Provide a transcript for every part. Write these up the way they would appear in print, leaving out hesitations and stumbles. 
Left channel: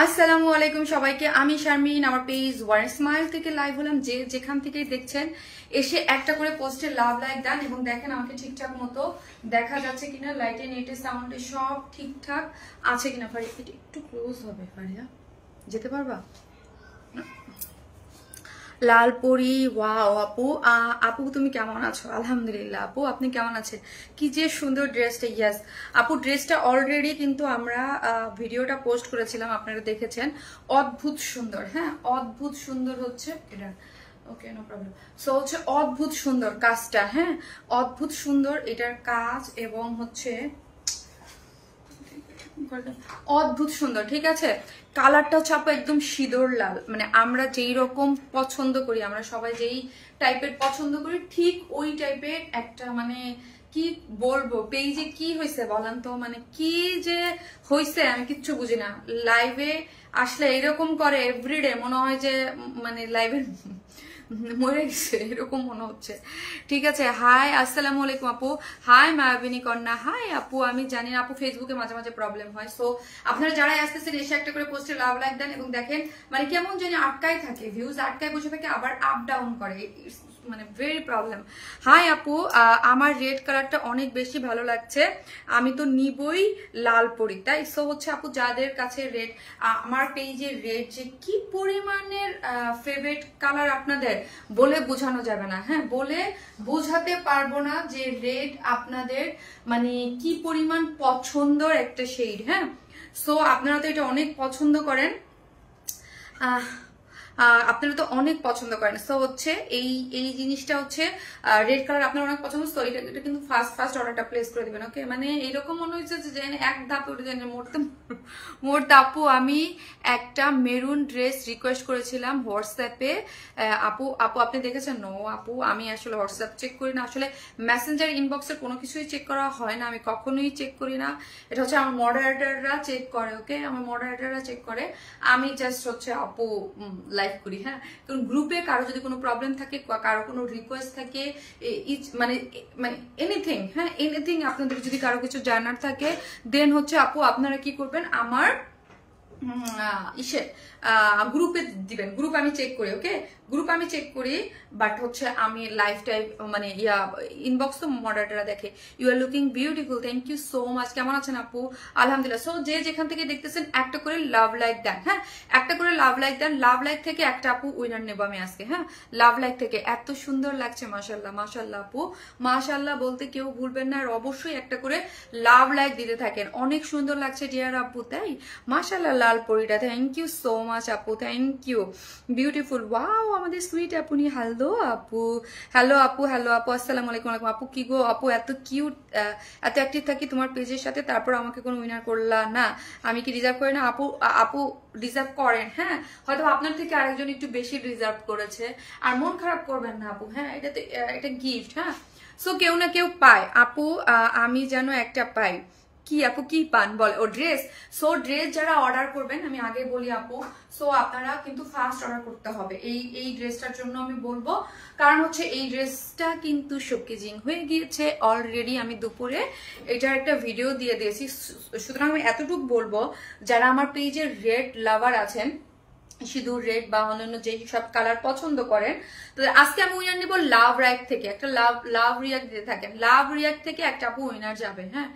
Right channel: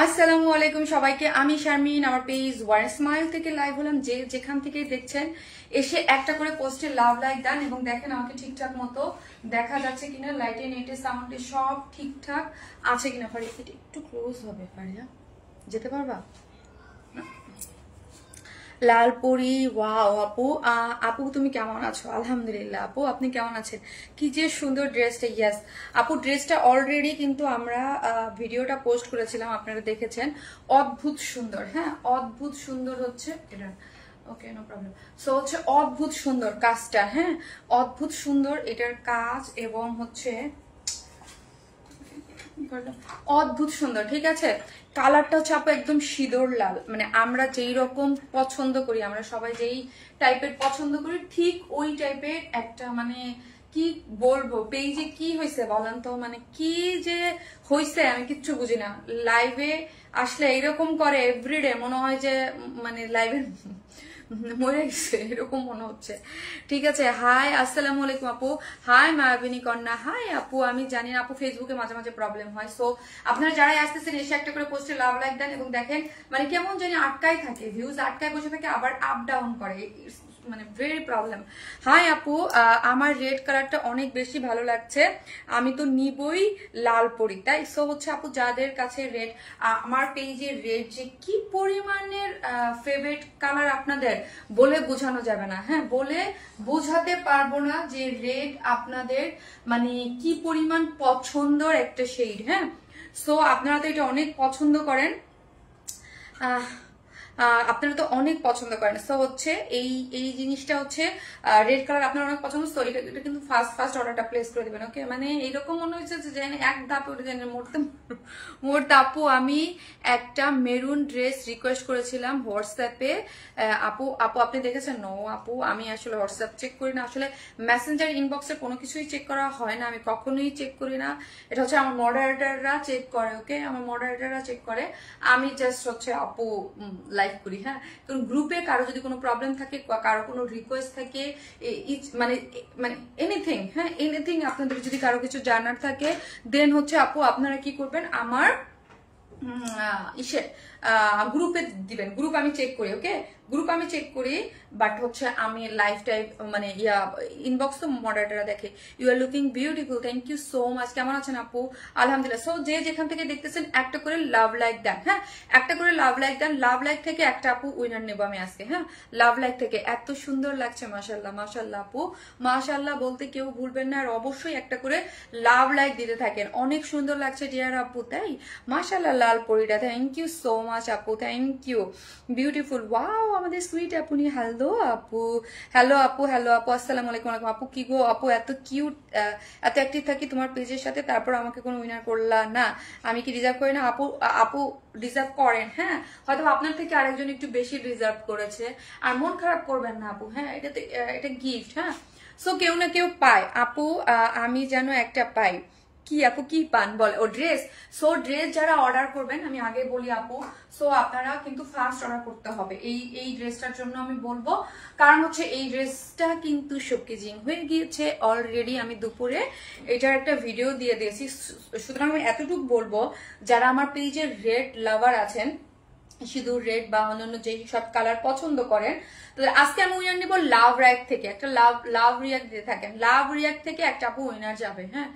আসসালামু আলাইকুম সবাইকে, আমি শারমিন। আমার পেজ ওয়ার স্মাইল থেকে লাইভ হলাম। যে যেখান থেকে দেখছেন এসে একটা করে পোস্টে লাভ লাইক দেন এবং দেখেন আমাকে ঠিকঠাক মতো দেখা যাচ্ছে কিনা, লাইটে নেটে সাউন্ডে সব ঠিকঠাক আছে কিনা। ফারিয়া একটু ক্লোজ হবে, ফারিয়া যেতে পারবা? লালপরি, ওয়াও আপু। আপু তুমি কেমন আছো? আলহামদুলিল্লাহ। আপু আপনি কেমন আছেন? কি যে সুন্দর ড্রেসটা। ইয়াস আপু, ড্রেসটা অলরেডি কিন্তু আমরা ভিডিওটা পোস্ট করেছিলাম, আপনারা দেখেছেন। অদ্ভুত সুন্দর, হ্যাঁ অদ্ভুত সুন্দর হচ্ছে এটা। ওকে, নো প্রবলেম। সো হচ্ছে অদ্ভুত সুন্দর কাজটা, হ্যাঁ অদ্ভুত সুন্দর এটার কাজ এবং হচ্ছে অদ্ভুত সুন্দর। ঠিক আছে, কালারটা হচ্ছে আপু একদম সিঁদুর লাল, মানে আমরা যেই রকম পছন্দ করি, আমরা সবাই যেই টাইপের পছন্দ করি ঠিক ওই টাইপের একটা, মানে কি বলবো, পেজে কি হয়েছে বলেন তো, মানে কি যে হয়েছে আমি কিচ্ছু বুঝি না। লাইভে আসলে এরকম করে এভরিডে, মনে হয় যে মানে লাইভে মরে গেছে এরকম মনে হচ্ছে। ঠিক আছে, হাই আসসালামু আলাইকুম আপু। হাই মায়াবিনী কন্যা, হাই আপু। আমি জানি না আপু, ফেসবুকে মাঝে মাঝে প্রবলেম হয়। সো আপনারা যারাই আসতেছেন এসে একটা করে পোস্টে লাভ লাইক দেন এবং দেখেন মানে কেমন জানি আটকায় থাকে, ভিউজ আটকায় বসে থাকে, আবার আপ ডাউন করে, মানে ভেরি প্রবলেম। হাই আপু, আমার রেড কালারটা অনেক বেশি ভালো লাগছে, আমি তো নিবই লাল পরি তাই। সো হচ্ছে আপু, যাদের কাছে রেড, আমার পেজে রেড যে কি পরিমাণের ফেভারিট কালার আপনাদের বলে বোঝানো যাবে না, হ্যাঁ বলে বোঝাতে পারবো না যে রেড আপনাদের মানে কি পরিমাণ পছন্দের একটা শেড। হ্যাঁ, সো আপনারা তো এটা অনেক পছন্দ করেন, আপনারা তো অনেক পছন্দ করেন। সো হচ্ছে এই এই জিনিসটা হচ্ছে রেড কালার আপনারা অনেক পছন্দ। তো এটা কিন্তু ফার্স্ট অর্ডারটা প্লেস করে দিবেন, ওকে? মানে এইরকম মনে হচ্ছে যে এক ধাপে উঠে যান মোট আপু, আমি একটা মেরুন ড্রেস রিকোয়েস্ট করেছিলাম হোয়াটসঅ্যাপে। আপু আপু আপনি দেখেছেন? নো আপু, আমি আসলে হোয়াটসঅ্যাপ চেক করি না, আসলে মেসেঞ্জার ইনবক্সে কোনো কিছুই চেক করা হয় না, আমি কখনোই চেক করি না। এটা হচ্ছে আমার মডারেটররা চেক করে, ওকে? আমার মডারেটররা চেক করে, আমি জাস্ট হচ্ছে আপু লাইভ করি। হ্যাঁ, কারণ গ্রুপে কারো যদি কোনো প্রবলেম থাকে, কারো কোনো রিকোয়েস্ট থাকে, মানে মানে এনিথিং, হ্যাঁ এনিথিং, আপনাদের যদি কারো কিছু জানার থাকে দেন হচ্ছে আপু আপনারা কি করবেন, আমার গ্রুপে দিবেন। গ্রুপ আমি চেক করি, ওকে? গ্রুপ আমি চেক করি, বাট হচ্ছে আমি লাইভ টাইপ মানে ইনবক্স তো মডারেটররা দেখে। You are looking beautiful, thank you so much. কেমন আছেন আপু? আলহামদুলিল্লাহ। সো যে যেখান থেকে দেখতেছেন একটা করে লাভ লাইক দেন, হ্যাঁ একটা করে লাভ লাইক দেন। লাভ লাইক থেকে একটা আপু উইনার নেবো আমি আজকে, হ্যাঁ লাভ লাইক থেকে। এত সুন্দর লাগছে, মাশাল্লাহ মাশাল্লাহ আপু, মাশাল্লাহ বলতে কেউ ভুলবেন না। আর অবশ্যই একটা করে লাভ লাইক দিতে থাকেন, অনেক সুন্দর লাগছে ডিয়ার আপু, তাই মাশাল্লাহ। লাল পরিটা, থ্যাংক ইউ সো মাচ আপু, থ্যাংক ইউ, বিউটিফুল। ওয়াও, আমাদের সুইট আপনি। হ্যালো আপু, হ্যালো আপু, হ্যালো আপু, আসসালামু আলাইকুম। আপু কি গো আপু, এত কিউট, এত অ্যাক্টিভ থাকি তোমার পেজের সাথে, তারপর আমাকে কোনো উইনার করলা না, আমি কি ডিজার্ভ করি না? আপু আপু ডিজার্ভ করেন, হ্যাঁ হয়তো আপনার থেকে আরেকজন একটু বেশি ডিজার্ভ করেছে, আর মন খারাপ করবেন না আপু, হ্যাঁ এটা গিফট, হ্যাঁ। সো কেউ না কেউ পায় আপু, আমি যেন একটা পাই। কি আপু কি পান বল? ও ড্রেস। সো ড্রেস যারা অর্ডার করবেন, আমি আগে বলি আপু, সো আপনারা কিন্তু ফার্স্ট অর্ডার করতে হবে এই ড্রেসটার জন্য আমি বলবো, কারণ হচ্ছে এই ড্রেসটা কিন্তু শোকেজিং হয়ে গিয়েছে অলরেডি। আমি দুপুরে এটার একটা ভিডিও দিয়ে দিয়েছি, সুতরাং আমি এতটুকু বলবো, যারা আমার পেজের রেড লাভার আছেন, সিঁদুর রেড বা অন্যান্য যে সব কালার পছন্দ করেন, তো আজকে আমি উইনার নিব লাভ রিয়াক্ট থেকে। একটা লাভ রিয়াক্ট দিতে থাকেন, লাভ রিয়াক্ট থেকে একটা আপু উইনার যাবে, হ্যাঁ।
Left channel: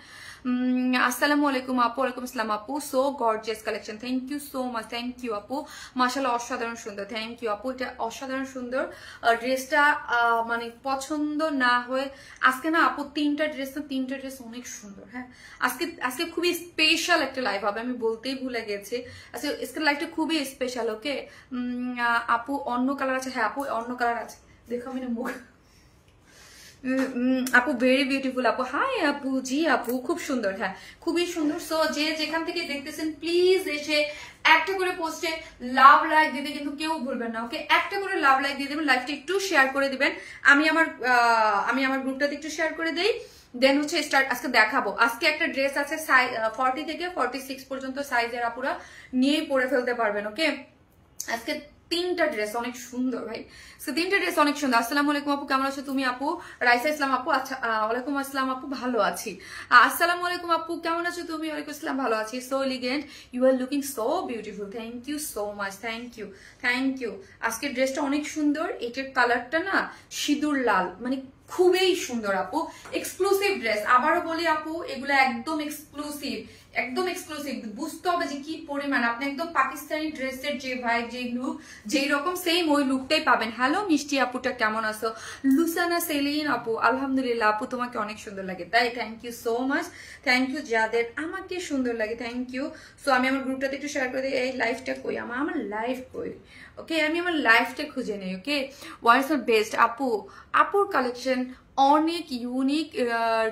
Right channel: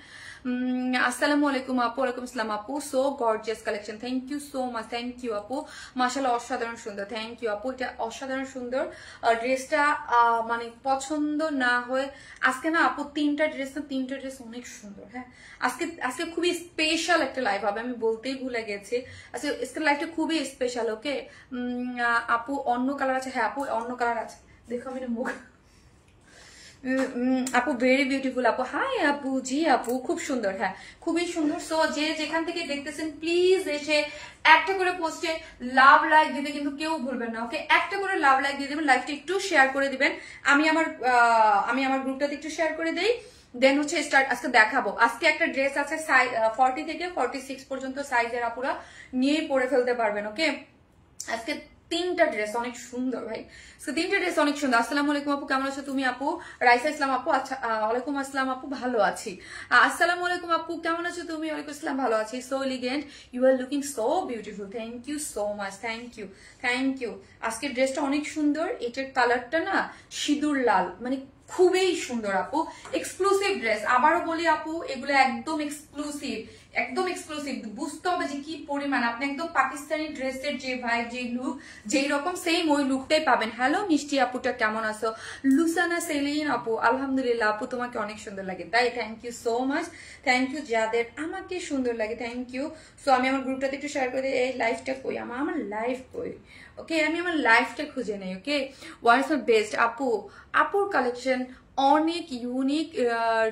আসসালামু আলাইকুম আপু। ওয়ালাইকুম আসসালাম আপু। So gorgeous collection, thank you so much, thank you আপু, মাশাআল্লাহ অসাধারণ সুন্দর, থ্যাংক ইউ আপু, এটা অসাধারণ সুন্দর। ড্রেসটা মানে পছন্দ না হয়ে আজকে না আপু, তিনটা ড্রেস অনেক সুন্দর। হ্যাঁ, আজকে খুবই স্পেশাল একটা লাইভ হবে, আমি বলতেই ভুলে গেছি। আজকে লাইভটা খুবই স্পেশাল, ওকে? আপু অন্য কালার আছে? হ্যাঁ আপু অন্য কালার আছে, দেখো আমি মুখ। আপু ভেরি বিউটিফুল আপু, হাই আপু। জি আপু খুব সুন্দর, হ্যাঁ খুবই সুন্দর। সো যে যেখান থেকে দেখতেছেন প্লিজ এসে একটা করে পোস্টে লাভ লাইক দিতে কিন্তু কেউ ভুলবেন না, ওকে? একটা করে লাভ লাইক দিয়ে দেবেন, লাইভটা একটু শেয়ার করে দিবেন। আমি আমার গ্রুপটাতে একটু শেয়ার করে দেই, দেন হচ্ছে স্টার্ট। আজকে দেখাবো, আজকে একটা ড্রেস আছে 40 থেকে 46 পর্যন্ত সাইজের, আপুরা নিয়েই পরে ফেলতে পারবেন, ওকে? আজকে তিনটা ড্রেস অনেক সুন্দর ভাই, তিনটা ড্রেস অনেক সুন্দর। আসসালামু আলাইকুম আপু, কেমন আছো তুমি আপু? রাইসা ইসলাম আপু, আচ্ছা ওয়ালাইকুম আসসালাম আপু, ভালো আছি। আসসালামু আলাইকুম আপু, কেমন আছো তুমি? ওয়ালাইকুম আসসালাম, ভালো আছি। So elegant, you are looking so beautiful, thank you so much, thank you thank you. আজকের ড্রেসটা অনেক সুন্দর, এটার কালারটা না সিঁদুর লাল, মানে খুবই সুন্দর আপু, এক্সক্লুসিভ ড্রেস। আবারও বলি আপু, এগুলো একদম এক্সক্লুসিভ, একদম এক্সক্লুসিভ। বুঝতে হবে যে কি পরিমাণ, আপনি একদম পাকিস্তানি ড্রেসের যে ভাই, যে লুক, যেই রকম সেম ওই লুকটাই পাবেন। হ্যালো মিষ্টি আপুটা, কেমন আছো? লুসানা সেলিন আপু, আলহামদুলিল্লাহ আপু, তোমাকে অনেক সুন্দর লাগে তাই, thank you so much, thank you. যাদের আমাকে সুন্দর লাগে, থ্যাংক ইউ। সো আমি আমার গ্রুপটাতে একটু শেয়ার করে দিই। এই লাইফটা কই আমার লাইফ কই? ওকে, আমি আমার লাইফটা খুঁজে নেই। ওকে, হোয়াটস দ্য বেস্ট আপু? আপুর কালেকশন অনেক unique,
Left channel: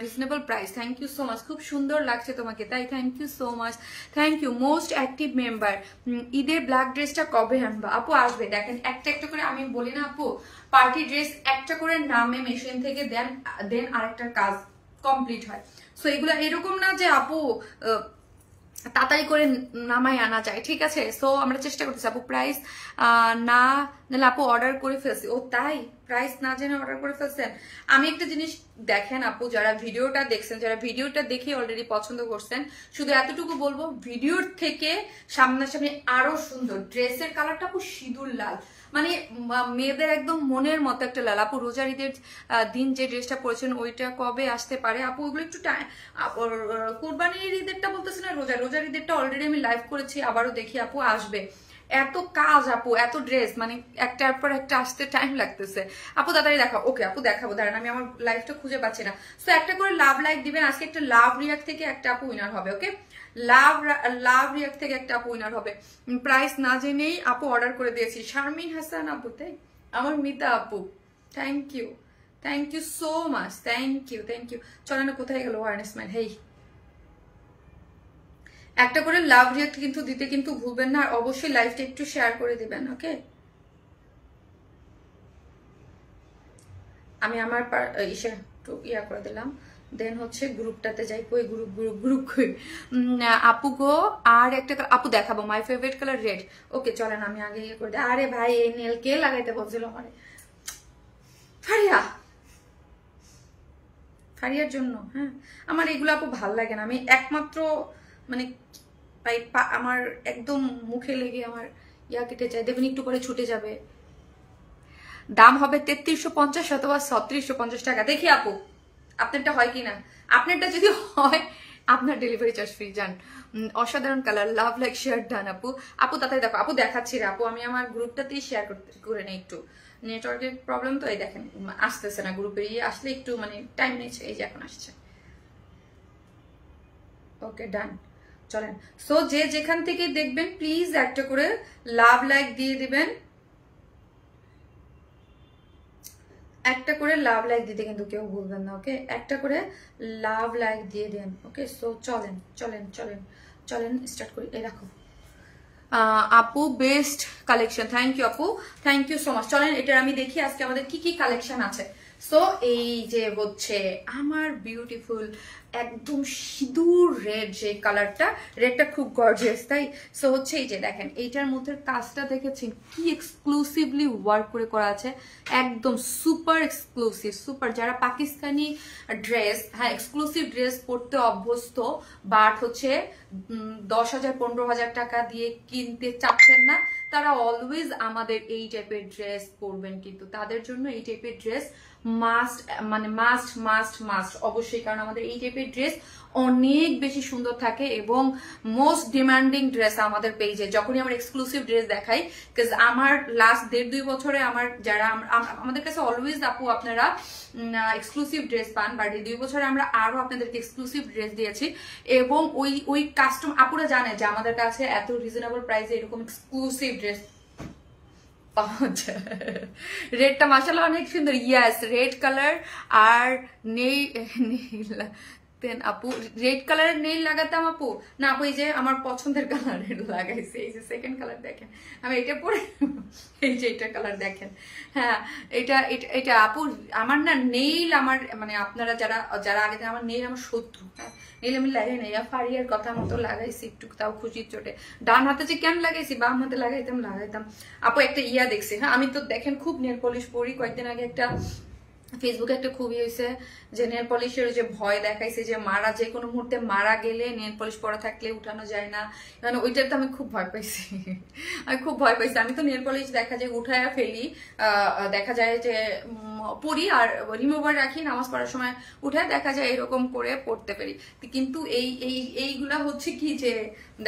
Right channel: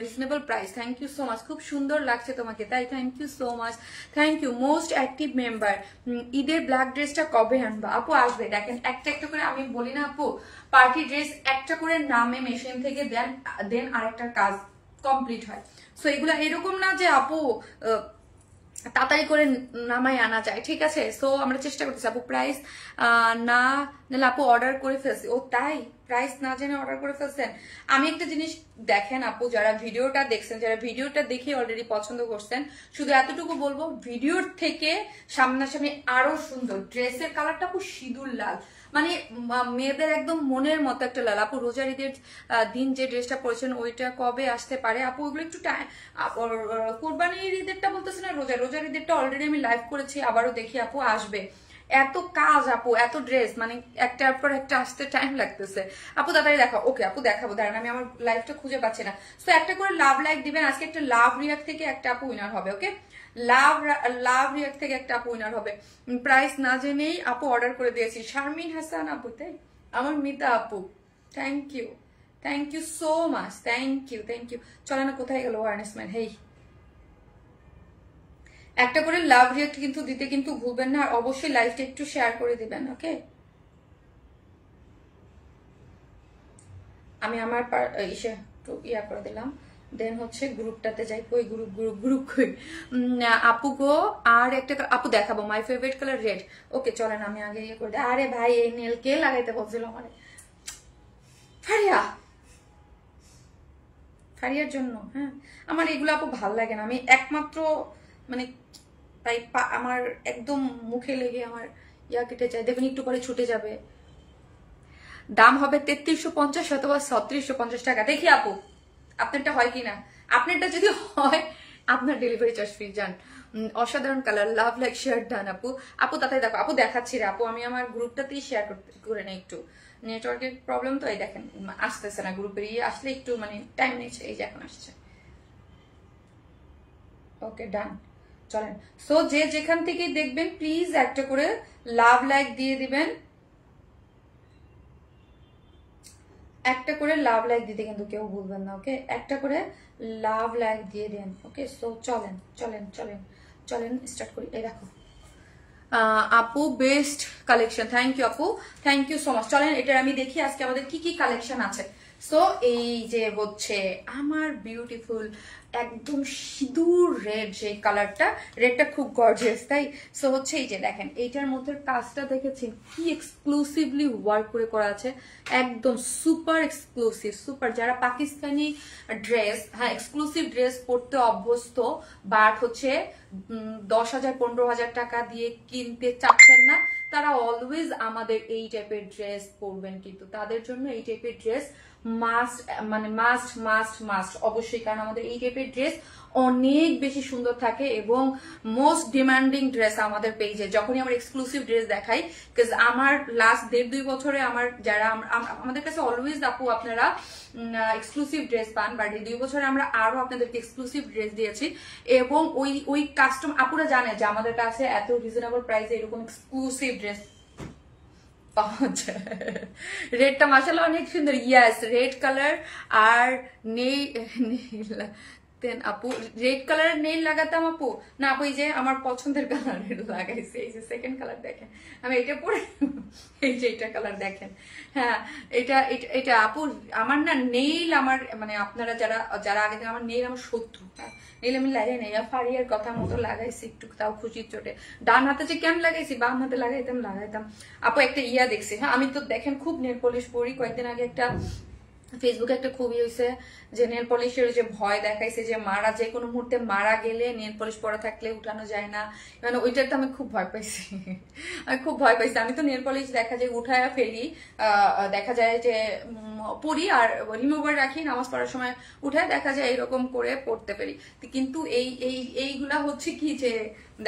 reasonable price, thank you so much. খুব সুন্দর লাগছে তোমাকে তাই, thank you so much, thank you. Most active member, ঈদের ব্ল্যাক ড্রেসটা কবে আনবা আপু? আসবে, দেখেন একটা একটা করে আমি বলি না আপু, পার্টি ড্রেস একটা করে নামে মেশিন থেকে দেন আরেকটার কাজ কমপ্লিট হয়। সো এগুলা এরকম না যে আপু তাড়াতাড়ি করে নামাই আনা যায়, ঠিক আছে? সো আমরা চেষ্টা করতেছি আপু। প্রাইস না নাহলে আপু অর্ডার করে ফেলছি। ও তাই, প্রাইস না জেনে অর্ডার করে ফেলছেন। আমি একটা জিনিস দেখেন আপু, যারা ভিডিওটা দেখছেন, যারা ভিডিওটা দেখে অলরেডি পছন্দ করছেন, শুধু এতটুকু বলবো, ভিডিওর থেকে সামনাসামনি আরো সুন্দর। ড্রেসের কালারটা আপু সিঁদুর লাল, মানে মেয়েদের একদম মনের মতো একটা লাল। আপু রোজার ঈদের দিন যে ড্রেসটা পরেছেন ওইটা কবে আসতে পারে আপু? ওইগুলো একটু কোরবানির ঈদেরটা বলতেছি না, রোজার ঈদেরটা অলরেডি আমি লাইভ করেছি, আবারও দেখি আপু, আসবে। এত কাজ আপু, এত ড্রেস, মানে একটার পর একটা আসতে টাইম লাগতেছে আপু, তাড়াতাড়ি দেখাও। ওকে আপু দেখাবো, দাঁড়ান আমি আমার লাইফটা খুঁজে পাচ্ছি না। তো একটা করে লাভ লাইক দিবেন। আজকে একটা লাভ রিয়াক্ট থেকে একটা আপু উইনার হবে। ওকে, লাভ রিয়াক্ট থেকে একটা আপু উইনার হবে। প্রাইস না জেনেই আপু অর্ডার করে দিয়েছি। শারমিন হাসান আপু, তাই আমার মিতা আপু, thank you so much, thank you thank you. চলেন, কোথায় গেল ওয়ারনেস ম্যান? হেই, একটা করে লাভ রিয়াক্ট কিন্তু দিতে কিন্তু ভুলবেন না, আর অবশ্যই লাইভটা একটু শেয়ার করে দিবেন। ওকে, আমি আমার একটু ইয়া করে দিলাম, দেন হচ্ছে গ্রুপটাতে যাই। কই গ্রুপ কই আপু গো? আর একটা আপু দেখাবো, মাই ফেভারিট কালার রেড। ওকে চলেন, আমি আগে ইয়ে করে দিই। আরে ভাই, এই নেল কে লাগাইতে বলছিল আমার? ফারিয়ার জন্য। হ্যাঁ, আমার এগুলো আপু ভাল লাগে না। আমি একমাত্র মানে আমার একদম মুখে লেগে আমার ইয়া কেটে যায়, দেখবেন একটু পরে ছুটে যাবে। দাম হবে 3350 অথবা 3650 টাকা। দেখি আপু আপনারটা হয় কিনা। আপনারটা যদি হয়, আপনার ডেলিভারি চার্জ ফ্রি। যান, অসাধারণ colour, love like share done আপু। আপু তাড়াতাড়ি দেখো আপু, দেখাচ্ছি রে আপু, আমি আমার গ্রুপটাতেই শেয়ার করে নেই। একটু নেটওয়ার্কের প্রবলেম তো, এই দেখেন আসতেছে না গ্রুপের ইয়ে, আসলে একটু মানে টাইম নিচ্ছে। এই যে এখন আসছে। ওকে ডান, চলেন। সো যে যেখান থেকে দেখবেন প্লিজ একটা করে লাভ লাইক দিয়ে দিবেন, একটা করে লাভ লাইক দিতে কিন্তু কেউ ভুলবেন না। ওকে, একটা করে লাভ লাইক দিয়ে দেন। ওকে, সো চলেন চলেন চলেন চলেন স্টার্ট করি। এই রাখো আপু, বেস্ট কালেকশন, থ্যাংক ইউ আপু, থ্যাংক ইউ সো মাচ। চলেন এটার আমি দেখি আজকে আমাদের কি কি কালেকশন আছে। সো এই যে হচ্ছে আমার বিউটিফুল একদম সিঁদুর রেড, যে কালারটা, রেডটা খুব গর্জিয়াস তাই। সো হচ্ছে এই যে দেখেন, এইটার মধ্যে কাজটা দেখেছেন কি এক্সক্লুসিভলি ওয়ার্ক করে করা আছে, একদম সুপার এক্সক্লুসিভ, সুপার। যারা পাকিস্তানি ড্রেস, হ্যাঁ এক্সক্লুসিভ ড্রেস পরতে অভ্যস্ত, বাট হচ্ছে 10,000 15,000 টাকা দিয়ে কিনতে চাচ্ছেন না, তারা অলওয়েজ আমাদের এই টাইপের ড্রেস পরবেন। কিন্তু তাদের জন্য এই টাইপের ড্রেস মাস্ট, মানে মাস্ট মাস্ট মাস্ট অবশ্যই, কারণ আমাদের এই টাইপের ড্রেস অনেক বেশি সুন্দর থাকে এবং মোস্ট ডিমান্ডিং ড্রেস আমাদের পেজে। যখনই আমরা এক্সক্লুসিভ ড্রেস দেখাই, বিকজ আমার লাস্ট 1.5-2 বছরে আমার যারা আমাদের কাছে অলওয়েজ আপু আপনারা এক্সক্লুসিভ ড্রেস পান, বাট এই 2 বছরে আমরা আরো আপনাদেরকে এক্সক্লুসিভ ড্রেস দিয়েছি এবং ওই কাস্টম আপুরা জানে যে আমাদের কাছে এত রিজনেবল প্রাইসে এরকম এক্সক্লুসিভ ড্রেস পাওয়া যায়। রেডটা মাশাআল্লাহ অনেক সুন্দর, ইয়াস রেড কালার আর দেখতেন আপু রেড কালারের নেইল লাগাতাম আপু, না আপু এই যে আমার পছন্দের কালারের লাগাইছে, এই যে সেকেন্ড কালার দেখেন, আমি এটা পরে এই যে এটা কালার দেখেন, হ্যাঁ এটা এটা আপু আমার না নেইল আমার মানে আপনারা যারা যারা আগে আমার নেইল আমার শত্রু, হ্যাঁ নেইল আমি লাগাই নাই, ফারিয়ার কথা মতো লাগাইছি একটু, তাও খুশির চোটে। ডান হাতে যে কেন লাগাইছি, বাম হাতে লাগাইতাম। আপু একটা ইয়া দেখছি, হ্যাঁ আমি তো দেখেন খুব নেল পলিশ পরি, কয়েকদিন আগে একটা ফেসবুকে একটা খুবই হয়েছে যে নেল পলিশের যে ভয় দেখাইছে যে মারা যে কোনো মুহূর্তে মারা গেলে নেল পলিশ পরা থাকলে উঠানো যায় না, মানে ওইটার তো আমি খুব ভয় পাইছি। আমি খুব ভয় পাইছি, আমি তো নেল পলিশ দেখা যায় উঠায় ফেলি, দেখা যায় যে পরি আর রিমুভার রাখি, নামাজ পড়ার সময় উঠায় দেখা যায় এরকম করে পড়তে পারি, কিন্তু এইগুলা হচ্ছে কি যে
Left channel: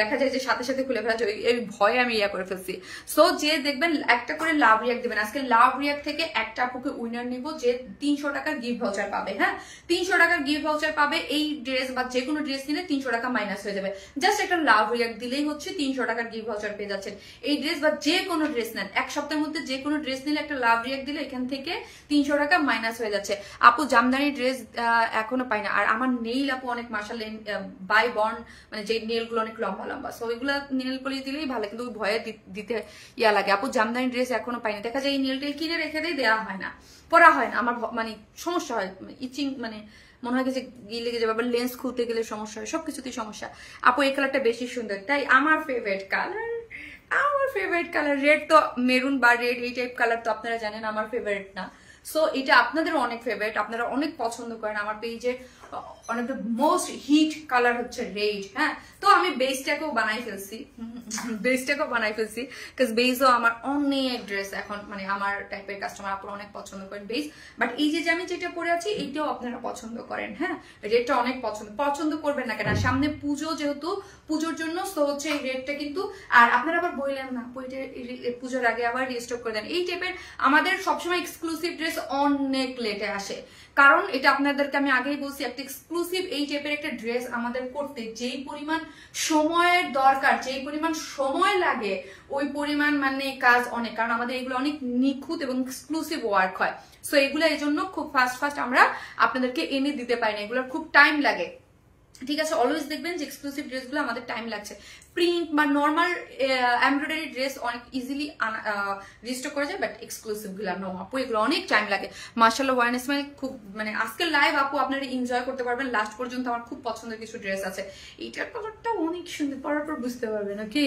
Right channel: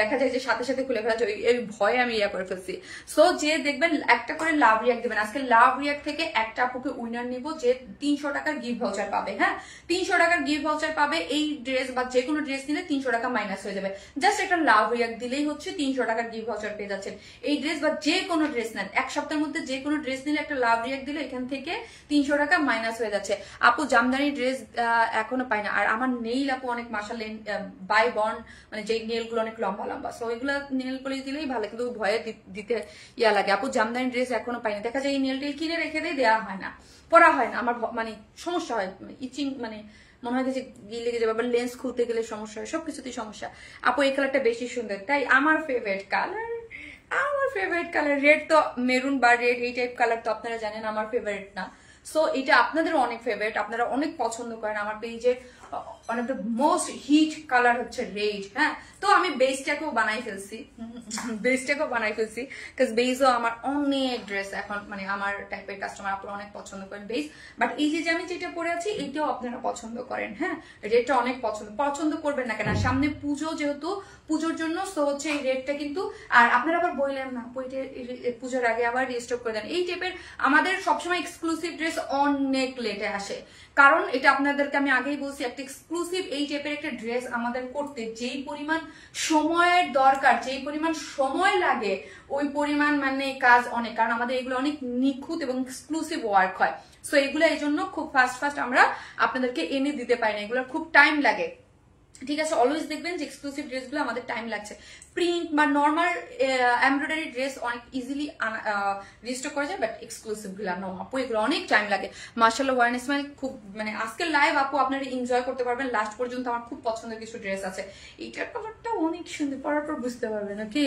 দেখা যায় যে সাথে সাথে খুলে ফেলা যায়, এই ভয়ে আমি ইয়া করে ফেলছি। সো যে দেখবেন একটা করে লাভ রিয়াক্ট দিবেন, আজকে লাভ রিয়াক্ট থেকে একটা আপুকে উইনার নিব যে 300 টাকার গিফট ভাউচার পাবে, হ্যাঁ 300 টাকার গিফট ভাউচার পাবে, এই ড্রেস বা যে কোনো ড্রেস নিলে 300 টাকা মাইনাস হয়ে যাবে, জাস্ট একটা লাভ রিয়াক্ট দিলেই হচ্ছে 300 টাকার গিফট ভাউচার পেয়ে যাচ্ছেন। এই ড্রেস বা যে কোনো ড্রেস নেন, এক সপ্তাহের মধ্যে যে কোনো ড্রেস নিলে একটা লাভ রিয়াক্ট দিলে এখান থেকে 300 টাকা মাইনাস হয়ে যাচ্ছে। আপু জামদানি ড্রেস এখনো পাই না, আর আমার নেইল আপু অনেক মাশাআল্লাহ বাই বর্ন, মানে যে নেইল গুলো অনেক লম্বা লম্বা, সো ওইগুলা নেল পলিশ দিলেই ভালো, কিন্তু ভয়ে দিতে ইয়া লাগে। আপু জামদানি ড্রেস এখনো পাই না, দেখা যায় এই নেল টেল কিনে রেখে দেওয়া হয় না, পরা হয় না, আমার মানে সমস্যা হয়, ইচিং মানে মনে হয় যে গিয়ে লেগে যাবে, আবার লেন্স খুলতে গেলে সমস্যা হয়, সবকিছুতেই সমস্যা। আপু এই কালারটা বেশি সুন্দর, তাই আমার ফেভারিট কালার রেড, তো মেরুন বা রেড এই টাইপ কালার তো আপনারা জানেন আমার ফেভারিট না, সো এটা আপনাদের অনেক ফেভারিট, আপনারা অনেক পছন্দ করেন। আমার তো এই যে one of the most hit colour হচ্ছে রেড, হ্যাঁ তো আমি বেসটাকেও বানাই ফেলছি, কারণ বেসও আমার অনেক ড্রেস এখন মানে আমার টাইপের কাস্টমার আপনারা অনেক পছন্দ করেন বেস, বাট এই যে আমি যেটা পরে আছি এইটাও আপনারা পছন্দ করেন, হ্যাঁ রেডটা অনেক পছন্দ করবেন না কেন, সামনে পুজো, যেহেতু পুজোর জন্য, সো হচ্ছে এই রেডটা কিন্তু, আর আপনারা আবার বললেন না পুজোর আগে আবার রিস্টক করে দেন, এই টাইপের আমাদের সবসময় এক্সক্লুসিভ ড্রেস অনেক লেটে আসে, কারণ এটা আপনাদেরকে আমি আগেই বলছি, একটা এক্সক্লুসিভ এই টাইপের একটা ড্রেস আমাদের করতে যেই পরিমাণ সময়ের দরকার, যেই পরিমাণ সময় লাগে, ওই পরিমাণ মানে কাজ অনেক, কারণ আমাদের এগুলো অনেক নিখুঁত এবং এক্সক্লুসিভ ওয়ার্ক হয়, সো এগুলো এই জন্য খুব ফাস্ট আমরা আপনাদেরকে এনে দিতে পারি না, এগুলোর খুব টাইম লাগে, ঠিক আছে। অলওয়েজ দেখবেন যে এক্সক্লুসিভ ড্রেসগুলো আমাদের টাইম লাগছে, প্রিন্ট বা নর্মাল এমব্রয়ডারি ড্রেস অনেক ইজিলি রিস্টক করা যায়, বাট এক্সক্লুসিভ গুলো নো আপু এগুলো অনেক টাইম লাগে। মার্শাল্লাহ ওয়ান ইসমাইল খুব মানে আজকের লাইভ আপু আপনারা এনজয় করতে পারবেন লাস্ট পর্যন্ত, আমার খুব পছন্দের কিছু ড্রেস আছে, এইটার কালারটা অনেক সুন্দর, পরার পর বুঝতে পারবেন, ওকে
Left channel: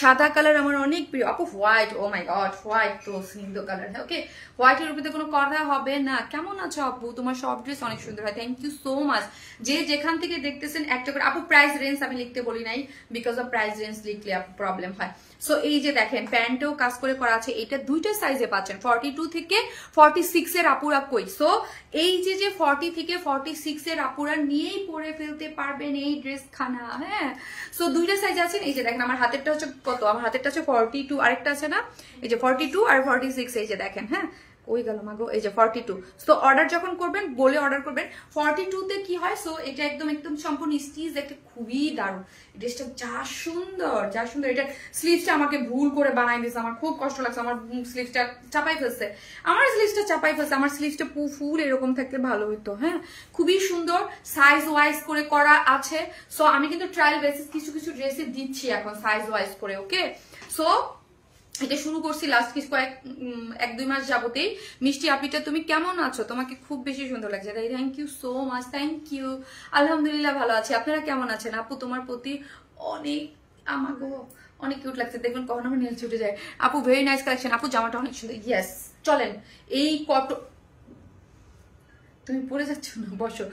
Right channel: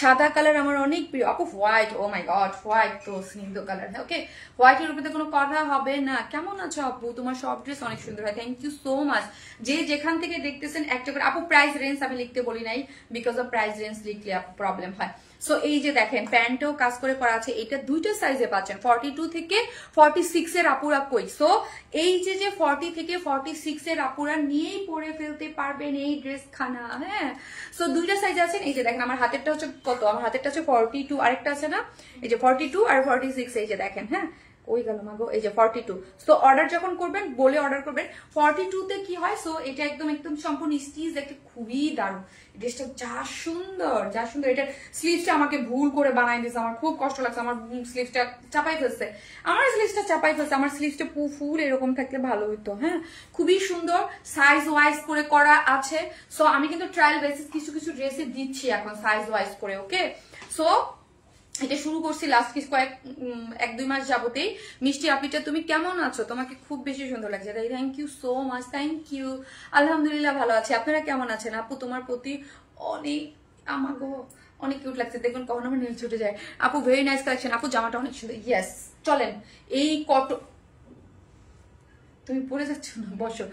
সাদা কালার আমার অনেক প্রিয় আপু, হোয়াইট, ও মাই গড হোয়াইট তো স্নিগ্ধ কালার, হ্যাঁ ওকে হোয়াইটের উপরে কোনো কথা হবে না। কেমন আছো আপু, তোমার সব ড্রেস অনেক সুন্দর হয়, থ্যাংক ইউ সো মাচ। যে যেখান থেকে দেখতেছেন একটা করে আপু, প্রাইস রেঞ্জ আমি লিখতে বলি নাই, বিকজ অফ প্রাইস রেঞ্জ লিখলে প্রবলেম হয়। সো এই যে দেখেন প্যান্টেও কাজ করে করা আছে, এটা দুইটা সাইজে পাচ্ছেন, 42 থেকে 46 এর আপুরা কই, সো এই যে 40 থেকে 46 এর আপুরা নিয়েই পরে ফেলতে পারবেন এই ড্রেস খানা, হ্যাঁ সো দুইটা সাইজ আছেন। এই যে দেখেন আমার হাতেরটা হচ্ছে কত, আমার হাতেরটা হচ্ছে 42, আরেকটা আছে না এই যে 42 আর 46, এই যে দেখেন, হ্যাঁ ওই গেল মাগো, এই যে 42। সো অর্ডার যখন করবেন বলে অর্ডার করবেন, 42 তে কি হয়, সো এটা একদম সম্পূর্ণ স্টিচ, একটা খুবই দারুণ ড্রেসটা, যা সুন্দর। এটার স্লিভসটা আমাকে ভুল করে বানাই দিয়েছে, আমার খুব কষ্ট লাগছে, আমার স্লিভসটা চাপাই ফেলছে, আমার স্লিভসটা ফুল এরকম থাকতে ভালো হইতো, হ্যাঁ খুবই সুন্দর, সাইজ ওয়াইজ করে করা আছে। সো আমি কিন্তু ট্রায়াল বেসিস কিছু ড্রেসে দিচ্ছি এখন সাইজ ওয়াইজ করে, ওকে সো এটা শুরু করছি লাস্ট কিছু এক দুই মাস যাবতেই। মিষ্টি আপনিটা তুমি কেমন আছো, তোমাকে খুব বেশি সুন্দর লাগছে, thank you so much, thank you. আলহামদুলিল্লাহ ভালো আছে, আপনারা কেমন আছেন আপু, তোমার প্রতি অনেক আমাকে অনেক কিউট লাগছে, দেখবেন কখনো আমার নেল ছুটে যায়। আপু ভেরি নাইস কালেকশন, আপু জামাটা অনেক সুন্দর, ইয়েস চলেন এই তুমি পরে যাচ্ছ না, বসো,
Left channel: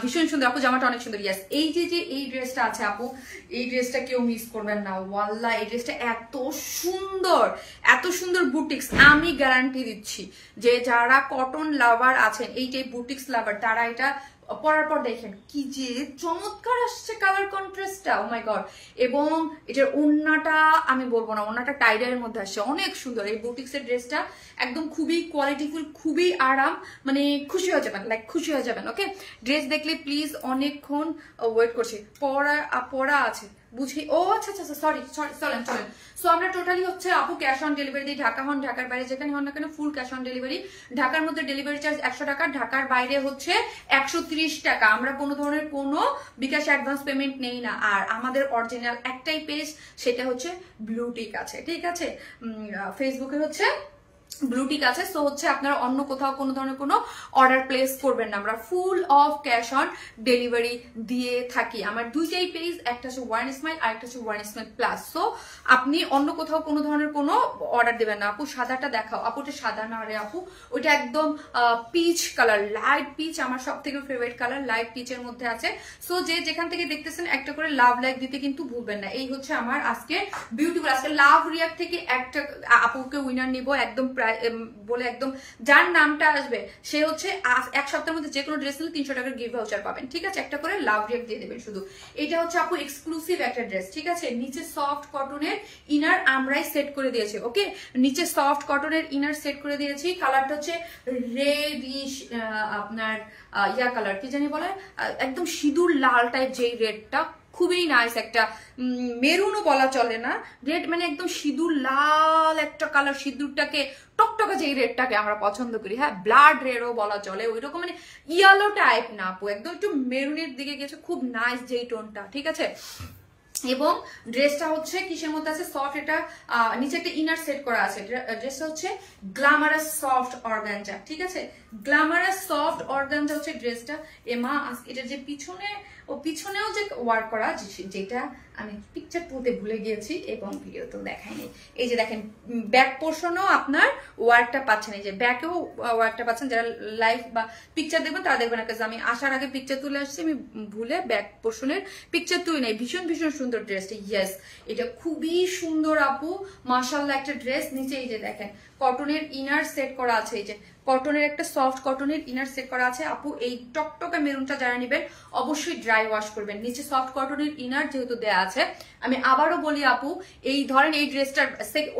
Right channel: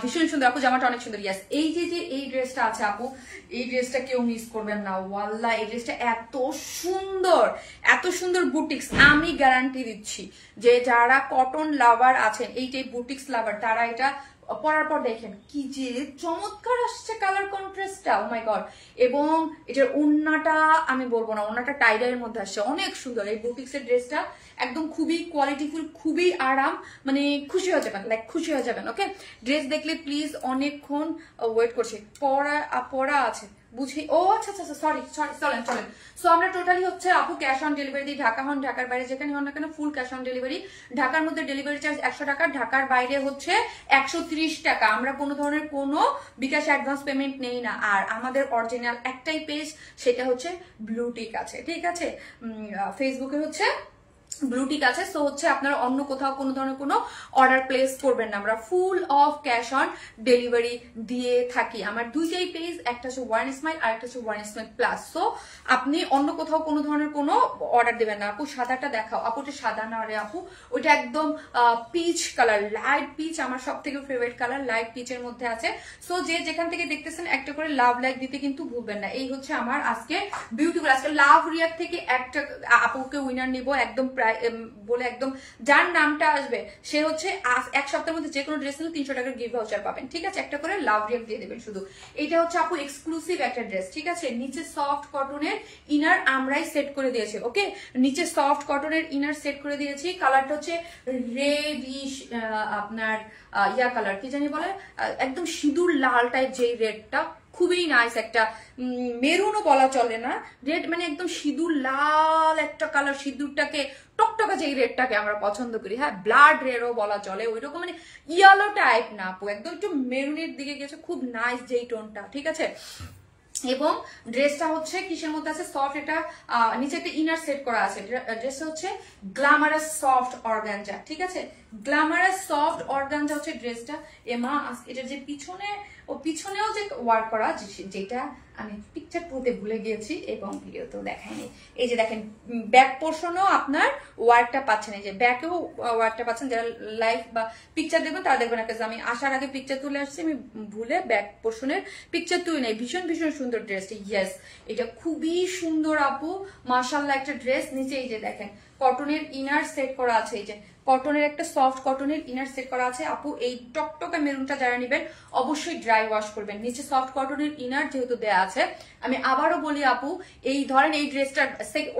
ভীষণ সুন্দর আপু, জামাটা অনেক সুন্দর, ইয়েস। এই যে এই ড্রেসটা আছে আপু, এই ড্রেসটা কেউ মিস করবেন না, ওয়াল্লাহ এই ড্রেসটা এত সুন্দর বুটিক্স, আমি গ্যারান্টি দিচ্ছি যে যারা কটন লাভার আছেন, এই যে বুটিক্স লাভার, তারা এটা পরার পর দেখেন কি যে চমৎকার আসছে কালার কন্ট্রাস্টটা, ও মাই গড। এবং এটার ওড়নাটা আমি বলবো না, ওড়নাটা টাইডারের মধ্যে আসছে, অনেক সুন্দর এই বুটিক্স এর ড্রেসটা, একদম খুবই কোয়ালিটিফুল, খুবই আরাম, মানে খুশি হয়ে যাবেন, ওকে ড্রেস দেখলে প্লিজ অনেকক্ষণ ওয়েট করছি, পরা আছে বুঝি। ও আচ্ছা আচ্ছা সরি সরি, চলেন চলেন। সো আমরা টোটালি হচ্ছে আপু ক্যাশ অন ডেলিভারি দিই, ঢাকা হন ঢাকার বাইরে যেখানে হন না কেন ফুল ক্যাশ অন ডেলিভারি। ঢাকার মধ্যে ডেলিভারি চার্জ 100 টাকা, ঢাকার বাইরে হচ্ছে 130 টাকা। আমরা কোনো ধরনের কোনো বিকাশ অ্যাডভান্স পেমেন্ট নেই না। আর আমাদের অরিজিনাল একটাই পেজ, সেটা হচ্ছে ব্লুটিক আছে, ঠিক আছে, ফেসবুকে হচ্ছে ব্লুটিক আছে। সো হচ্ছে আপনারা অন্য কোথাও কোনো ধরনের কোনো অর্ডার প্লেস করবেন না, আমরা full of cash on delivery দিয়ে থাকি। আমার দুইটাই পেজ, একটা হচ্ছে ওয়ান স্মাইল আর একটা হচ্ছে ওয়ান স্মাইল প্লাস। সো আপনি অন্য কোথাও কোনো ধরনের কোনো অর্ডার দেবেন না। আপু সাদাটা দেখাও, আপু ওটা সাদা না রে আপু, ওইটা একদম পিচ কালার, লাইট পিচ, আমার সব থেকে ফেভারিট কালার লাইট পিচের মধ্যে আছে। সো যে যেখান থেকে দেখতেছেন একটা করে লাভ লাইক দিতে কিন্তু ভুলবেন না। এই হচ্ছে আমার আজকে বিউটিফুল, আজকে লাভ রিয়াক্ট থেকে একটা আপুকে উইনার নিব একদম বলে, একদম যার নামটা আসবে সে হচ্ছে এক সপ্তাহের মধ্যে যে কোনো ড্রেস নিলে 300 টাকার গিফট ভাউচার পাবেন, ঠিক আছে। একটা করে লাভ রিয়াক্ট দিয়ে দেবেন শুধু। এটা হচ্ছে আপু এক্সক্লুসিভ একটা ড্রেস, ঠিক আছে। নিচে সফট কটনের ইনার আমরাই সেট করে দিয়েছি, ওকে, নিচে সফট কটনের ইনার সেট করে দিয়েছি। কালারটা হচ্ছে রেডিশ, আপনার ইয়া কালার কি জানি বলে, একদম সিঁদুর লাল টাইপ, যেই রেডটা খুবই নাইস, একটা মেরুনও বলা চলে না, রেড মানে একদম সিঁদুর লাল একটা কালার, সিঁদুরটাকে টকটকা যেই রেডটাকে আমরা পছন্দ করি, হ্যাঁ, ব্লাড রেডও বলা চলে, ওই রকম মানে ইয়েলো টাইপ না আপু, একদম একটু মেরুনের দিকে গেছে, খুব নাইস যেই টোনটা, ঠিক আছে। এবং ড্রেসটা হচ্ছে কিসের মধ্যে আছে, সফট, এটা নিচে একটা ইনার সেট করা আছে। ড্রেসটা হচ্ছে গ্ল্যামারাস সফট অর্গানজা, ঠিক আছে, গ্ল্যামারাস সফট অর্গানজা হচ্ছে ড্রেসটা। এমা এটা যে পিছনে, ও পিছনেও যে ওয়ার্ক করা, যেটা আমি পিকচার তুলতে ভুলে গিয়েছি এবং ভিডিওতেও দেখাইনি। এই যে দেখেন ব্যাক পোর্শনও আপনার ওয়ার্কটা পাচ্ছেন, এই যে ব্যাকেও ওয়ার্কটা পাচ্ছেন। যারা লাইভ বা পিকচার দেখবেন তারা দেখবেন না, আমি আসার আগে পিকচার তুলে আসছি, আমি ভুলে ব্যাক পোর্শনের পিকচার তুলে নেই। ভীষণ ভীষণ সুন্দর ড্রেসটা, ইয়েস এটা খুবই সুন্দর আপু, মাশাআল্লাহ একটা ড্রেস। নিচে এই যে দেখেন কটনের ইনার সেট করা আছে, এই যে কটনের একটা সফট কটনের ইনার সেট করা আছে আপু। এই টকটকা মেরুনটা যারা নেবেন অবশ্যই ড্রাই ওয়াশ করবেন। নিচে সফট কটনের ইনার যেহেতু দেয়া আছে, আমি আবারও বলি আপু, এই ধরেন এই ড্রেসটার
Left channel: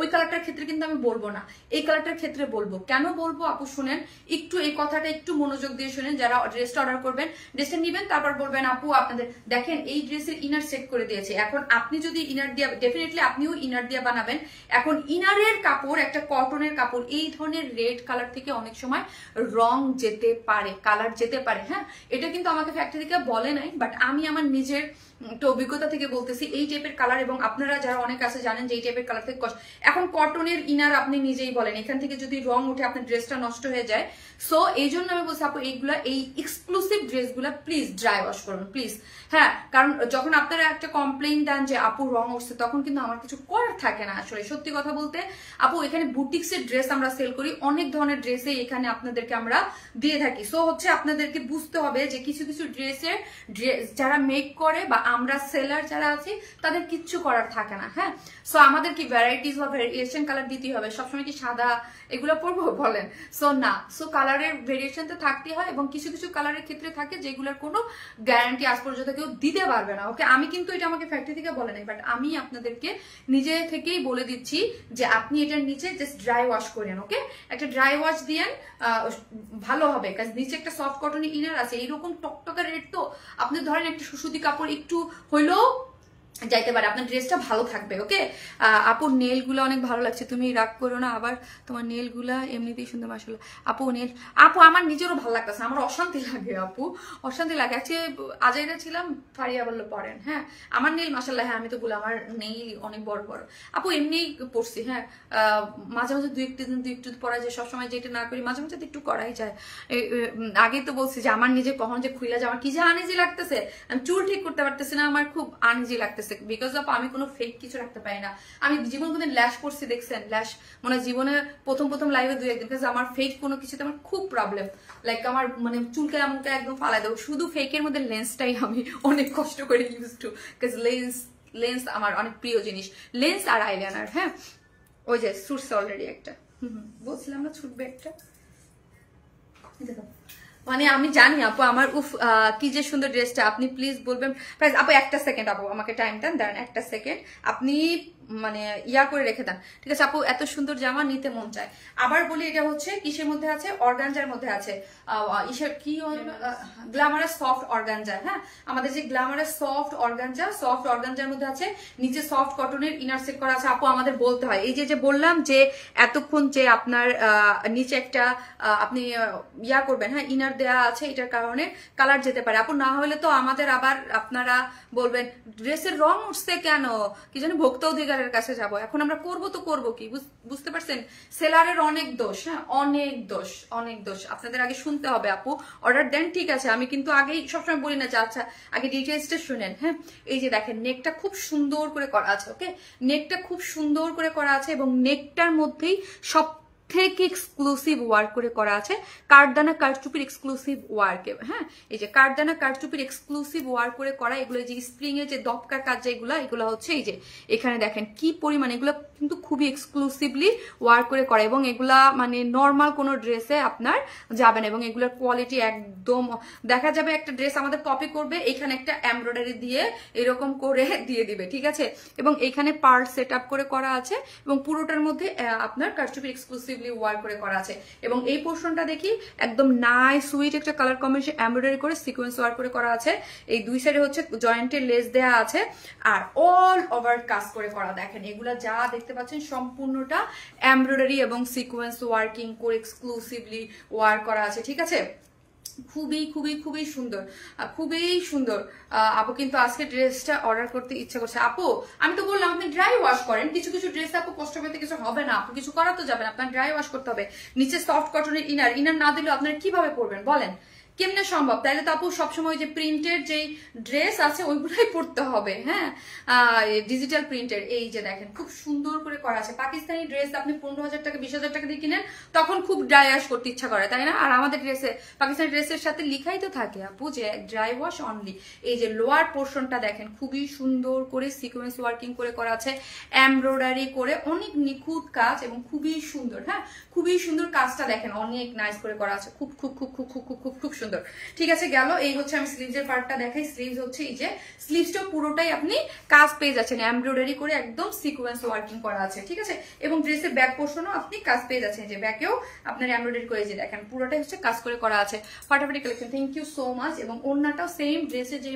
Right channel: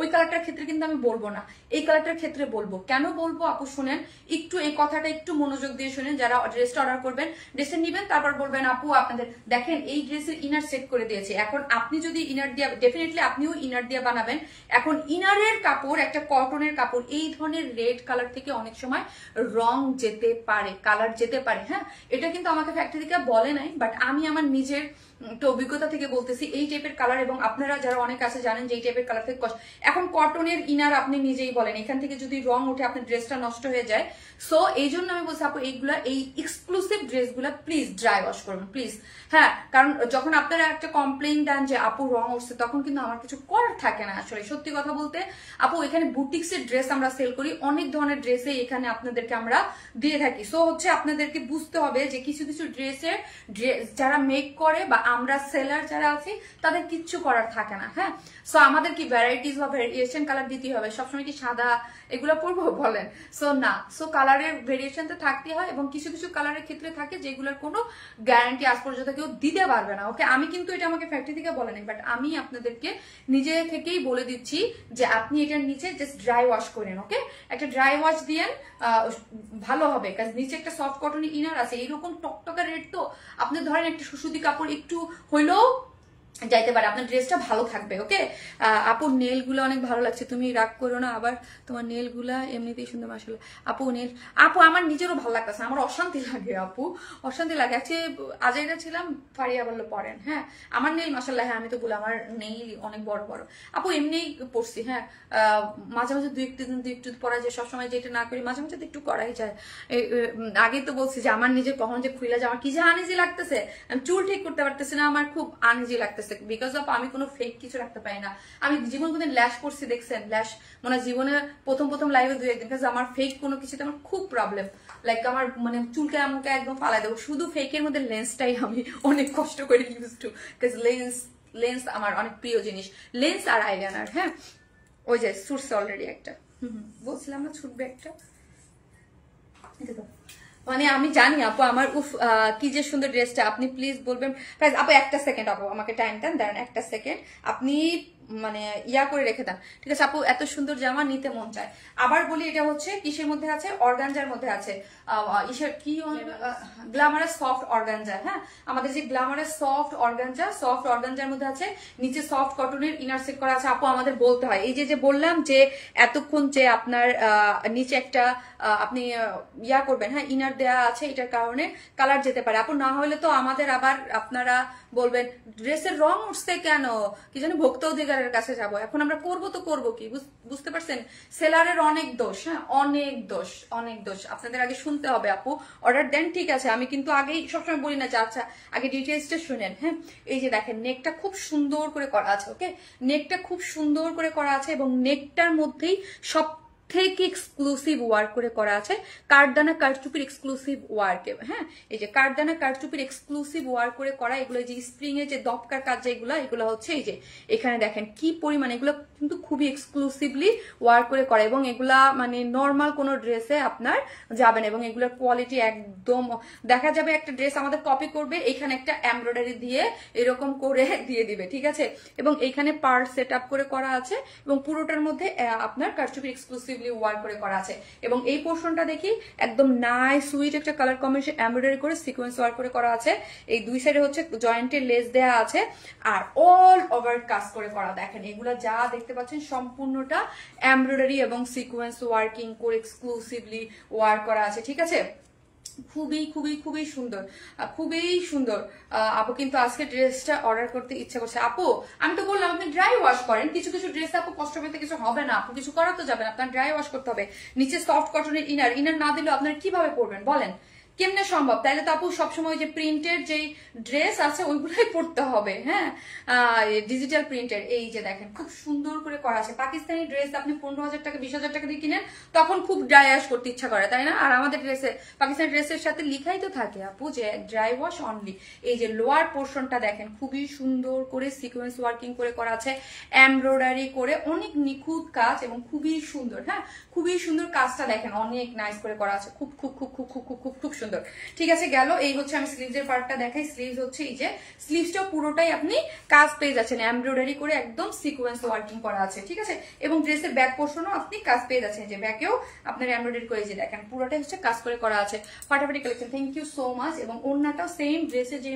ওই কালারটার ক্ষেত্রে কিন্তু আমি বলবো না, এই কালারটার ক্ষেত্রে বলবো। কেন বলবো আপু শুনেন, একটু এই কথাটা একটু মনোযোগ দিয়ে শুনেন। যারা ড্রেসটা অর্ডার করবেন, ড্রেসটা নিবেন, তারপর বলবেন আপু আপনাদের দেখেন এই ড্রেসের ইনার সেট করে দিয়েছে। এখন আপনি যদি ইনার দিয়ে, ডেফিনেটলি আপনিও ইনার দিয়ে বানাবেন। এখন ইনারের কাপড়, একটা কটনের কাপড়, এই ধরনের রেড কালার থেকে অনেক সময় রং যেতে পারে, কালার যেতে পারে, হ্যাঁ, এটা কিন্তু আমাকে ফ্যাক্টরি থেকে বলে নাই, বাট আমি আমার নিজের তো অভিজ্ঞতা থেকে বলতেছি এই টাইপের কালার। এবং আপনারা যারা অনেক আছে জানেন যে এই টাইপের কালার থেকে এখন কটনের ইনার আপনি নিজেই বলেন, এখান থেকে যদি রং উঠে আপনার ড্রেসটা নষ্ট হয়ে যায়। সো এই জন্য আমি বলছি আপু এইগুলা, এই এক্সক্লুসিভ ড্রেসগুলা প্লিজ ড্রাই ওয়াশ করুন প্লিজ, হ্যাঁ, কারণ যখন আপনারা একটা কমপ্লেইন দেন যে আপু রং উঠছে, তখন কিন্তু আমার কিছু করার থাকে না। আসলে সত্যি কথা বলতে আপু, এখানে বুটিক্সের ড্রেস আমরা সেল করি, অনেক ধরনের ড্রেসে এখানে আপনাদেরকে আমরা দিয়ে থাকি। সো হচ্ছে আপনাদেরকে বুঝতে হবে যে কিছু কিছু ড্রেসের যারা মেক করে বা আমরা সেলার যারা আছি তাদের কিচ্ছু করার থাকে না, হ্যাঁ। সো আমাদের কি ভ্যারাইটিস বা ভেরিয়েশন কালার দিতে হবে, সবসময় কি সাদা এগুলো পরবো বলেন? সো না, সো কালারের ভেরিয়েশন তো থাকতেই হয়, এবং কিছু কিছু কালারের ক্ষেত্রে থাকে যেগুলোর কোনো গ্যারান্টি আজ পর্যন্ত কেউ দিতে পারবে না, ওকে। আমি কিন্তু এটা আমাকে ফ্যাক্টরি থেকে বলে নাই, বাট আমি আপনাদেরকে নিজে থেকেই বলে দিচ্ছি যে আপনি এটার নিচে জাস্ট ড্রাই ওয়াশ করেন, ওকে, একটা ড্রাই ওয়াশ দিয়েন, ভালো হবে। কারণ নিচে একটা সফট কটন ইনার আছে, এইরকম টকটকা রেড, তো আপনি ধরেন একটা সুসুতি কাপড় একটু হইলেও যাইতে পারে, আপনার ড্রেসটা ভালো থাকবে, ওকে। আপুর নেল গুলো অনেক ভালো লাগছে, তুমি রাগ করো না আবার, তোমার নেল গুলা এমনিতেই সুন্দর মাশাআল্লাহ। আপু নেল, আপু আমার নিজেরও ভালো লাগতেছে, আমার অশান্তি লাগে আপু, অশান্তি লাগে। অ্যাকচুয়ালি আজাইরা ছিলাম, ফারিয়া বললো পরেন, হ্যাঁ, আমার নেল মাশাআল্লাহ, হ্যাঁ আমি তো বলি আমার নেল অনেক বড় বড় আপু, এমনিই পড়ছি, হ্যাঁ, মাঝে মাঝে দুই একটু পরা যায়, সবসময় যেটা না করি মাঝে মাঝে একটু করাই যায়। আগেই তো বলছি যে আমার নিজে কখন যে খুলে যায়, আমার কি যে আনইজি লাগতেছে, আমি চুল ঠিক করতে পারতেছি না, আমার খুব আনইজি লাগতেছে, বিকজ অফ আমি কোনো ফেক কিছু রাখতে পারি না। আমি জীবন কোনদিন ল্যাশ করছি দেখছেন, ল্যাশ মানে জীবনে প্রথম লাইভে 2 একদিন, কারণ আমার ফেক কোনো কিছুতে আমার খুব প্রবলেম, লাইক আমার মানে চুলকে আমাকে একদম ফালাই দেবো, শুধু ফেকের মধ্যে লেন্সটাই আমি অনেক কষ্ট করে ইউজ টু, বিকজ লেন্স আমার অনেক প্রিয় জিনিস, লেন্স আর আইলাইনার, হ্যাঁ। ওই যে ছুটছে অলরেডি একটা, বলছিলাম না ছুটবে একটা, মানে আমি জানি আপু আমার উফ কি যে সুন্দর ড্রেসটা, আপনি প্লিজ বলবেন প্রাইস। আপু একটা সেকেন্ড আপু, আমাকে টাইম দেন, দাঁড়ান একটা সেকেন্ড, আপনি মানে ইয়া করে রেখে দেন, ঠিক আছে আপু? এত সুন্দর জামা নিতে মন চায়। আবার বলি, এটা হচ্ছে কিসের মধ্যে আছে? অর্গানজার মধ্যে আছে। কি গ্ল্যামারাস সফট অর্গানজা। হ্যাঁ, আমাদের যে গ্ল্যামারাস সফট অর্গানজার মধ্যে আছে, নিচে সফট কটনের ইনার সেট করা আছে। আপু আমাদের বলতে হয়, এই যে বললাম যে এতক্ষণ যে আপনার নিচে একটা আপনি ইয়া করবেন, হ্যাঁ ইনার দেয়া আছে, এটার কারণে কালার যেতে পারে আপু। না হলে তো আমাদের আবার আপনারা বলবেন ড্রেসের রং উঠছে কেন, কি জানি ভোক্তা অধিকারের কাছে যাব। এখন আমরা করবো তো করবো কি, বুঝতে পারছেন? সেলারের অনেক দোষ, হ্যাঁ অনেক দোষ। আপনাদের আগে শুনতে হবে আপু। অর্ডার দেন, ঠিক আছে, আমি কিন্তু আগেই সবসময় বলি না যে আচ্ছা আগে ডিটেলসটা শুনেন। হ্যাঁ, এই যে দেখেন নেকটা খুব সুন্দর করে করা আছে। ওকে, নেকটা খুব সুন্দর করে করা আছে এবং নেকটার মধ্যেই সব থেকে এক্সক্লুসিভ ওয়ার্ক করে করা আছে, কাঠদানা কারচুপির এক্সক্লুসিভ ওয়ার্ক। হ্যাঁ, এই যে কাঠদানা কারচুপির এক্সক্লুসিভ ওয়ার্ক করে করা, এগুলো যে স্প্রিং এর যে দপকার কাজ এগুলো হচ্ছে এই যে এখানে দেখেন কি পরিমাণ, এগুলো কিন্তু খুবই এক্সক্লুসিভলি ওয়ার্ক করে করা এবং এগুলা মানে নর্মাল কোনো ড্রেসে আপনার যাবে না এবং এগুলোর কোয়ালিটি একদম দেখা যাবে। একটা ড্রেস আমাদের কপি করবে, এখানে একটা এমব্রয়ডারি দিয়ে এরকম করে দিয়ে দিবে, ঠিক আছে? এবং এখানে পার্ট সেট আপ করে করা আছে এবং পুরোটার মধ্যে আপনার কারচুপির এক্সক্লুসিভ ওয়ার্ক করে করা আছে। এবং এই পোর্শনটা দেখি একদম নাইস সুইট একটা কালার কম্বিনেশন এমব্রয়ডারি করে সিকোয়েন্স ওয়ার্ক করে করা আছে। এই দুই সাইডে হচ্ছে জয়েন্টে লেস দেয়া আছে আর অল ওভার কাজ করে করা। দেখেন এগুলা যা দেখতে পাচ্ছেন সম্পূর্ণটা এমব্রয়ডারি এবং সিকোয়েন্স ওয়ার্কিং করে এক্সক্লুসিভলি ওয়ার্ক করা আছে, ঠিক আছে? খুবই সুন্দর। আপু কিন্তু আজকে ড্রেসটা অর্ডার করতে ইচ্ছা করছে। আপু আমি তো বললাম আপনি ড্রাই ওয়াশ করেন, কিছু ড্রেস আপু কষ্ট পেতে কিছু হবে না, আপু কিছু করা তো যাবে না, আপনার ড্রাই ওয়াশ করতে হবে। নিচে সফট কটনের ইনার না দিলেও আপনার কিভাবে পরবেন বলেন? কেমনে সম্ভব? তাহলে তো আপু সবসময় যে প্রিন্টের যে ড্রেস আছে ওইগুলোই পরতে হবে। হ্যাঁ, ডিজিটাল প্রিন্টের। এই যে দেখেন খুব সুন্দর করে করা আছে। পাকিস্তানি ড্রেস আপনি 15,000 টাকা 20,000 টাকা দিয়ে কিনেন, তখন খুব ড্রাই ওয়াশ করতে ইচ্ছা করে, তাই না? আর আমাদের ড্রেসে পাকিস্তানি ড্রেসের সাথে লিখাই তো থাকে আপু যে ড্রাই ওয়াশ অনলি। এই যে লোয়ার পোর্শনটা দেখেন খুবই সুন্দর করে সিকোয়েন্স ওয়ার্কিং করে করা আছে, এমব্রয়ডারি করে, অনেক নিখুঁত কাজ এবং খুবই সুন্দর। হ্যাঁ, খুবই সুন্দর কাজটা দেখেন, অনেক নাইস করে করা আছে, খুব সুন্দর। ঠিক আছে, গেল। এই হচ্ছে আমি স্লিভসের পার্টটা দেখাই। স্লিভস হচ্ছে এই যে স্লিভসটা পুরোটাই আপনি কাজ পেয়ে যাচ্ছেন, এমব্রয়ডারি করে একদম সিকোয়েন্স ওয়ার্কিং করা আছে, ঠিক আছে? এবং ড্রেসের ব্যাক পোর্শনও আপনি কাজ পেয়ে যাচ্ছেন, যে ব্যাকেও আপনার এমব্রয়ডারি করে যে দেখেন পুরোটাই হচ্ছে কাজ করে করা আছে। ফাটাফাটি collection, thank you so much. এবং ওড়নাটাও সেম ড্রেসের যে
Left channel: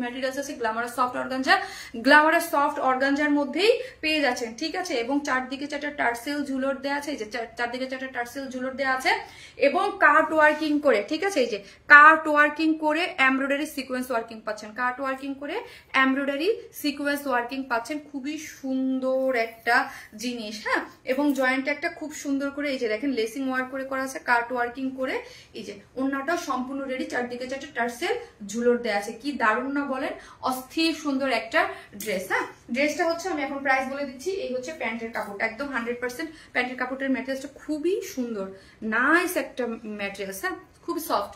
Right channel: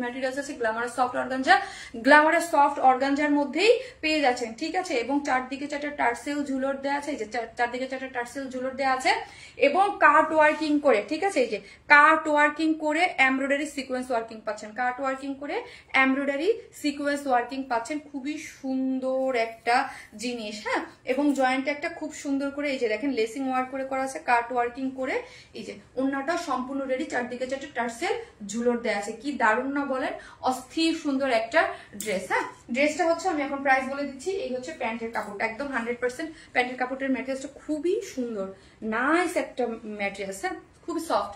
ম্যাটেরিয়ালস আছে গ্ল্যামারাস সফট অর্গানজার মধ্যেই পেয়ে যাচ্ছেন, ঠিক আছে? এবং চারদিকে চারটা টার্সেল ঝুলর দেওয়া আছে, এই যে চারদিকে চারটা টার্সেল ঝুলর দেওয়া আছে এবং কাট ওয়ার্কিং করে, ঠিক আছে? এই যে কাট ওয়ার্কিং করে এমব্রয়ডারি সিকোয়েন্স ওয়ার্কিং পাচ্ছেন, কাট ওয়ার্কিং করে এমব্রয়ডারি সিকোয়েন্স ওয়ার্কিং পাচ্ছেন। খুবই সুন্দর একটা জিনিস। হ্যাঁ, এবং জয়েন্টে একটা খুব সুন্দর করে এই যে দেখেন লেসিং ওয়ার্ক করে করা আছে, কাট ওয়ার্কিং করে। এই যে ওড়নাটা সম্পূর্ণ রেডি, চারদিকে চারটে টার্সেল ঝুলর দেওয়া আছে। কি দারুণ না বলেন? অস্থির সুন্দর একটা ড্রেস। হ্যাঁ, ড্রেসটা হচ্ছে আমি এখন প্রাইস বলে দিচ্ছি। এই হচ্ছে প্যান্টের কাপড়, একদম 100% প্যান্টের কাপড়ের ম্যাটেরিয়ালসটা খুবই সুন্দর, নাইস একটা ম্যাটেরিয়ালস। হ্যাঁ, খুবই সফট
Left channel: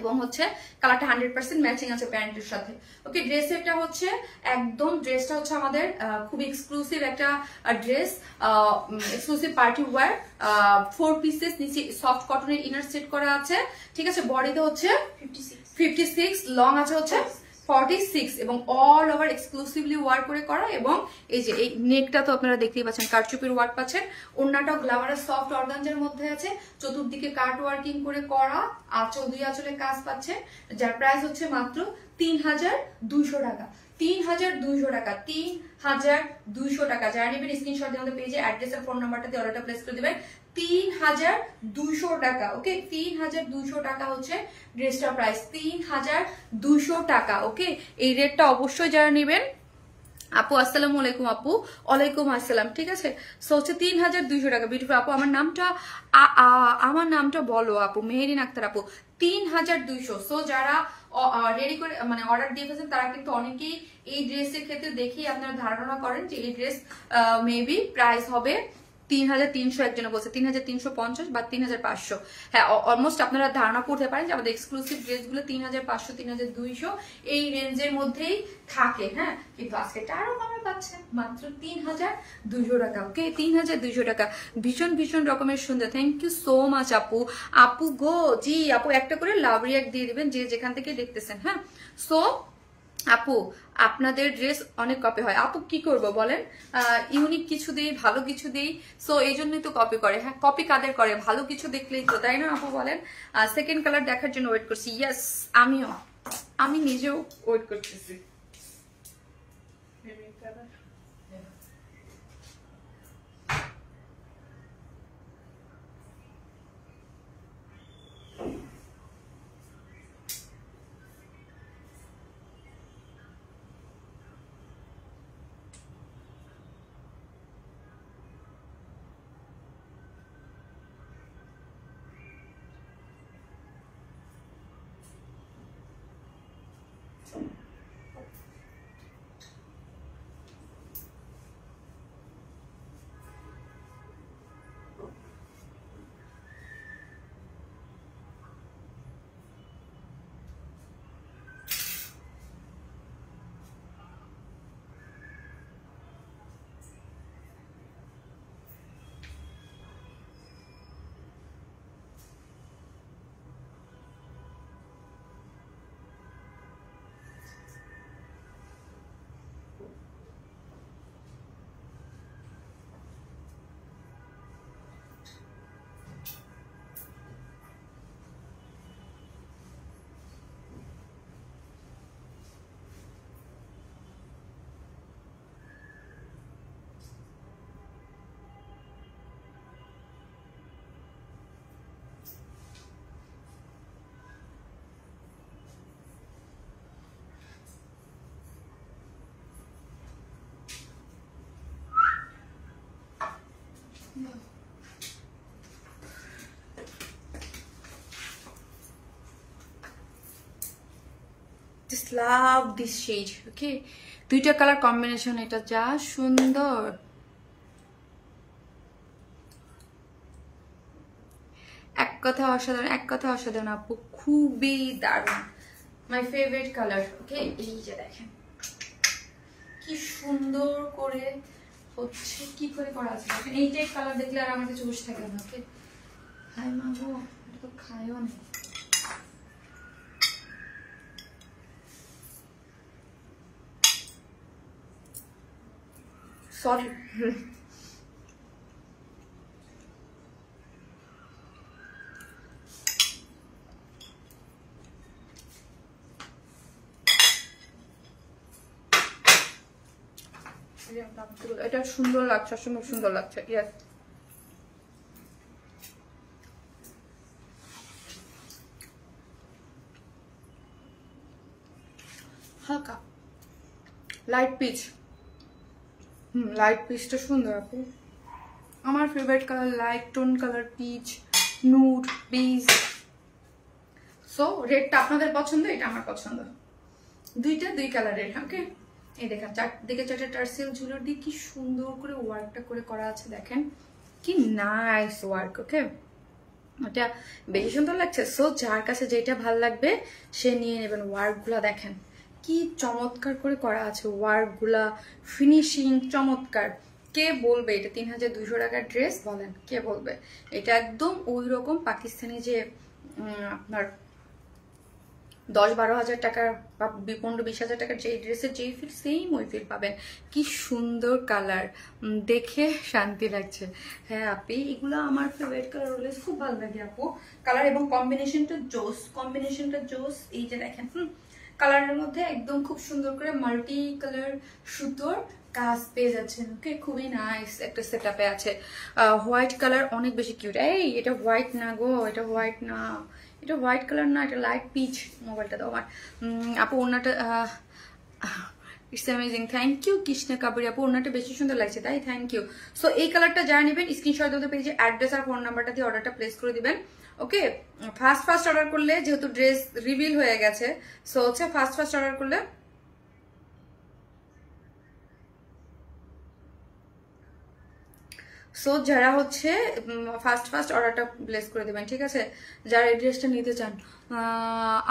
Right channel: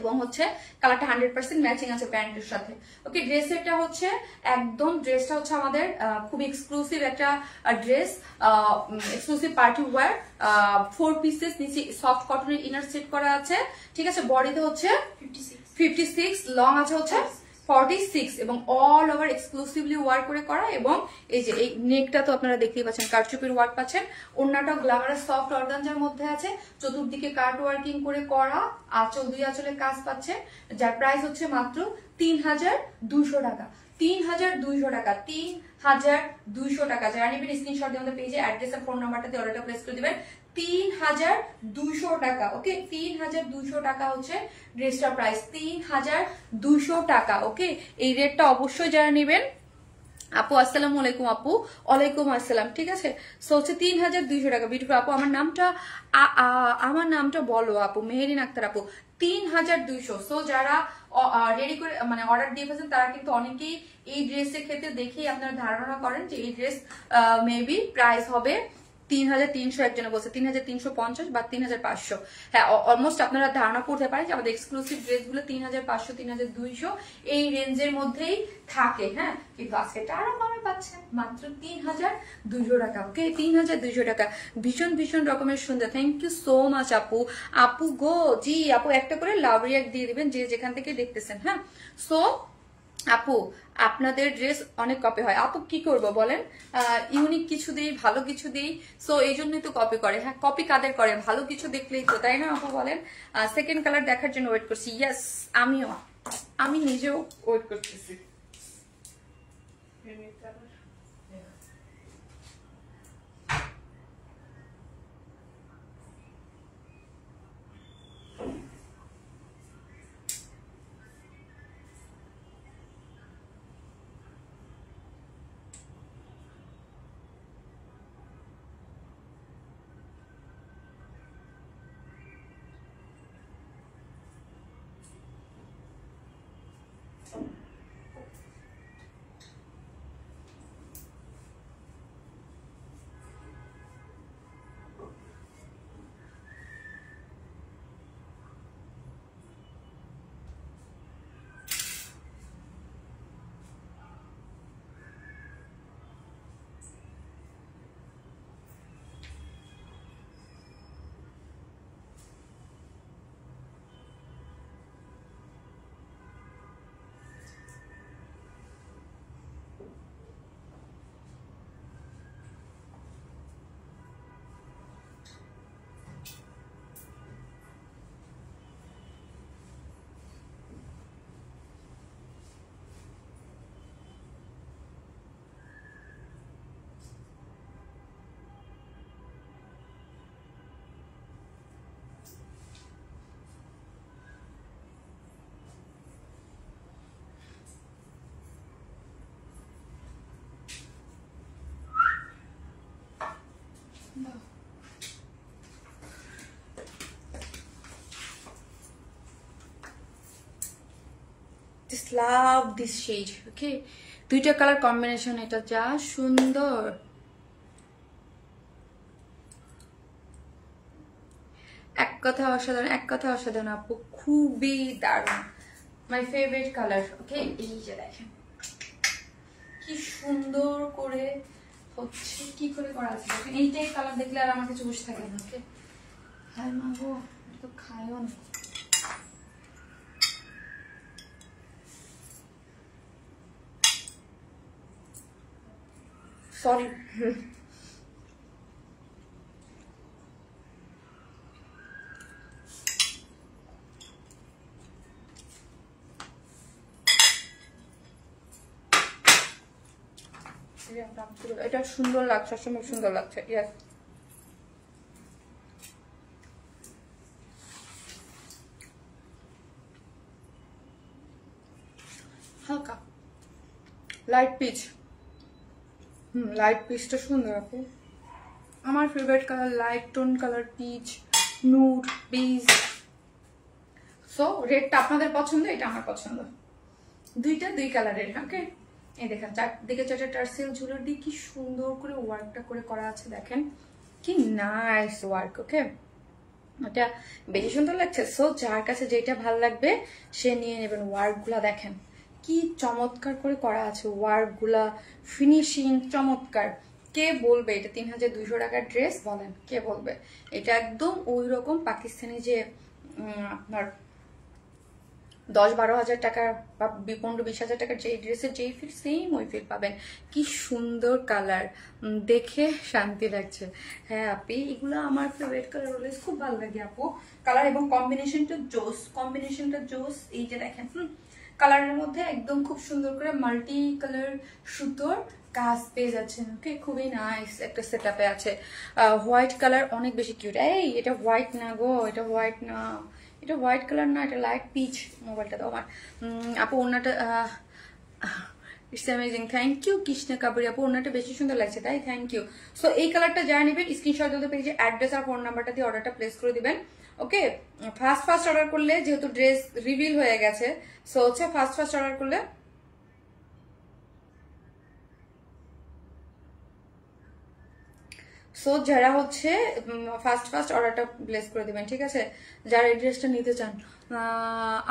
এবং হচ্ছে কালারটা 100% ম্যাচিং আছে প্যান্টের সাথে। ওকে, ড্রেসটা হচ্ছে একদম, ড্রেসটা হচ্ছে আমাদের খুব এক্সক্লুসিভ একটা dress, exclusive party wear, 4 pieces, নিচে সফট কটনের ইনার সেট করা আছে, ঠিক আছে? বডিতে হচ্ছে 56, লং আছে হচ্ছে 46 এবং অল ওভার এক্সক্লুসিভলি ওয়ার্ক করে করা। এবং এই যে এই নেকটা তো আপনারা দেখতেই পাচ্ছেন, কারচুপির ওয়ার্ক পাচ্ছেন। ওড়নাটাও গ্ল্যামারাস সফট অর্গানজার মধ্যে আছে, চতুর্দিকে কাট ওয়ার্কিং করে করা, আঁচল দুই আঁচলে কাজ পাচ্ছেন, যার প্রাইস হচ্ছে মাত্র 3,200 টাকা। 3,200 টাকা, 3,200 টাকা। যারা নেবেন স্ক্রিনশট দিয়ে আমাদের পেজে অ্যাড্রেস আর ফোন নাম্বারটা দিয়ে অর্ডারটা প্লেস করে দিবেন। 3,200 টাকা। ওকে, 3,200 টাকা হচ্ছে ড্রেসটার প্রাইস, 3,200 টাকা। ওকে, এই রেটটা অবশ্যই যারা নেবেন। আপু আসসালামু আলাইকুম। আপু ওয়ালাইকুম আসসালাম, ঠিক আছে? সো হচ্ছে 3,200 টাকা। বিউটিফুল আপু, আমার নামটা বলো আপু। মেহেরিন আক্তার আপু, 3,200। সো যারা রেডি করে মানে অর্ডার দিয়ে ফেলছেন তারা কিন্তু অনেকেই এই ড্রেসের ক্ষেত্রে দেখেই আপনারা ধারণা করেন যে এই ড্রেস মেবি প্রাইস হবে 3,300, একজনে বলছে 3,350 বা 3,500। হ্যাঁ, অলমোস্ট আপনারা ধারণা করতে পারেন যে আমাদের এক্সক্লুসিভ ড্রেসগুলো 3,500 3,200 এই রেঞ্জের মধ্যেই থাকে। হ্যাঁ, কিন্তু আজকে আরো কমে পাচ্ছেন মাত্র 3,200 টাকা। ওকে, 3,200 টাকা। ভীষণ রকমের সুন্দর। থ্যাংক ইউ সো মাচ আপু। আপু গো, জি আপু, একটা করে লাভ রিয়াক্ট দিয়ে দিবেন যে যেখান থেকে দেখতেছেন। হ্যাঁ, সো আপু আপনাদের ড্রেস অনেক কপি হয়, আপু কি করব বলেন, ইউনিক কিছু দিই, ভালো কিছু দিই, সো এই জন্যই তো কপি করে। হ্যাঁ, কপি কাদের করে, ভালো কিছু দেখলেই তো, তাই না আপু বলেন? সেকেন্ড কালার দেখার জন্য ওয়েট করছি। ইয়েস, আমি নিজেও ওয়েট করতেছি। Just love this shade, okay? দুইটা কালার কম্বিনেশন, এটা যা সুন্দর। এক কথা অসাধারণ, এক কথা অসাধারণ আপু, খুবই দারুণ, মাই ফেভারিট কালার। ওকে, এই যে দেখেন কি সুন্দর করে হচ্ছে, কি করে করা আছে দেখেন। এই টাইপ কালার দেখলে আর আমার কাছে বসে থাকে না। ওকে, হাই মাগো, এটা তো খায়ও না। সরি, এটা সুন্দর লাগছে, অসম্ভব সুন্দর লাগছে। ইয়েস, হালকা লাইট পিচ, লাইট পিচটা সুন্দর আপু, আমার favourite colour light tone colour, peach, nude, beige. So রেডটা আপনাদের পছন্দ, এটা আমার পছন্দ, দুইটা দুই কালারের। ওকে, এই দেখেন চারদিকে চারটে টার্সেল ঝুলের দিয়ে কি সুন্দর করে ওয়ার্কটা করে করা আছে, দেখেন কি নাইস ওয়ার্ক। ওকে, এটা বেশি সুন্দর লাগছে। সো যার কাছে যেটা ভালো লাগবে সে নিয়ে নেবেন। ওয়ার্কগুলা দেখেন কি চমৎকার করে করা আছে, ওয়ার্কগুলা ফিনিশিং চমৎকার। কে বলবে এটা 3200 টাকার ড্রেস, বলেন কে বলবে? এটা একদম ওই রকম পাকিস্তানি যে আপনার 10-12 হাজার টাকার বা 15-20 হাজার টাকার যে ড্রেসের যেই ফিল, সেম ওই ফিল পাবেন। কি সুন্দর কালার, দেখে শান্তি লাগছে। হ্যাঁ আপনি, এগুলো আমার ফেভারিট কালার, অলওয়েজ খুব ভালো লাগে আপু কালার, এবং কম্বিনেশনটা জোস, কম্বিনেশনটা জোস। এই যে দেখেন কালারের মধ্যে একদম খুব সুন্দর করে মাল্টি কালার সুতোর কাজ পেয়ে যাচ্ছেন। ওকে, খুবই নাইস একটা সেটআপে আছে। হোয়াইট কালার অনেক বেশি কিউট। এই এটা হোয়াইট না গো, এটা হোয়াইট না, এটা হোয়াইট কালার না, এটা লাইট পিচ। মোবাইলটা দাও আমার। আপু ওনাটা it's amazing, thank you Krishna কাবুরি আপু, ওনাটা বেশি সুন্দর লাগছে তাই, থ্যাংক ইউ। সো এই কালারটা যারা নেবেন স্ক্রিনশট দিতে পেজে অ্যাড্রেস আর ফোন নাম্বারটা দিয়ে অর্ডারটা প্লেস করে দিবেন। ওকে, ফার্স্ট অর্ডার করলে, যেহেতু ড্রেস রিভিল হয়ে গেছে, সো হচ্ছে ফার্স্ট অর্ডার করলে সো যারা হচ্ছে ফার্স্ট অর্ডারটা প্লেস করে দেবেন, ঠিক আছে? যারা এই ড্রেসটা নিতে চান,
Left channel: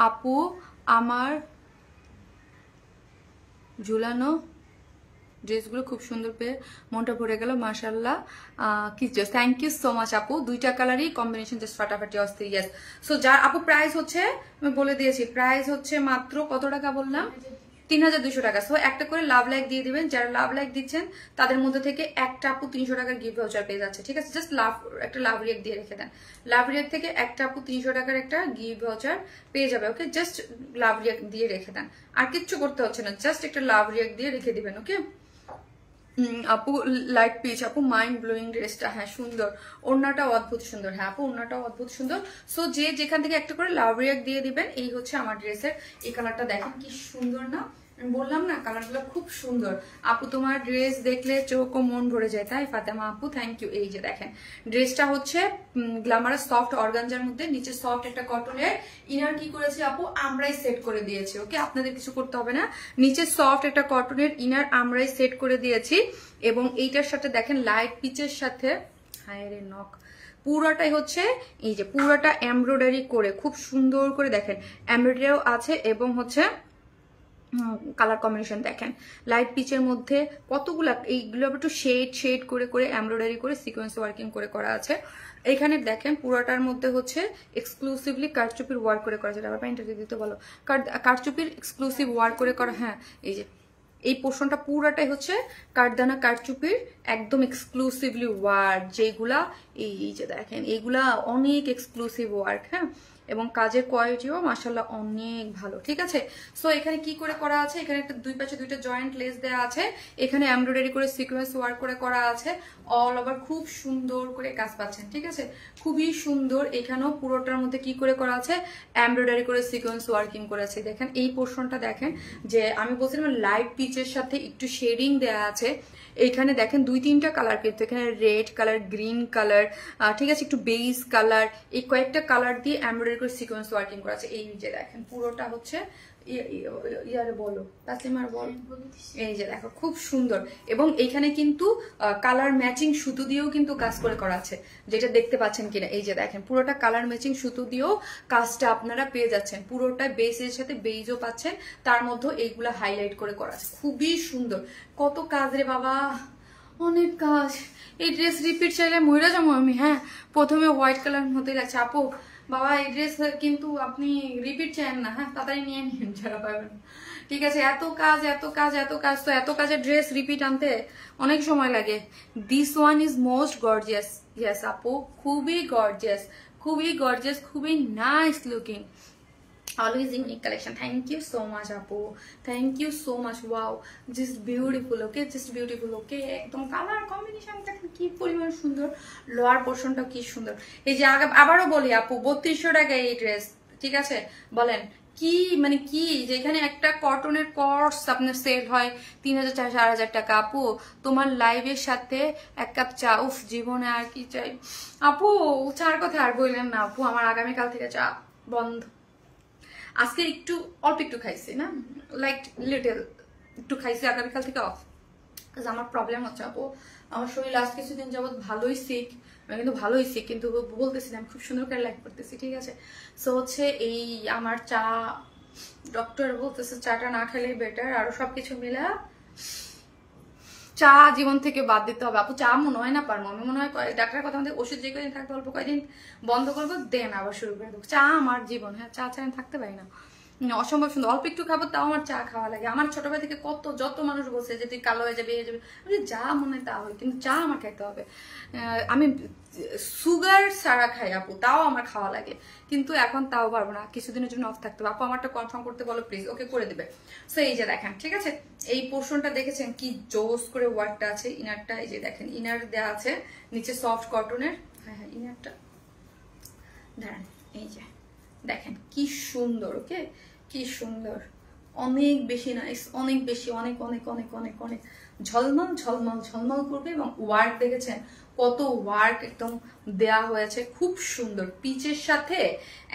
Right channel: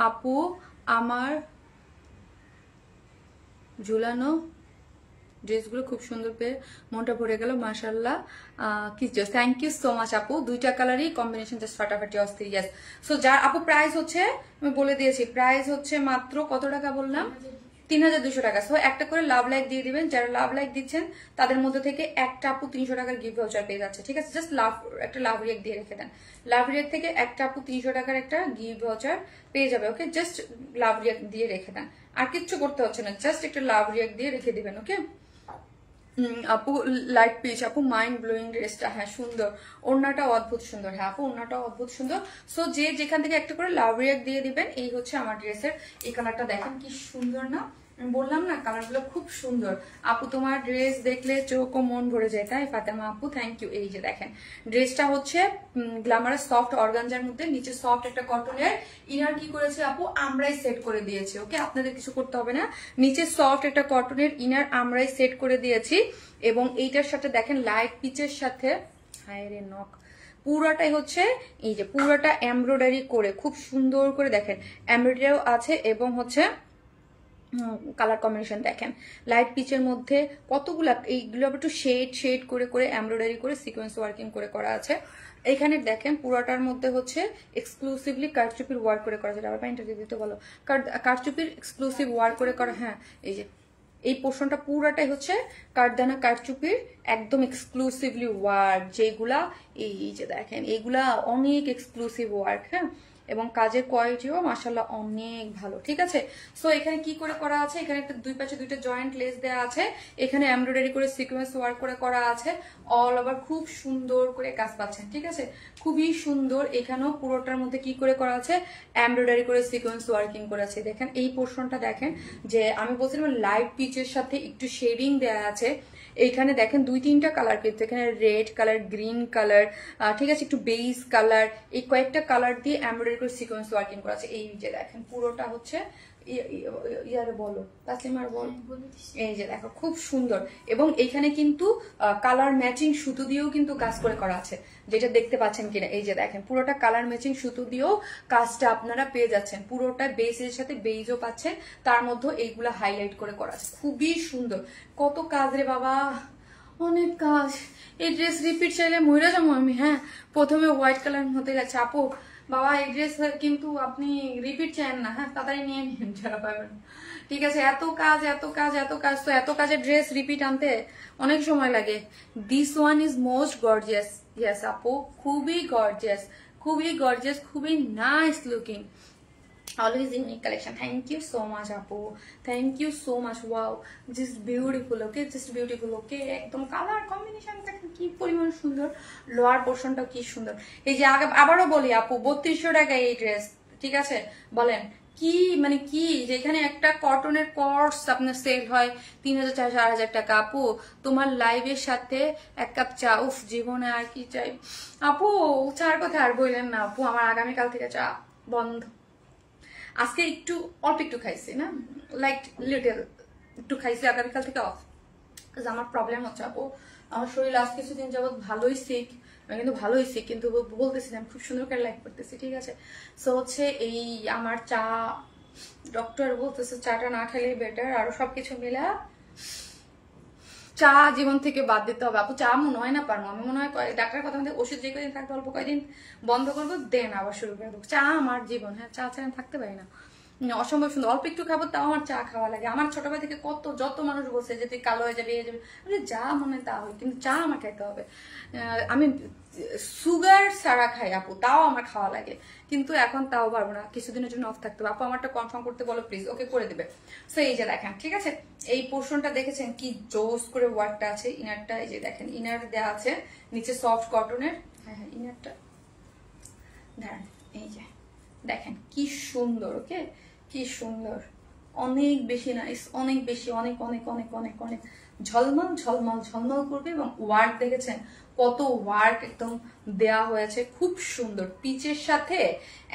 আপু আমার ঝুলানো ড্রেসগুলো খুব সুন্দর পেয়ে মনটা ভরে গেল, মাশাআল্লাহ। কিছু থ্যাংক ইউ সো মাচ আপু, দুইটা কালারই কম্বিনেশন জাস্ট ফাটাফাটি অস্থির। আপু প্রাইস হচ্ছে আমি বলে দিয়েছি, প্রাইস হচ্ছে মাত্র কত টাকা বললাম? 3200 টাকা। সো একটা করে লাভ লাইক দিয়ে দিবেন, যারা লাভ লাইক দিচ্ছেন তাদের মধ্যে থেকে একটা আপু 300 টাকার গিফট ভাউচার পেয়ে যাচ্ছে, ঠিক আছে? জাস্ট একটা লাভ রিয়েক্ট দিয়ে রেখে দেন, লাভ রিয়েক্ট থেকে একটা আপু 300 টাকার একটা গিফট ভাউচার পেয়ে যাবে, ওকে? জাস্ট লাভ রিয়েক্ট দিয়ে রেখে দেন, আর কিচ্ছু করতে হচ্ছে না, জাস্ট একটা লাভ রিয়েক্ট দিয়ে রেখে দিবেন, ওকে? আপু লাইট পিচ, আপু মাইন্ড ব্লোয়িং ড্রেসটা, হ্যাঁ সুন্দর, ওড়নাটা অদ্ভুত সুন্দর, হ্যাঁ আপু ওড়নাটা অদ্ভুত সুন্দর। সো যে যেখান থেকে একটা করে লাভ রিয়েক্ট দিয়ে দিবেন। এই হচ্ছে আমার ড্রেসের এই কালারটা, দেখেন কি সুন্দর না, বললাম না কালারগুলো খুব সুন্দর। আপু তোমার ড্রেস দেখলে চোখ ও মন ভরে যায়, তাই ফাতেমা আপু? Thank you. এই যে দেখেন ড্রেসটা হচ্ছে গ্ল্যামারাস সফট অর্গানজার মধ্যে, নিচে সফট একটা কটনের ইনার কি করেছে আপু, আমরাই সেট করে দিয়েছি, ওকে? আপনাদের কিছু করতে হবে না, নিচে সফট একটা কটনের ইনার আমরাই সেট করে দিয়েছি। এবং এইটার সাথে দেখেন লাইট পিচের সাথে, হায় রে নখ, পুরাটাই হচ্ছে এই যে পুরাটা এমব্রয়ডারি করে খুব সুন্দর করে দেখেন এমব্রয়ডারিও আছে, এবং হচ্ছে কালার কম্বিনেশন দেখেন লাইট পিচের মধ্যে কতগুলা, এইগুলো একটু শেড শেড করে করে এমব্রয়ডারি করে সিকোয়েন্স ওয়ার্কিং করে করা আছে। এখানে দেখেন পুরাটার মধ্যে হচ্ছে এক্সক্লুসিভলি কারচুপির ওয়ার্ক করে করা আছে। আবার প্যান্টটা দিতে বলো, কারচুপির এক্সক্লুসিভ ওয়ার্ক করে করা, হ্যাঁ এই যে এই পোর্শনটা পুরাটাই হচ্ছে কাঠদানা কারচুপির একদম এক্সক্লুসিভলি ওয়ার্ক, যেগুলা এই যে দেখেন এইগুলা অনেক এক্সক্লুসিভ ওয়ার্ক, হ্যাঁ? এবং কাজের কোয়ালিটিও মাশাআল্লাহ অনেক ভালো, ঠিক আছে? সো এখানে কি করে করা আছে, এখানে একটা দুই পাশে দুইটা জয়েন্ট লেস দেওয়া আছে, এখানে এমব্রয়ডারি করে সিকোয়েন্স ওয়ার্ক করে করা আছে, অল ওভার খুব সুন্দর করে কাজ পাচ্ছেন, ঠিক আছে? খুবই সুন্দর। এখানেও পুরোটার মধ্যে কি করে করা আছে, এমব্রয়ডারি করে সিকোয়েন্স ওয়ার্কিং করে আছে। দেখেন এই পোর্শনটা দেখেন, যে আমি বলছিলাম লাইট পিচের সাথে একটু শেডিং দেয়া আছে। এইখানে দেখেন দুই তিনটা কালার, কিন্তু এখানে রেড কালার, গ্রিন কালার, ঠিক আছে, একটু বেস কালার, এই কয়েকটা কালার দিয়ে এমব্রয়ডারি করে সিকোয়েন্স ওয়ার্কিং করা আছে। এই যে দেখেন পুরোটা হচ্ছে ইয়ারে বলো তাসলিমার বল, এই যে দেখো খুব সুন্দর। এবং এইখানে কিন্তু কালার ম্যাচিং সুতো দিয়েও কিন্তু কাজ করে করা আছে, যেটা দেখতে পাচ্ছেন কিনা, এই যে দেখেন পুরোটা কালার ম্যাচিং সুতো দিয়েও কাজটা আপনারা পেয়ে যাচ্ছেন, পুরোটা বেসের সাথে বেইজও পাচ্ছেন, তার মধ্যে এইগুলা হাইলাইট করে করা আছে, খুবই সুন্দর। কত কাজ রে বাবা, অনেক কাজ। এই ড্রেস রিপিট চাইলে মইরা যাবো আমি, হ্যাঁ? প্রথমে হোয়াইট কালার মধ্যে লাগছে আপু, বাবা এই ড্রেস কিন্তু আপনি রিপিট চান না, হ্যাঁ? তাড়াতাড়ি নিয়ে নিন, যারা পাবেন, ঠিক আছে? এত কাজ এত কাজ এত কাজ, তো এত কাজের ড্রেস রিপিট আনতে অনেক সময় লাগে। This one is most gorgeous, yes আপু, খুবই গর্জিয়াস, খুবই গর্জিয়াস, খুবই nice looking, always unique collection. Thank you so much apu, thank you so much. Wow, just beautiful, okay, just beautiful, okay? একদম colour কম্বিনেশনটা কি পরিমাণ সুন্দর, লোয়ার পোর্শনটা কি সুন্দর। এই যে আবারও বলি আপু 3200 টাকা এই ড্রেস, ঠিক আছে? বলেন কি মানে কি, যেখানে একটা কটনের কোর্স আপনার সেল হয় 3000 4000 টাকা, আপু তোমার লাইভের সাথে এক কাপ চা, উফ জীবনে আর কি চাই আপু, চার কথা আর বললেন না আপু, আমার আগামীকাল থেকে চা বন্ধ। আজকে একটু অল্প একটু খাইছি না, লাইক লিটল একটু খাইছি, আগামীকাল থেকে অফ। আমার প্রবলেম হচ্ছে আপু, আমার শরীর লাস্ট কিছুদিন যাবত ভালোই সিক, আমি কিন্তু ভালোই সিক, কিন্তু বলতেছি না, খুব সুন্দর করে লাইক করতেছি, ঠিক আছে? সো হচ্ছে এই আমার চা, ডক্টর বলতেছে চাটা না খেলেই বেটার, আরো সবকিছু মিলা চা জীবন থেকে বাদ দিতে হবে আপু। চা মনে হয় না পারবো আমি, মনে হয় ডাক্তারের কথা মধ্যে ওষুধ যে কদিন থাকবে অল্প কয়েকদিন বন্ধ করবো, দেন আবার শুরু করে দেবো। চা আমার জীবন, হ্যাঁ চা ছাড়া থাকতে পারি না, অসম্ভব সুন্দর। অল্প একটু খাবো তাও আমার চা খাওয়া লাগে। আমার ছোটবেলা থেকে যত মানুষ বলছে যে তুই কালো হয়ে যাবে, আমি যা মনে হয় তা হয়, কিন্তু চা আমার খাইতে হবে। আমি সুগার ছাড়া খাই আপু, তাও আমার খাওয়া লাগে, কিন্তু এখন তাও পারবো না, কিছুদিনের জন্য অফ থাকতে হবে। আপু আমারটা কনফার্ম করতে বলো প্লিজ, ওকে করে দেবে। সো এই যে দেখেন, ঠিক আছে, এই পোর্শনটা দেখেছেন কি জোস করে ওয়ার্কটা আছে, ইনারটা এই যে দেখেন ইনার দেওয়া আছে, নিচে সফট কটনের, হ্যাঁ হ্যাঁ ইনারটা দাঁড়ান, এই যে দেখেন কি সুন্দর, ওকে কি সুন্দর, অনেক বেশি নাইস, অনেক বেশি, অনেক অনেক অনেক অনেক অনেক ঝলমল ঝলমল ঝলমল করবে। এবং ওয়ার্ক দেখেছেন কত ওয়ার্ক একদম দেয়া হয়েছে, খুব সুন্দর পিচের সাথে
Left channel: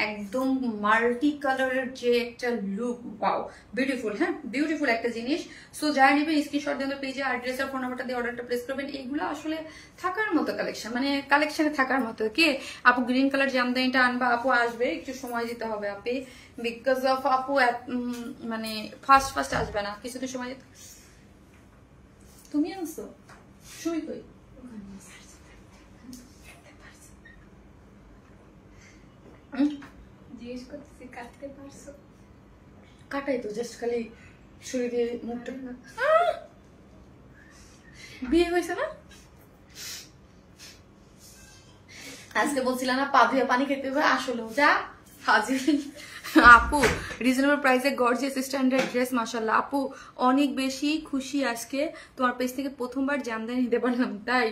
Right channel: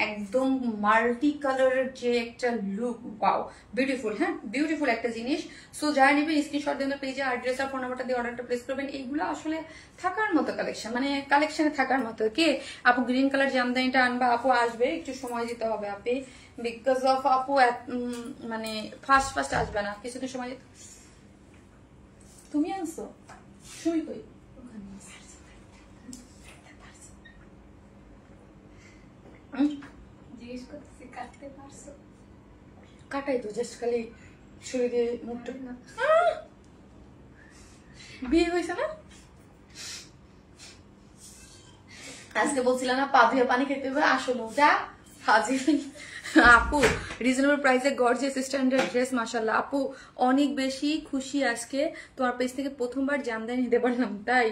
একদম মাল্টি কালারের যে একটা লুক, ওয়াও বিউটিফুল, হ্যাঁ বিউটিফুল একটা জিনিস। সো যারা নেবেন স্ক্রিনশট দেন পেজে, অ্যাড্রেস আর ফোন নাম্বারটা দিয়ে অর্ডারটা প্লেস করবেন। এইগুলো আসলে থাকার মতো কালেকশন, মানে কালেকশনে থাকার মতো। কি আপু গ্রিন কালার জামদানিটা আনবা, আপু আসবে, একটু সময় দিতে হবে আপনি, বিকজ অফ আপু মানে ফার্স্ট আসবে না, কিছুদিন সময় দিতে। তুমি আনছো শুই কই, জিজ্ঞেস করতেছি কাটতে পারছো? কাটাই তো, জাস্ট খালি ছুরি দিয়ে মুখটা না বিয়ে হয়েছে না আজকে বলছিলাম না পা ধুয়ে পানি খেতে হবে আসলেও যা হাজির আপু রিজনেবল প্রাইসে গর্জিয়াস স্ট্যান্ডার্ড ড্রেস মাশাআল্লাহ আপু অনেক বেশি খুশি আজকে তোমার পেজ থেকে প্রথমবার জামদানি নিতে পারলাম তাই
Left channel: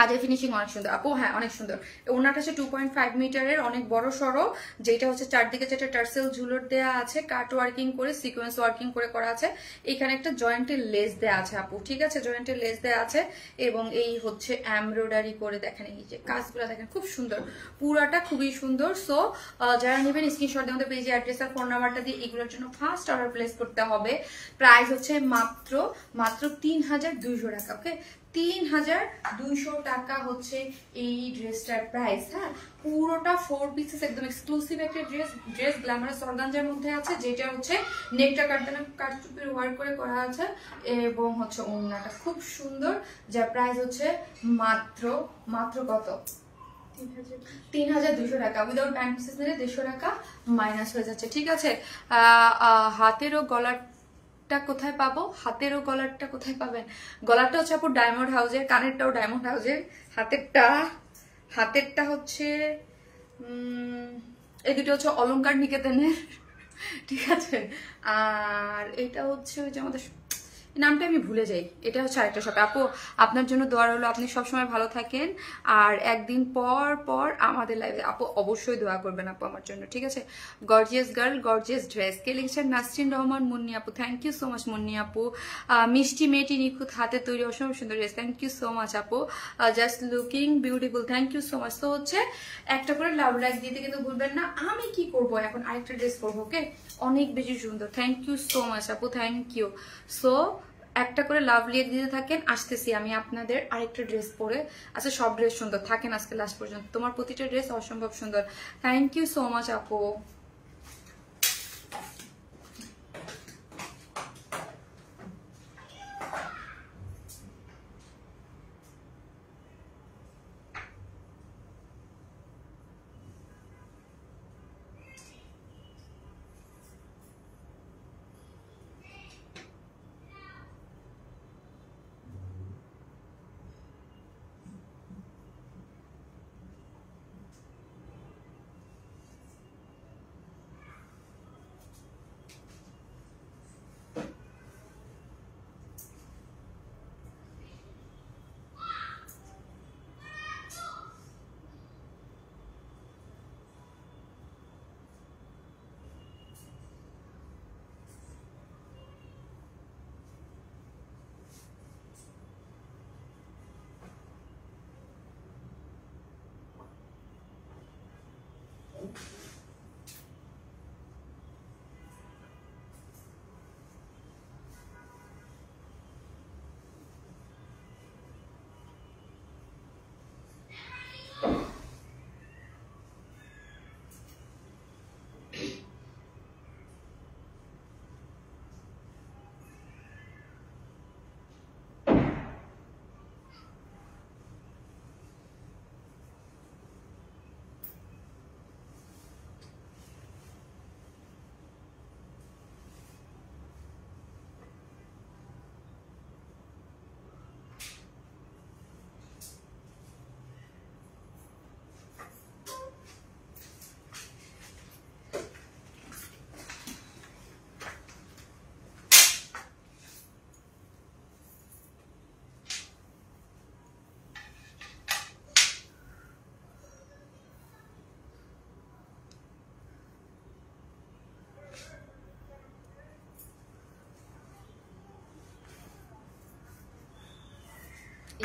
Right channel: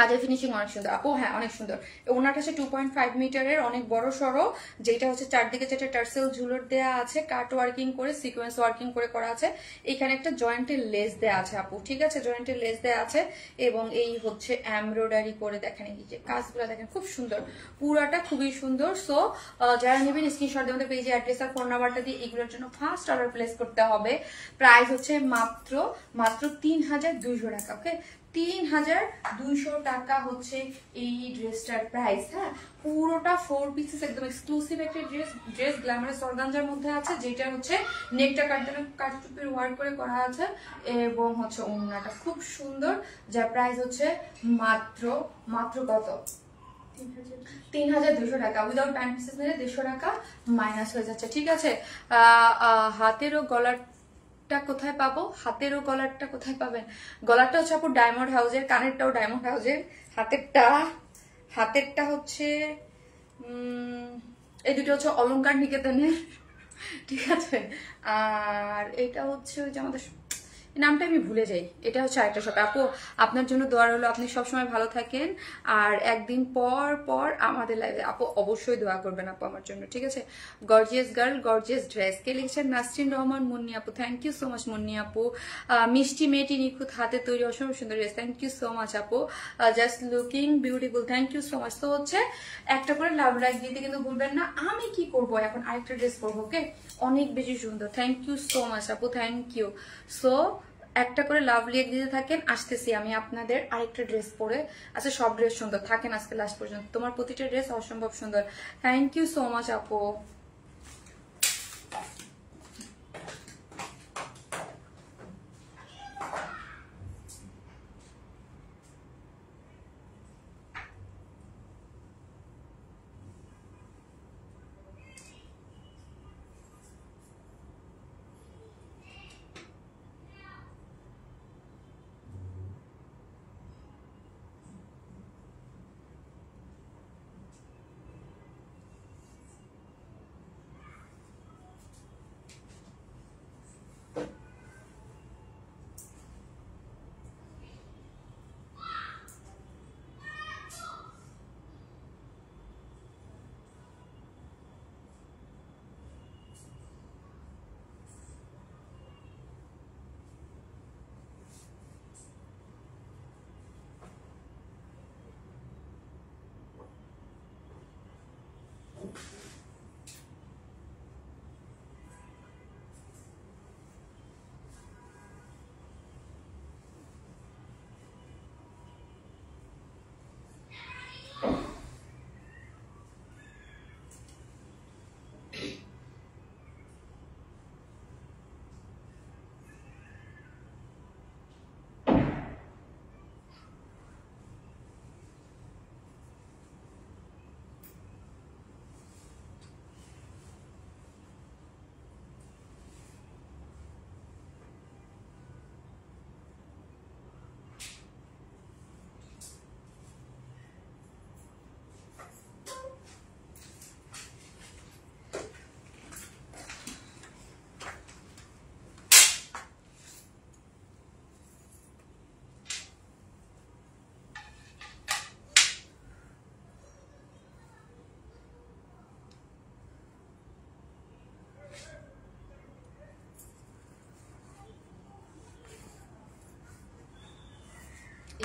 কাজের ফিনিশিং অনেক সুন্দর আপু হ্যাঁ অনেক সুন্দর ওনাটা হচ্ছে 2.5 মিটারের অনেক বড় সড়ো যেটা হচ্ছে চারদিকে যেটা টার্সেল ঝুলর দেয়া আছে কাট ওয়ার্কিং করে সিকোয়েন্স ওয়ার্কিং করে করা আছে এখানে একটা জয়েন্টের লেস দেয়া আছে আপু ঠিক আছে জয়েন্টের লেস দেয়া আছে এবং এই হচ্ছে এমব্রয়ডারি করে দেখেন এই যে কাজগুলো দেখেন খুব সুন্দর পুরাটা খুবই সুন্দর সো যারা নেবেন স্ক্রিনশট দিয়ে আমাদের পেজে অ্যাড্রেস আর ফোন নাম্বারটা দিয়ে এগুলোর জন্য ফার্স্ট অর্ডার প্লেস করতে হবে প্রাইস হচ্ছে মাত্র 3200 টাকা ওকে 3200 টাকা হচ্ছে এই ড্রেসটার প্রাইস হ্যাঁ পুরোটা 4 পিসেস একদম এক্সক্লুসিভ একটা ড্রেস গ্ল্যামারাস অর্গানজার মধ্যে আছে যেটা হচ্ছে নেকটা কাটচুপির ওয়ার্ক করে করা আছে এবং হচ্ছে ওড়নাটা খুব সুন্দর যার প্রাইস হচ্ছে মাত্র কত 3200 টাকা উইদাউট প্যান্ট পিসেস নিলে 150 টাকা মাইনাস হয়ে যাচ্ছে ঠিক আছে হাতেরও গলার কোথায় পাবো হাতেরও গলারটা কোথায় পাবেন গলারটা হচ্ছে আপু ডায়মন্ড হাউসের কানেরটাও ডায়মন্ড হাউসের হাতেরটা হচ্ছে এই দুটো হচ্ছে অলংকার নিকেতনের ঠিক আছে আর এটা হচ্ছে যে আমাদের নামটা আমি ভুলে যাই এটা হচ্ছে আরেকটা শপ আপু আপনার জন্য দোয়া হলো আপনি সবসময় ভালো থাকেন আর একদিন পর আমাদের লাইভে আপু অবশ্যই দোয়া করবেন আপু আমার জন্য ঠিক আছে গর্জিয়াস গার্ল গর্জিয়াস ড্রেস কে লিখছেন নাসরিন রহমান মুন্নি আপু thank you so much Munni আপু মিষ্টি মেয়েটি নিখুঁত হাতে তৈরি অসম্ভব সুন্দর dress thank you so much আপু just looking beautiful thank you so much তো হচ্ছে একটা করে লাভ লাইক দিতে কিন্তু ভুলবেন না আমি কি করবো এখন আরেকটা ড্রেস করবো ওকে অনেক বেশি সুন্দর থ্যাংক ইউ সো মাচ আপু থ্যাংক ইউ সো একটা করে লাভ লিয়ে দিতে থাকেন আসতেছি আমি আপনাদের আরেকটা ড্রেস পরে আচ্ছা সব ড্রেস সুন্দর থাকেন আজকে লাস্ট পর্যন্ত তোমার প্রতিটা ড্রেস অসম্ভব সুন্দর থ্যাংক ইউ সো মাচ আপু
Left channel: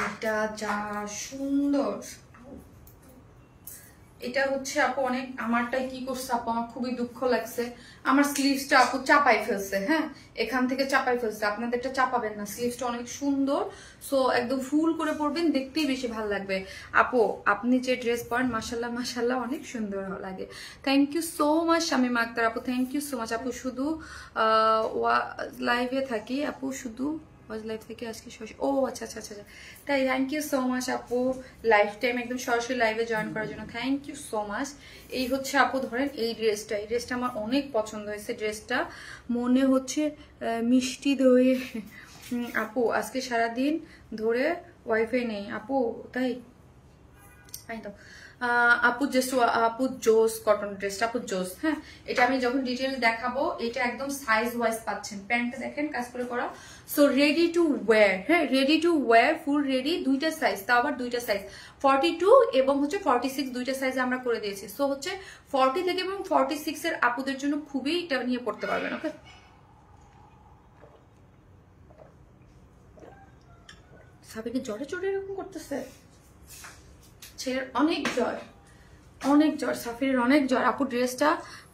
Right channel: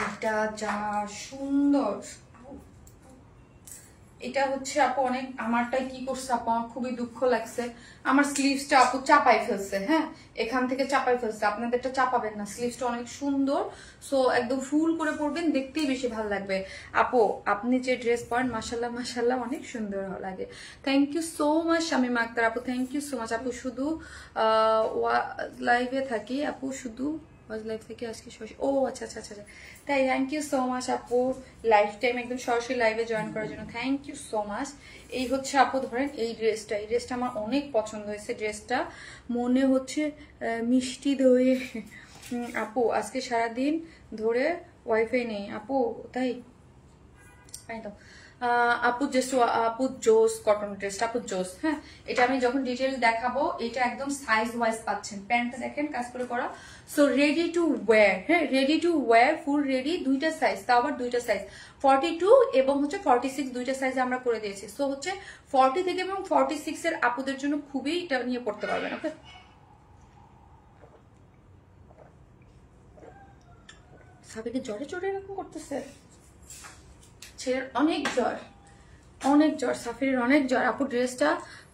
এটা যা সুন্দর এটা হচ্ছে আপু অনেক আমারটাই কি করছে আপু আমার খুবই দুঃখ লাগছে আমার স্লিভসটা আপু চাপাই ফেলছে হ্যাঁ এখান থেকে চাপাই ফেলছে আপনাদেরটা চাপাবেন না স্লিভসটা অনেক সুন্দর সো একদম ফুল করে পরবেন দেখতেই বেশি ভালো লাগবে আপু আপনি যে ড্রেস পরেন মাশাআল্লাহ মাশাআল্লাহ অনেক সুন্দর লাগে thank you so much Shamim Akhtar আপু থ্যাংক ইউ সো মাচ আপু শুধু লাইভে থাকি আপু শুধু লাইভ থেকে আজকে ও আচ্ছা আচ্ছা আচ্ছা তাই থ্যাংক ইউ সো মাচ আপু লাইফ টাইম একদম সরাসরি লাইভে জয়েন করার জন্য থ্যাংক ইউ সো মাচ এই হচ্ছে আপু ধরেন এই ড্রেসটা আমার অনেক পছন্দ হয়েছে। ড্রেসটা মনে হচ্ছে মিষ্টি দইয়ে। আপু আজকে সারাদিন ধরে ওয়াইফাই নেই আপু, তাই তো আপু জোস কটন ড্রেসটা আপু জোস। হ্যাঁ, এটা আমি যখন ডিটেইল দেখাবো, এটা একদম সাইজ ওয়াইজ পাচ্ছেন। প্যান্টটা দেখেন কাজ করে করা, সো রেডি টু ওয়্যার। হ্যাঁ, ready to wire, full ready, দুইটা সাইজ, তাও আবার দুইটা সাইজ 42 এবং হচ্ছে 46, দুইটা সাইজ আমরা করে দিয়েছি। সো হচ্ছে 40 থেকে এবং 46 এর আপুদের জন্য খুবই এটা নিয়ে পড়তে পারবেন। ওকে, সাবিকে জ্বরে চড়ে এরকম করতেছে, ছেলের অনেক জ্বর, সাফিরের অনেক জ্বর। আপু ড্রেসটা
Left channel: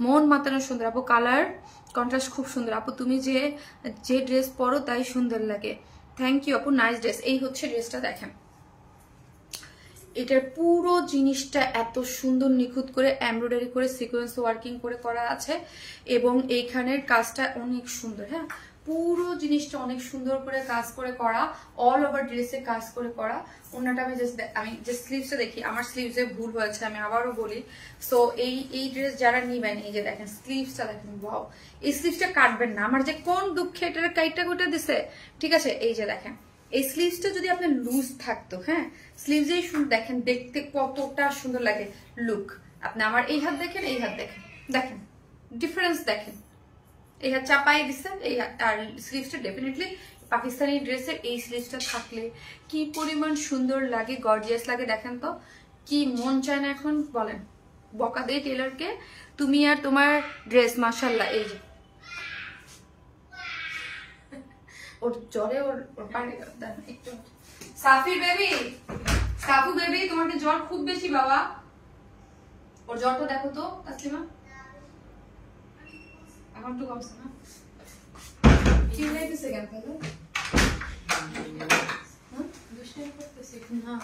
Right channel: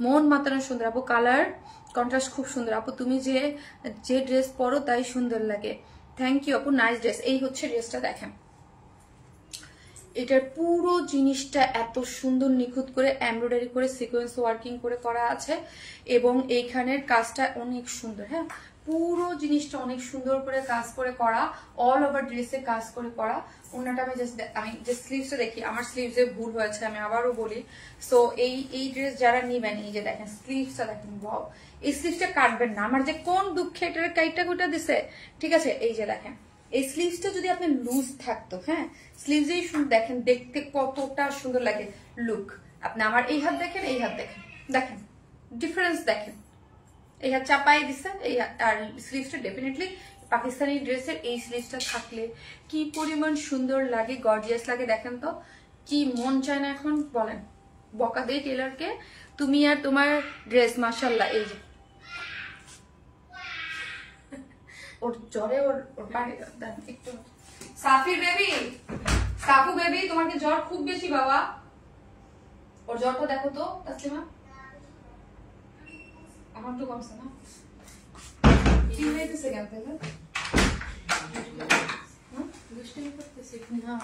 মন মাতানো সুন্দর আপু, কালার কন্ট্রাস্ট খুব সুন্দর আপু, তুমি যে ড্রেস পরো তাই সুন্দর লাগে। থ্যাংক ইউ আপু, নাইস ড্রেস। এই হচ্ছে ড্রেসটা দেখেন, এটার পুরো জিনিসটা এত সুন্দর নিখুঁত করে এমব্রয়ডারি করে সিকোয়েন্স ওয়ার্কিং করে করা আছে এবং এইখানের কাজটা অনেক সুন্দর। হ্যাঁ, পুরো জিনিসটা অনেক সুন্দর করে কাজ করে করা, অল ওভার ড্রেসে কাজ করে করা। ওনাটা আমি যে স্লিভসটা দেখি, আমার স্লিভসে ভুল হয়েছে, আমি আবারও বলি। সো এই ড্রেস যারা নিবেন, এই যে দেখেন স্লিভসটা দেখেন, ওয়াও, এই স্লিভসটা কাটবেন না। আমার যে কোন দুঃখে এটার কাইটটা গোটা দিছে, ঠিক আছে। এই যে দেখেন, এই স্লিভসটা যদি আপনার লুজ থাকতো, হ্যাঁ, স্লিভসেই দেখেন দেখতে কতটা সুন্দর লাগে লুক। আপনি আমার এই হাত দেখেন, এই হাত দেখেন, দেখেন ডিফারেন্স দেখেন। এই হাত চাপাই দিচ্ছে, এই আর স্লিভসটা ডেফিনেটলি পাকিস্তানি ড্রেসের এই স্লিভসটা থাকলে কি পরিমাণ সুন্দর লাগে, গর্জিয়াস লাগে। দেখেন তো কি মন চায় না এখন বলেন, বকা দেই টেলারকে, তুমি আর তোমার ড্রেস মাশাআল্লাহ। এই যে ওর জ্বরে ওর একটু সাফির বেবি, সাফু বেবি, তোমার কি জ্বর খুব বেশি বাবা? ওর জ্বরটা দেখো তো তাসলিমা, এখন একটু কমছে না? কি হয়েছে কেন তাহলে? দুষ্টামি করতেছে না,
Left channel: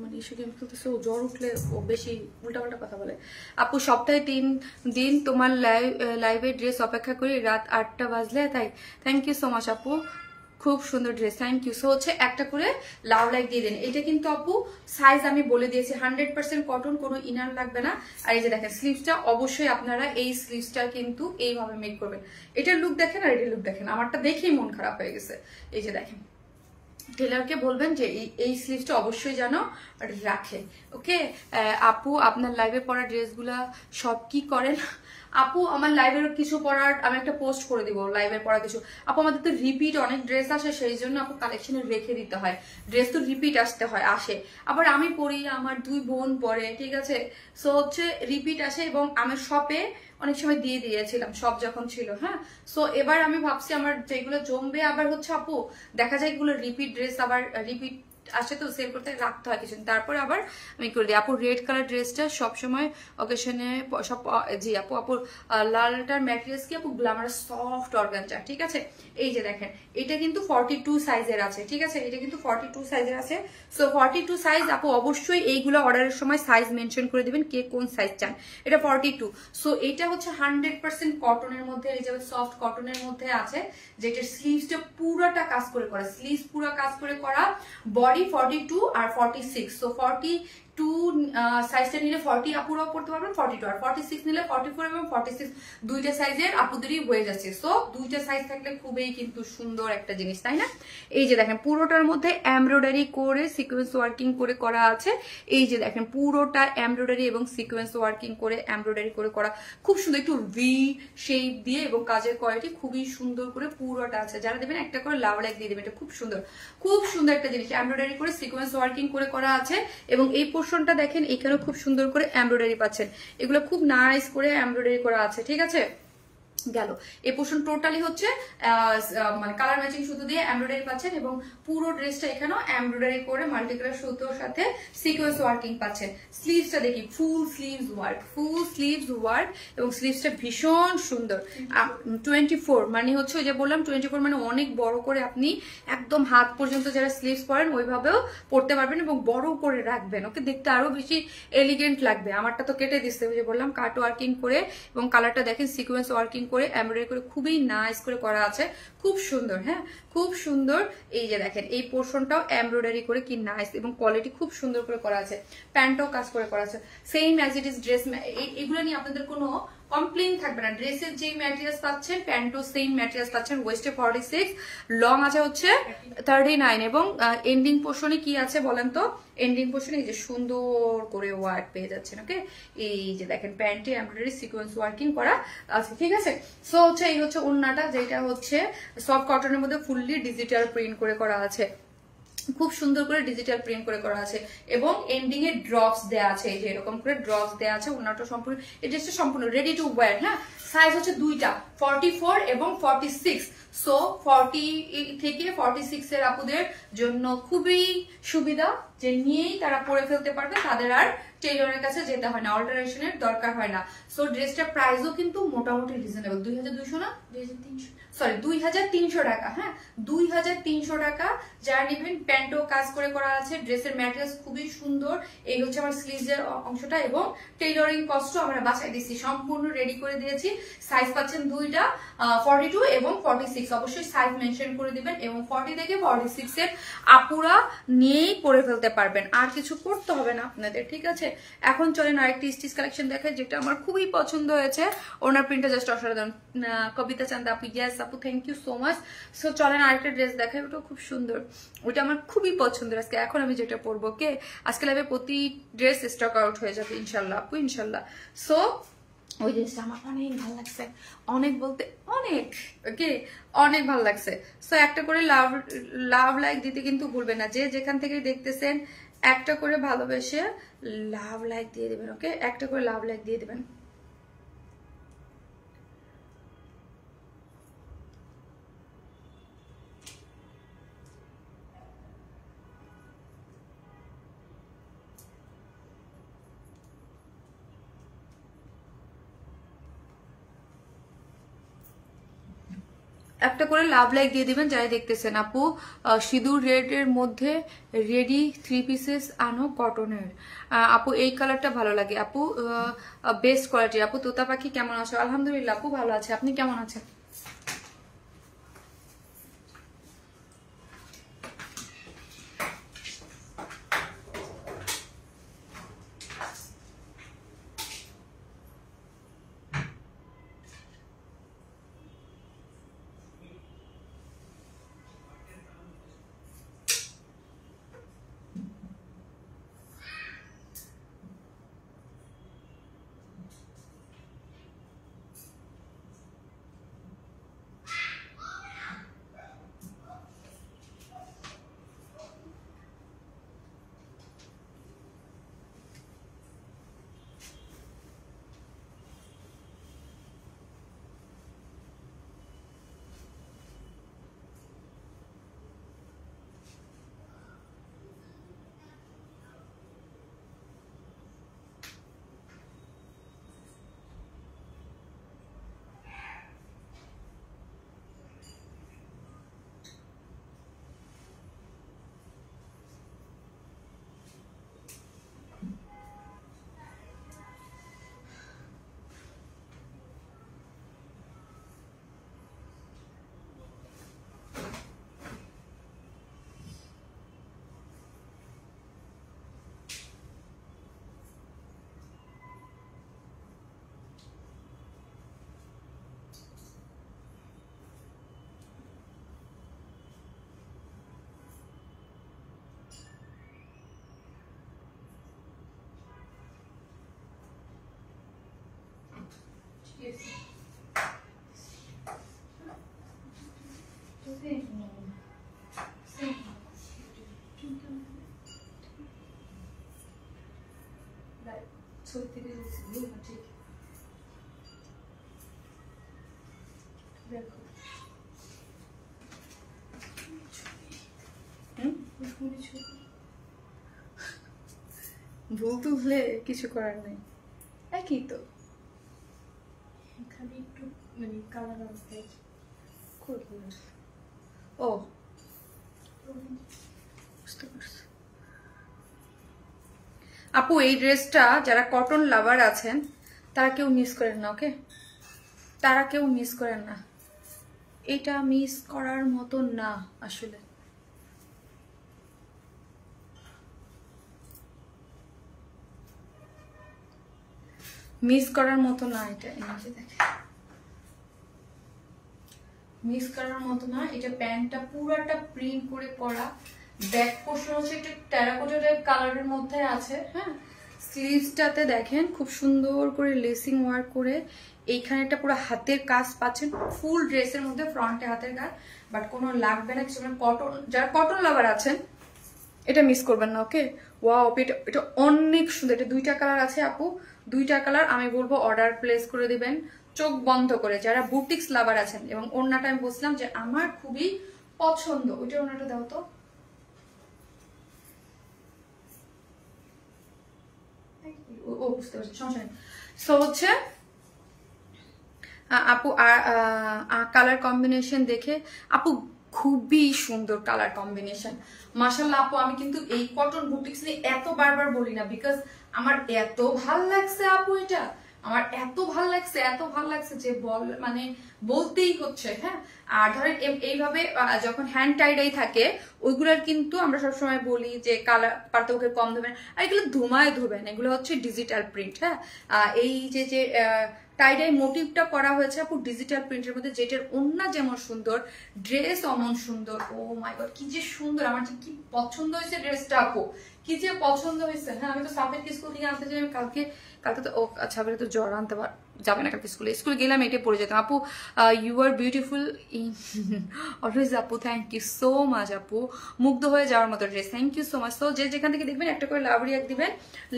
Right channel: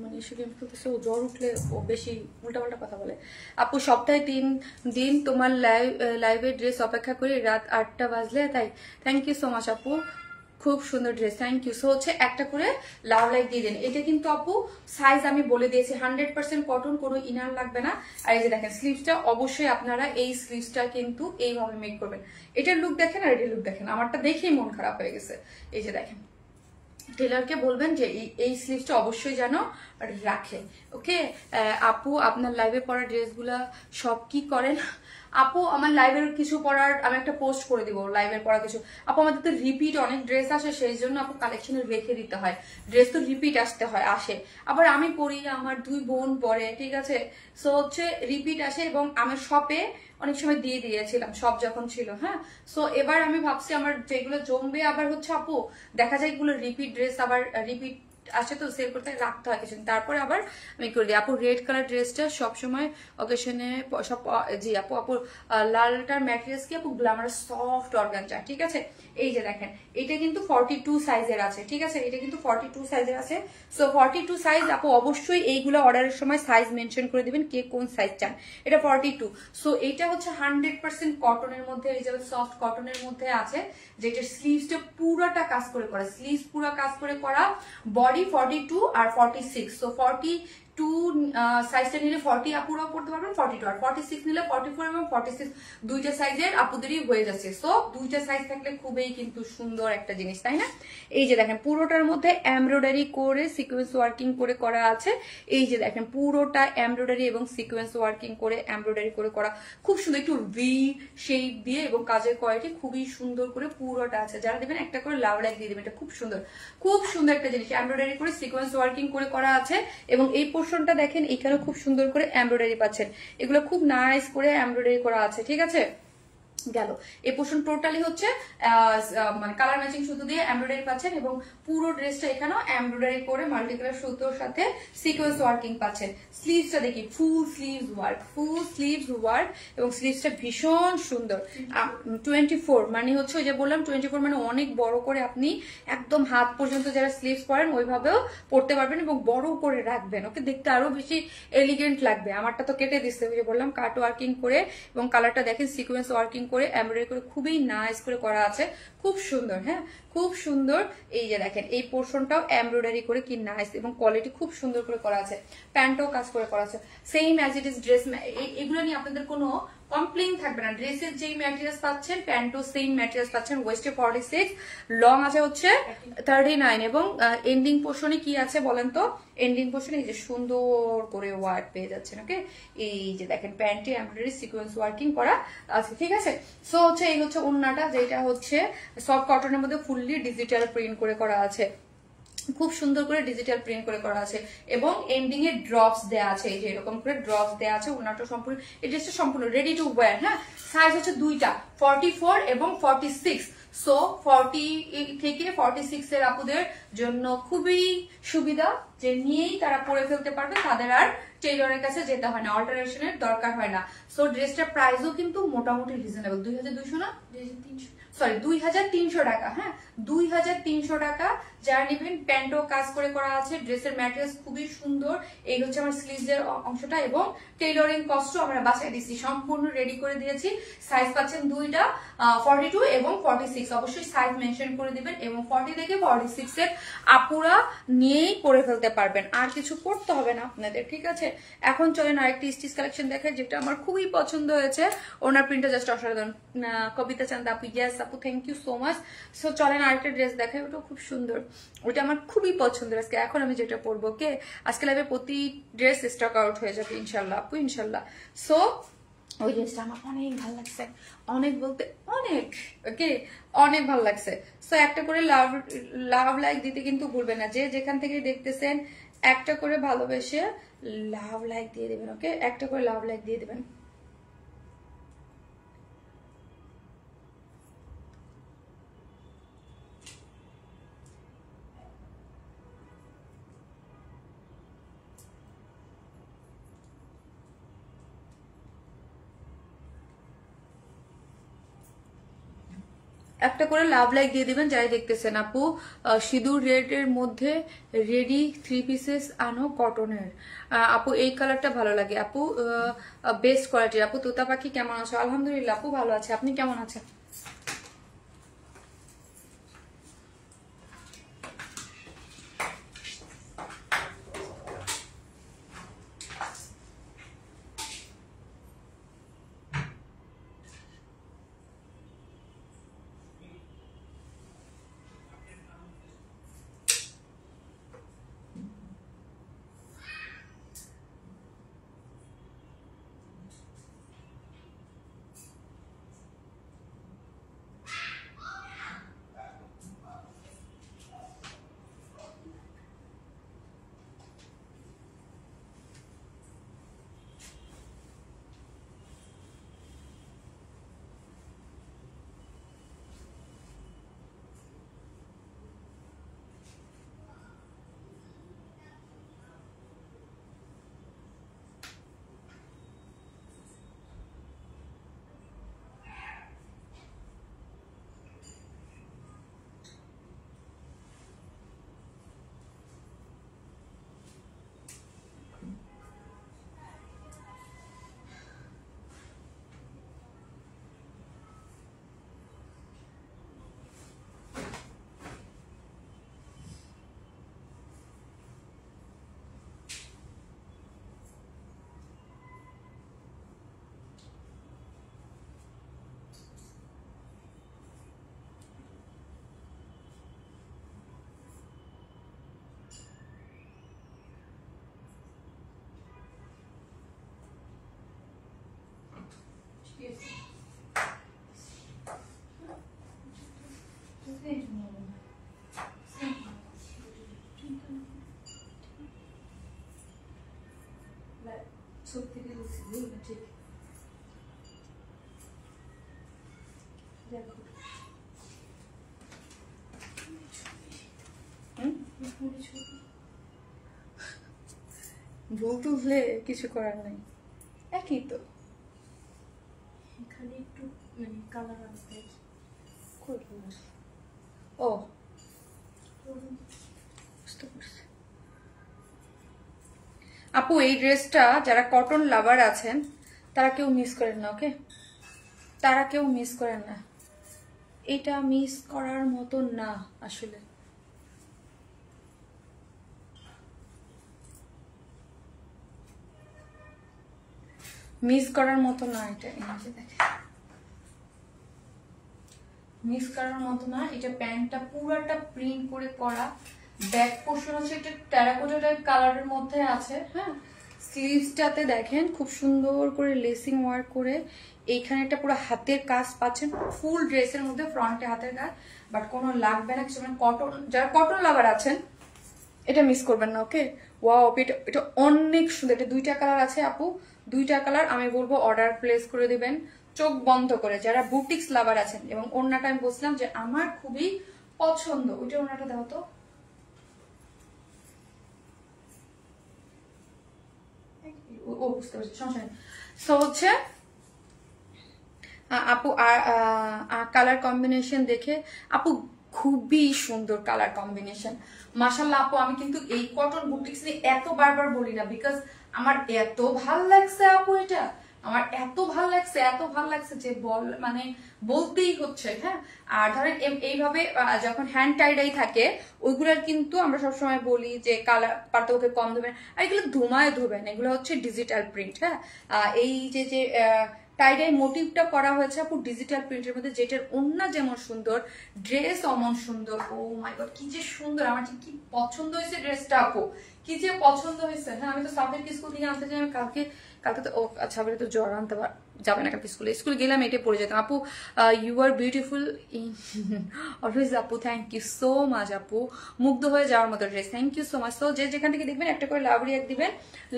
মানে সেদিন বলতেছে ও জ্বর উঠলে ও বেশি উল্টাপাল্টা কথা বলে। আপু সপ্তাহে 3 দিন তোমার লাইভে ড্রেস অপেক্ষা করি, রাত 8টা বাজলে তাই। থ্যাংক ইউ সো মাচ আপু, খুব সুন্দর ড্রেস, থ্যাংক ইউ। সো হচ্ছে একটা করে লাভ লাইক দিয়ে দেন। এটা কিন্তু আপু সাইজ আমি বলে দিয়েছি, 100% কটন, কোনো ইনার লাগবে না। আর এই যে দেখেন স্লিভসটা, অবশ্যই আপনারা এই স্লিভসটা কিন্তু এইভাবে মেক করবেন। এটার লুক দেখেন আর এটার লুক দেখেন, আমারটা দেখেই মন খারাপ হয়ে গেছে। এই যে দেখেন, টেলারকে বলবেন যে এই স্লিভসটা অবশ্যই যেন রাখে। ওকে আপু, আপনার লাইভে পরা ড্রেসগুলা সব কি করেন? আপু আমার লাইভের কিছু পরার আমি একটা পোস্ট করে দিব, লাইভের পরা কিছু। আপু আমাদের তো রিপিট অনেক ড্রেস আসে, সেই জন্য আপু কালেকশনে রেখে দিতে হয়, ড্রেস তো রিপিট আসে। আবার আমি পরি, আমার 2 বোন পরে, ঠিক আছে। সো হচ্ছে রিপিট আসে এবং আমি শপে অনেক সময় দিয়ে দিয়েছিলাম, সব যখন ছিল। হ্যাঁ, সো এবার আমি ভাবছি আমার যেগুলো জমবে, আবার হচ্ছে আপু দেখা যায় এগুলো রিপিট ড্রেস, আবার রিপিট আসে তো সেল করতে রাখতে হয় কিছু, তারপরে আবার আমি করে দিই। আপু রেড কালার ড্রেসটা সবসময় অকেশনে সব, জি আপু লালটার ম্যাটেরিয়ালস কি আপু গ্ল্যামার সফট অর্গানজা, ঠিক আছে। এই যে দেখেন, এটা কিন্তু 42 সাইজের আছে, ঠিক আছে, এটা কিন্তু 42 সাইজের আছে। সো 42 সাইজ আপু অবশ্যই এইগুলো অর্ডারের সময় সাইজ মেনশন করে দিবেন, কে কোন সাইজ চান। এটা 42। সো এটা হচ্ছে 100% কটনের মধ্যে, এই যে সফট কটনের মধ্যে আছে, যেটা স্লিভসটা পুরোটা কাজ করে করা, স্লিভস পুরো কাজ করে করা, বডি 42 আর 46। সো 42 সাইজটা নিলে 40 আপুরাও পড়তে পারবেন, 42 আর 46 নিলে 44 এবং 46 দুইটা সাইজের আপুদেরই হয়ে যাচ্ছে। সো দুইটা সাইজ থাকলে খুবই কিন্তু সুন্দর একটা জিনিস, তাই না? এই যে দেখেন পুরোটার মধ্যে এমব্রয়ডারি করে সিকোয়েন্স ওয়ার্কিং করে করা আছে। এই যে দেখেন পুরোটা এমব্রয়ডারি এবং সিকোয়েন্স ওয়ার্কিং করে এমব্রয়ডারি করে করা, খুব সুন্দর, একটু ভি শেপ দিয়ে এবং কাজের কোয়ালিটি খুবই সুন্দর করে পুরোটা আছে। যারা দেবেন একটা করে লাভ লাইক দিয়ে দেবেন, এটা খুব সুন্দর একটা জিনিস, এমব্রয়ডারি করে সিকোয়েন্স ওয়ার্কিং করে করা আছে। এবং এই পোর্শনটা দেখেন, এখানেও খুব সুন্দর করে এমব্রয়ডারি পাচ্ছেন, এগুলো খুব নাইস করে এমব্রয়ডারি করা আছে, ঠিক আছে। গেল এই পোর্শন টোটালি হচ্ছে মানে কালার ম্যাচিং সুতো দিয়ে এমব্রয়ডারি পাচ্ছেন এবং পুরো ড্রেসটা এখানেও এমব্রয়ডারি করে মাল্টি কালার সুতোর সাথে সিকোয়েন্স ওয়ার্কিং পাচ্ছেন। স্লিভসটা দেখি, ফুল স্লিভস ওয়ার্ক এবং স্লিভসটা ভীষণ সুন্দর। 24 মানে হচ্ছে ওই যে বললাম 24 মানে অনেক বড় করে আপনি একদম হাত পর্যন্ত যারা স্লিভস পরেন ওইভাবেও পরতে পারবেন এবং বড় করে রাখবেন, ওকে দেখতে আরো বেশি এলিগেন্ট লাগবে। আমারটা তো কেটে দিচ্ছে, ওই যে বললাম কাট ওয়ার্কিং করে এবং কালারটা দেখেন সিকোয়েন্স ওয়ার্কিং করে এমব্রয়ডারি করে খুবই নাইস করে করা আছে, খুব সুন্দর। হ্যাঁ, খুব সুন্দর। এই যে দেখেন এই পোর্শনটাও এমব্রয়ডারি করে কি নাইস এবং কোয়ালিটি খুব সুন্দর করে করা আছে। প্যান্টও কাজ করে করা আছে, same as it is dress. এগুলো নিয়ে আপনাদের কোনো কমপ্লেইন থাকবে না। ড্রেসের যেই ম্যাটেরিয়ালস পাচ্ছেন প্যান্টও সেম ম্যাটেরিয়ালস পাচ্ছেন। ওয়েস্টে 46, লং আছে হচ্ছে 39 এবং এন্ডিং পোর্শনে কি আছে বলেন তো? এন্ডিং পোর্শনে এই যে সুন্দর করে ওয়ার্ক পেয়ে যাচ্ছেন। ওকে, এই যে দেখেন প্যান্টে এমব্রয়ডারি সিকোয়েন্স ওয়ার্কিং করা আছে, ঠিক আছে। সো হচ্ছে এই হচ্ছে ওড়নাটা, যেটা হচ্ছে সফট কটনের মধ্যে ফুললি ডিজিটাল প্রিন্ট করে করা আছে, খুব সুন্দর করে ডিজিটাল প্রিন্ট করে করা আছে এবং এন্ডিং এ ড্রপস দেয়া আছে। এই যে এরকম করে ড্রপস দেয়া আছে। ওনাটা সম্পূর্ণ, এই ড্রেসটা সম্পূর্ণ রেডি টু ওয়্যার। হ্যাঁ, সাইজ হচ্ছে দুইটা, 44 এবং 46। সো 40 থেকে 46 এর আপুদের জন্য খুবই সুবিধা, যে নিয়েই তারা পরে ফেলতে পারবে, তাদের আর টেইলরের কাছে যেতে হয় না, অল্টারেশনের দরকার হয় না। সো ড্রেসটার প্রাইসও কিন্তু মোটামুটি রিজনেবল, 2200 না 2300, সরি 2300 টাকা। হ্যাঁ, 2300 টাকা। যারা নেবেন, প্যান্টও কাজ করে করা আছে, ড্রেসের ম্যাটেরিয়ালস খুবই সুন্দর। এই হচ্ছে আমার স্লিভস এর অংশটা এবং টেইলরিং কস্টও আমরা বাসায় দিচ্ছি, সম্পূর্ণ রেডি করে দিয়েছি। সাইজ পাচ্ছেন দুইটা, 42 এবং 46। অবশ্যই সাইজ মেনশন করে দিবেন এবং 40 থেকে 46 এর আপুরা নিয়েই পরে ফেলতে পারবেন, আর কিছু করতে হবে না আপনাদের, ঠিক আছে। এখন চলেন আরেকটি স্টিচ কালেকশন দেখাই, যেটা আমার খুবই পছন্দ হয়েছে। ওনার প্রিন্টটা জাস্ট অসাধারণ। কবিতা চান্দা আপু, ইয়েস আপু, thank you so much. So চলেন আরেকটা ড্রেস দেখাই, ওটা খুব সুন্দর, ওইটা আমার খুবই পছন্দের। আজকে এখন আমি যেটা পরবো, ওকে, আজকে লাইভে প্রতি ড্রেস স্টক আউট হয়ে যাবে ইনশাল্লাহ আপু, ইনশাল্লাহ। সো ওই ড্রেসটা আমার অনেক ভালো লাগছে, অনেক বলতে অনেক, ওকে, অনেক ভালো লাগছে। সো একটা করে লাভ লাইক দিতে কিন্তু ভুলবেন না, যে যেখান থেকে দেখতেছেন একটা করে ভালোবেসে লাভ লাইক দিয়ে দেবেন। ওকে, একটা করে লাভ লাইক দিয়ে দেবেন। একটা করে লাভ লাইক দিয়ে দিবেন যারা দেখতেছেন। আপু সিঁদুর রেড এর মধ্যে রেডি 3 পিসেস আনো কটনের। আপু এই কালারটা ভালো লাগে আপু, বেস্ট কোয়ালিটি। আপু তোতা পাখি কেমন আছো? আলহামদুলিল্লাহ আপু ভালো আছে, আপনি কেমন আছেন? ভুল তুললে কিছু করার নাই, একই তো, খালি একটু মানে কালার আসবে। ও বুঝতে পারছি আপু। এই ড্রেসটা যারা কটন লাভার আছেন তারা কেউ মিস করেন না, ওকে, তারা কেউ মিস করেন না, এটা মিস করার মতো না আসলে। মিস করার মতো না এটা, মিস করার মতো না এটা। প্যান্টটা পুরাটা প্রিন্ট করে করা, ব্যাক পোর্শন হচ্ছে একটা টেরাকোটা টাইপ কালারের মধ্যে আছে। হ্যাঁ, স্লিভসটাতে দেখেন খুব সুন্দর করে লেসিং ওয়ার্ক করে, এইখানে একটা পুরো হাতের কাজ পাচ্ছেন ফুল ড্রেসের মধ্যে, ফ্রন্টে হাতের কাজ, বাট কোনো লাগবে না কিছু। কটন, যারা কটন লাভার আছেন এটা মিস করবেন না। ওকে, ওয়াও, এটা অনেক সুন্দর। এটা 2টা কালার আছে আপু, 2টা কালার। আমি বলবো অর্ডার প্লেস করে দিবেন চোখ বন্ধ করে, যারা বুটিক্স লাভার আছেন। এবং ওড়নাটা আমি বলছিলাম যে আমার খুবই পছন্দ, ওইটা ওড়নাটা দাও তো। ও বুঝতে পারছি, সমস্যা নেই। সো হচ্ছে আপু কালার কম্বিনেশন দেখে আপু খুবই সুন্দর কালার কম্বিনেশন, মাশাআল্লাহ। আপু আমি কিন্তু এই কটন বুটিক্স নিয়ে এত বারবার বলি না, বিকজ আমার এত ভাল লাগছে আপু, এটা আমার এত ভাল লাগছে, এত ভাল লাগছে যে মানে বলতেই হচ্ছে। হ্যাঁ, আর ধরেন এইভাবে যখন হ্যান্ড টাইডাই থাকে ওইগুলোর কিন্তু আমরা সবসময় বলি যে কালার পার্থক্য কম ধোবেন, আর এগুলো ধুমায় ধোবেন, এগুলো হচ্ছে ডিজিটাল প্রিন্ট। হ্যাঁ, এই যে টাইডাই মোটিভটা করা হয়েছে আপু ডিজিটাল প্রিন্টের মধ্যে, যেটার ওন্না যেমন সুন্দর, ড্রেস অমন সুন্দর। ও মাই গড, কি যে সুন্দর, আমার যে কি পছন্দ হয়েছে ড্রেসটা আপু, কি যে পছন্দ হয়েছে। হ্যাঁ, আমি তো সাবের স্কুল থেকে আনতে চাই, আমি কালকে তো ও আচ্ছা তো জ্বর আনতে যাবে না কালকে স্কুলে গেলাম, এটাই পড়ে যেতাম। আপু ইউ আর বিউটিফুল অলওয়েজ আপু, থ্যাংক ইউ সো মাচ আপু, মুগ্ধ হয়ে যাওয়ার মতো dress, thank you so much. তো যেখান থেকে দেখবেন একটা করে লাভ রিয়াক্ট দিবেন,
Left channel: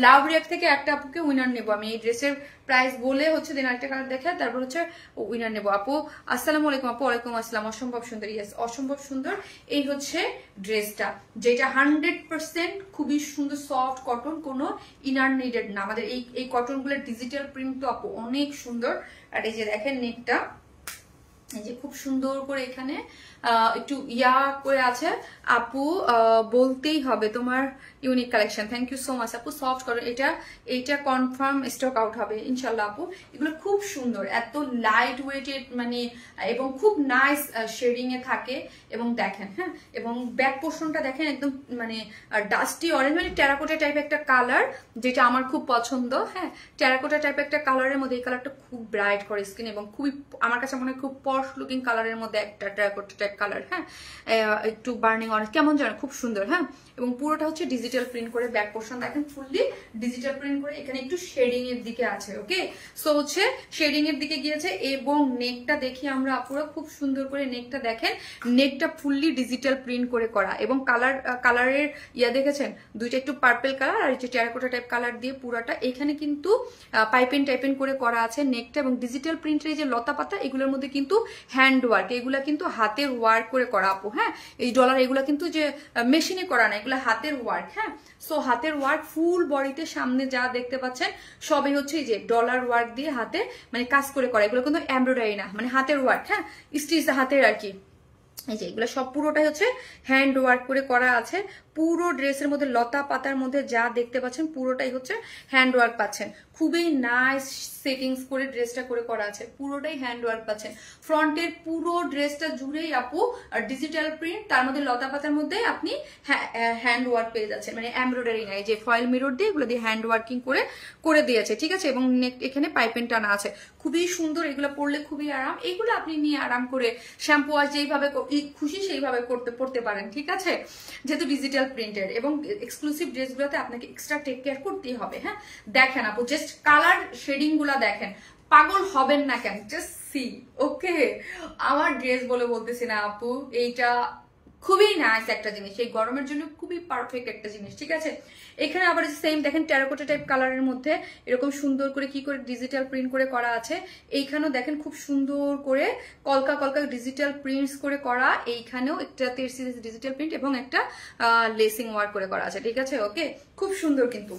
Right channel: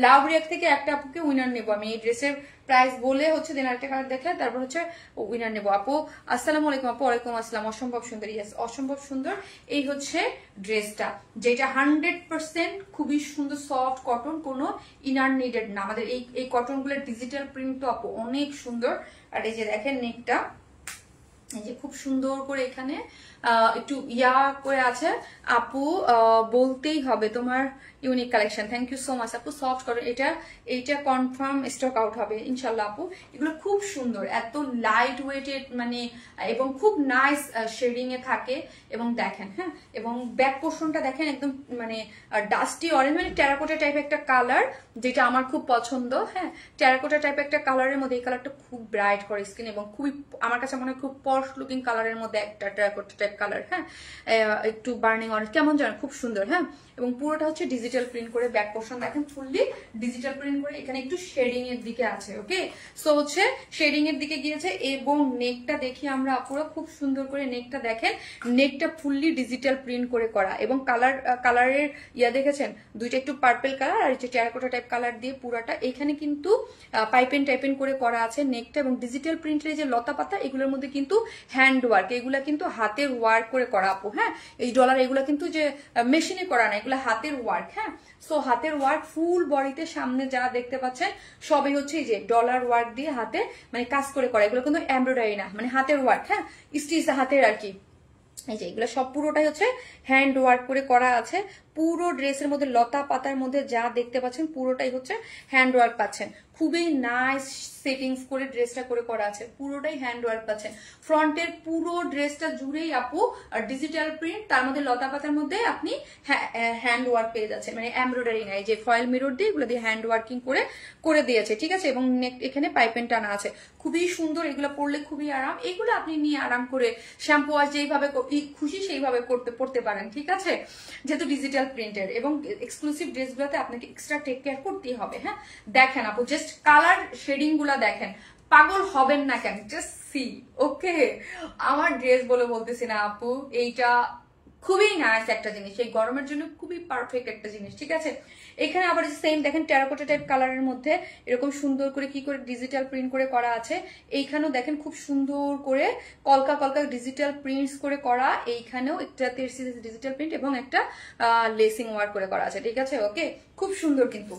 লাভ রিয়াক্ট থেকে একটা আপুকে উইনার নেবো আমি। এই ড্রেসের প্রাইস বলে হচ্ছে দিন আরেকটা কালার দেখে তারপর হচ্ছে উইনার নেবো। আপু আসসালামু আলাইকুম। আপু ওয়ালাইকুম আসসালাম, অসম্ভব সুন্দর। ইয়েস, অসম্ভব সুন্দর। এই হচ্ছে ড্রেসটা, যেটা 100% খুবই সুন্দর সফট কটন, কোনো ইনার নিডেড না। আমাদের এই কটন গুলোর ডিজিটাল প্রিন্ট তো আপু অনেক সুন্দর। আর এই যে দেখেন নেকটা, এই যে খুব সুন্দর করে এখানে একটু ইয়া করে আছে আপু, বলতেই হবে তোমার unique collection, thank you so much আপু। সফট করো, এইটা কনফার্ম স্টক আউট হবে ইনশাল্লাহ আপু। এগুলো খুব সুন্দর, এত লাইট ওয়েটেড মানে, এবং খুব নাইস শেডিং এ থাকে। এবং দেখেন, হ্যাঁ, এবং ব্যাক পোর্শনটা দেখেন একদম মানে ডাস্টি অরেঞ্জ, মানে টেরাকোটা টাইপ একটা কালার, যেটা আমার খুব পছন্দ। হ্যাঁ, টেরাকোটা টাইপ একটা কালারের মধ্যে এই কালারটা খুব ব্রাইট করে স্কিন, এবং খুবই আমার কাছে মনে হয় খুব পশ লুকিং কালারের মধ্যে একটা টেরাকোটা টাইপ কালার। হ্যাঁ, একটু বার্নিং অরেঞ্জ কেমন জানো, খুব সুন্দর। হ্যাঁ, এবং পুরোটা হচ্ছে ডিজিটাল প্রিন্ট করে, ব্যাক পোর্শন দেখেন ফুললি ডিজিটাল প্রিন্ট করে, এখানে একটু শেডিং এর দিকে আছে। ওকে, সো হচ্ছে শেডিং এর দিকে গিয়েছে। এবং নেকটা দেখি আমরা আপুরা, খুব সুন্দর করে নেকটা দেখেন, নেকটা ফুললি ডিজিটাল প্রিন্ট করে করা। এবং কালারের ইয়া দেখেছেন, দুইটা একটু পার্পল কালার আর একটু টেরাকোটা টাইপ কালার দিয়ে পুরাটা এখানে কিন্তু পাইপেন টাইপেন করে করা আছে নেকটা। এবং ডিজিটাল প্রিন্টের যে লতা পাতা এগুলোর মধ্যে কিন্তু হ্যান্ড ওয়ার্ক, এগুলা কিন্তু হাতের ওয়ার্ক করে করা আপু। হ্যাঁ, এই ডলার এগুলা কিন্তু যে মেশিনে করা না, এগুলা হাতের ওয়ার্ক। হ্যাঁ, সো হাতের ওয়ার্ক ফুল বডিতে সামনে যা দেখতে পাচ্ছেন সবই হচ্ছে এই যে ডলার ওয়ার্ক দিয়ে হাতে মানে কাজ করে করা, এগুলো কিন্তু এমব্রয়ডারি না, মানে হাতের ওয়ার্ক। হ্যাঁ, স্টিচ হাতের আর কি। এই যে এগুলো সব পুরোটাই হচ্ছে হ্যান্ড ওয়ার্ক করে করা আছে। পুরো ড্রেসের মধ্যে লতা পাতার মধ্যে যা দেখতে পাচ্ছেন পুরোটাই হচ্ছে হ্যান্ড ওয়ার্ক পাচ্ছেন। খুবই নাইস সেটিংস করে ড্রেসটা করে করা আছে, পুরোটাই হ্যান্ড ওয়ার্ক পাচ্ছেন। ফ্রন্টের পুরো ড্রেসটা জুড়েই আপু ডিজিটাল প্রিন্ট, তার মধ্যে লতা পাতার মধ্যে আপনি হ্যান্ড ওয়ার্ক পেয়ে যাচ্ছেন, মানে এমব্রয়ডারি নাই, যে ফয়েল মিরর দিয়ে এগুলো দিয়ে হ্যান্ড ওয়ার্কিং করে দিয়েছে। ঠিক আছে, এবং এখানে পাইপেন টানা আছে, খুবই সুন্দর। এগুলো পরলে খুবই আরাম, এইগুলো আপনি নিয়ে আরাম করে শ্যাম্পু ওয়াশ যেইভাবে খুশি সেইভাবে পড়তে পারেন। ঠিক আছে, যেহেতু ডিজিটাল প্রিন্টের এবং এক্সক্লুসিভ ড্রেসগুলোতে আপনাকে এক্সট্রা টেক কেয়ার করতেই হবে। হ্যাঁ, দেখেন আপু জাস্ট কালার শেডিং গুলা দেখেন, পাগল হবেন না কেন, জাস্ট সি। ওকে, আমার ড্রেস বলে বলতেছি না আপু, এইটা খুবই নাইস একটা জিনিস, এই গরমের জন্য খুবই পারফেক্ট একটা জিনিস। ঠিক আছে, এখানে আবার সেম দেখেন টেরাকোটা টাইপ কালারের মধ্যে এরকম সুন্দর করে কি করে ডিজিটাল প্রিন্ট করে করা আছে। এইখানেও দেখেন খুব সুন্দর করে কলকা কলকা ডিজিটাল প্রিন্টস করে করা, এইখানেও একটা ডিজিটাল প্রিন্ট এবং একটা লেসিং ওয়ার্ক করে করা আছে। ঠিক আছে, ওকে, খুব সুন্দর কিন্তু।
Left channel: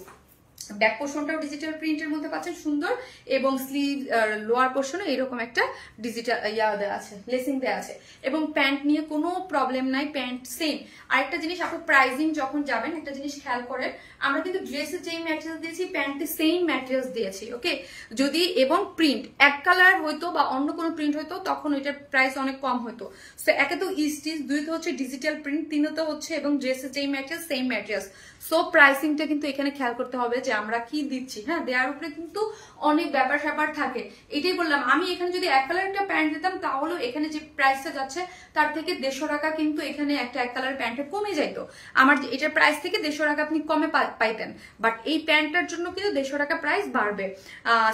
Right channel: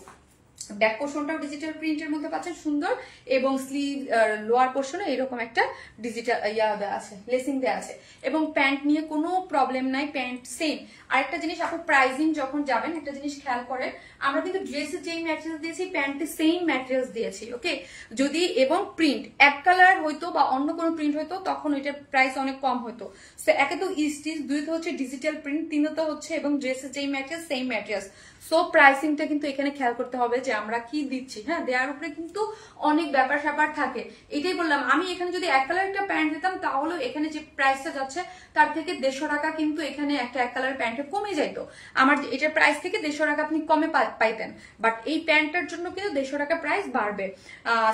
ব্যাক পোর্শনটাও ডিজিটাল প্রিন্টের মধ্যে পাচ্ছেন সুন্দর, এবং স্লিভ লোয়ার পোর্শনে এরকম একটা ডিজিটাল দেওয়া আছে, লেসিং দেওয়া আছে, এবং প্যান্ট নিয়ে কোনো প্রবলেম নাই, প্যান্ট সেম। আরেকটা জিনিস আপু, প্রাইজিং যখন যাবেন একটা জিনিস খেয়াল করে, আমরা কিন্তু ড্রেসের যেই ম্যাটেরিয়ালস দিয়েছি প্যান্টে সেম ম্যাটেরিয়ালস দিয়েছি, ওকে। যদি এবং প্রিন্ট এক কালার হইতো বা অন্য কোনো প্রিন্ট হইতো তখন এটার প্রাইস অনেক কম হতো। সো একে তো স্টিচ, দুই তো হচ্ছে ডিজিটাল প্রিন্ট, তিনও তো হচ্ছে এবং ড্রেসের যেই ম্যাটেরিয়াল সেম ম্যাটেরিয়ালস। সো প্রাইসিংটা কিন্তু এখানে খেয়াল করতে হবে যে আমরা কি দিচ্ছি, হ্যাঁ, দেওয়ার উপরে কিন্তু অনেক ব্যাপার স্যাপার থাকে। এটাই বললাম, আমি এখানে যদি এক কালার একটা প্যান্ট দিতাম তাহলে এখানে যে প্রাইসটা যাচ্ছে তার থেকে 150 টাকা কিন্তু এখানে একটা এক কালার প্যান্টে কমে যাইতো। আমার এটার প্রাইস থেকে 150 টাকা আপনি কমে পাইতেন, বাট এই প্যান্টটার জন্য কিন্তু 150 টাকা প্রাইস বাড়বে।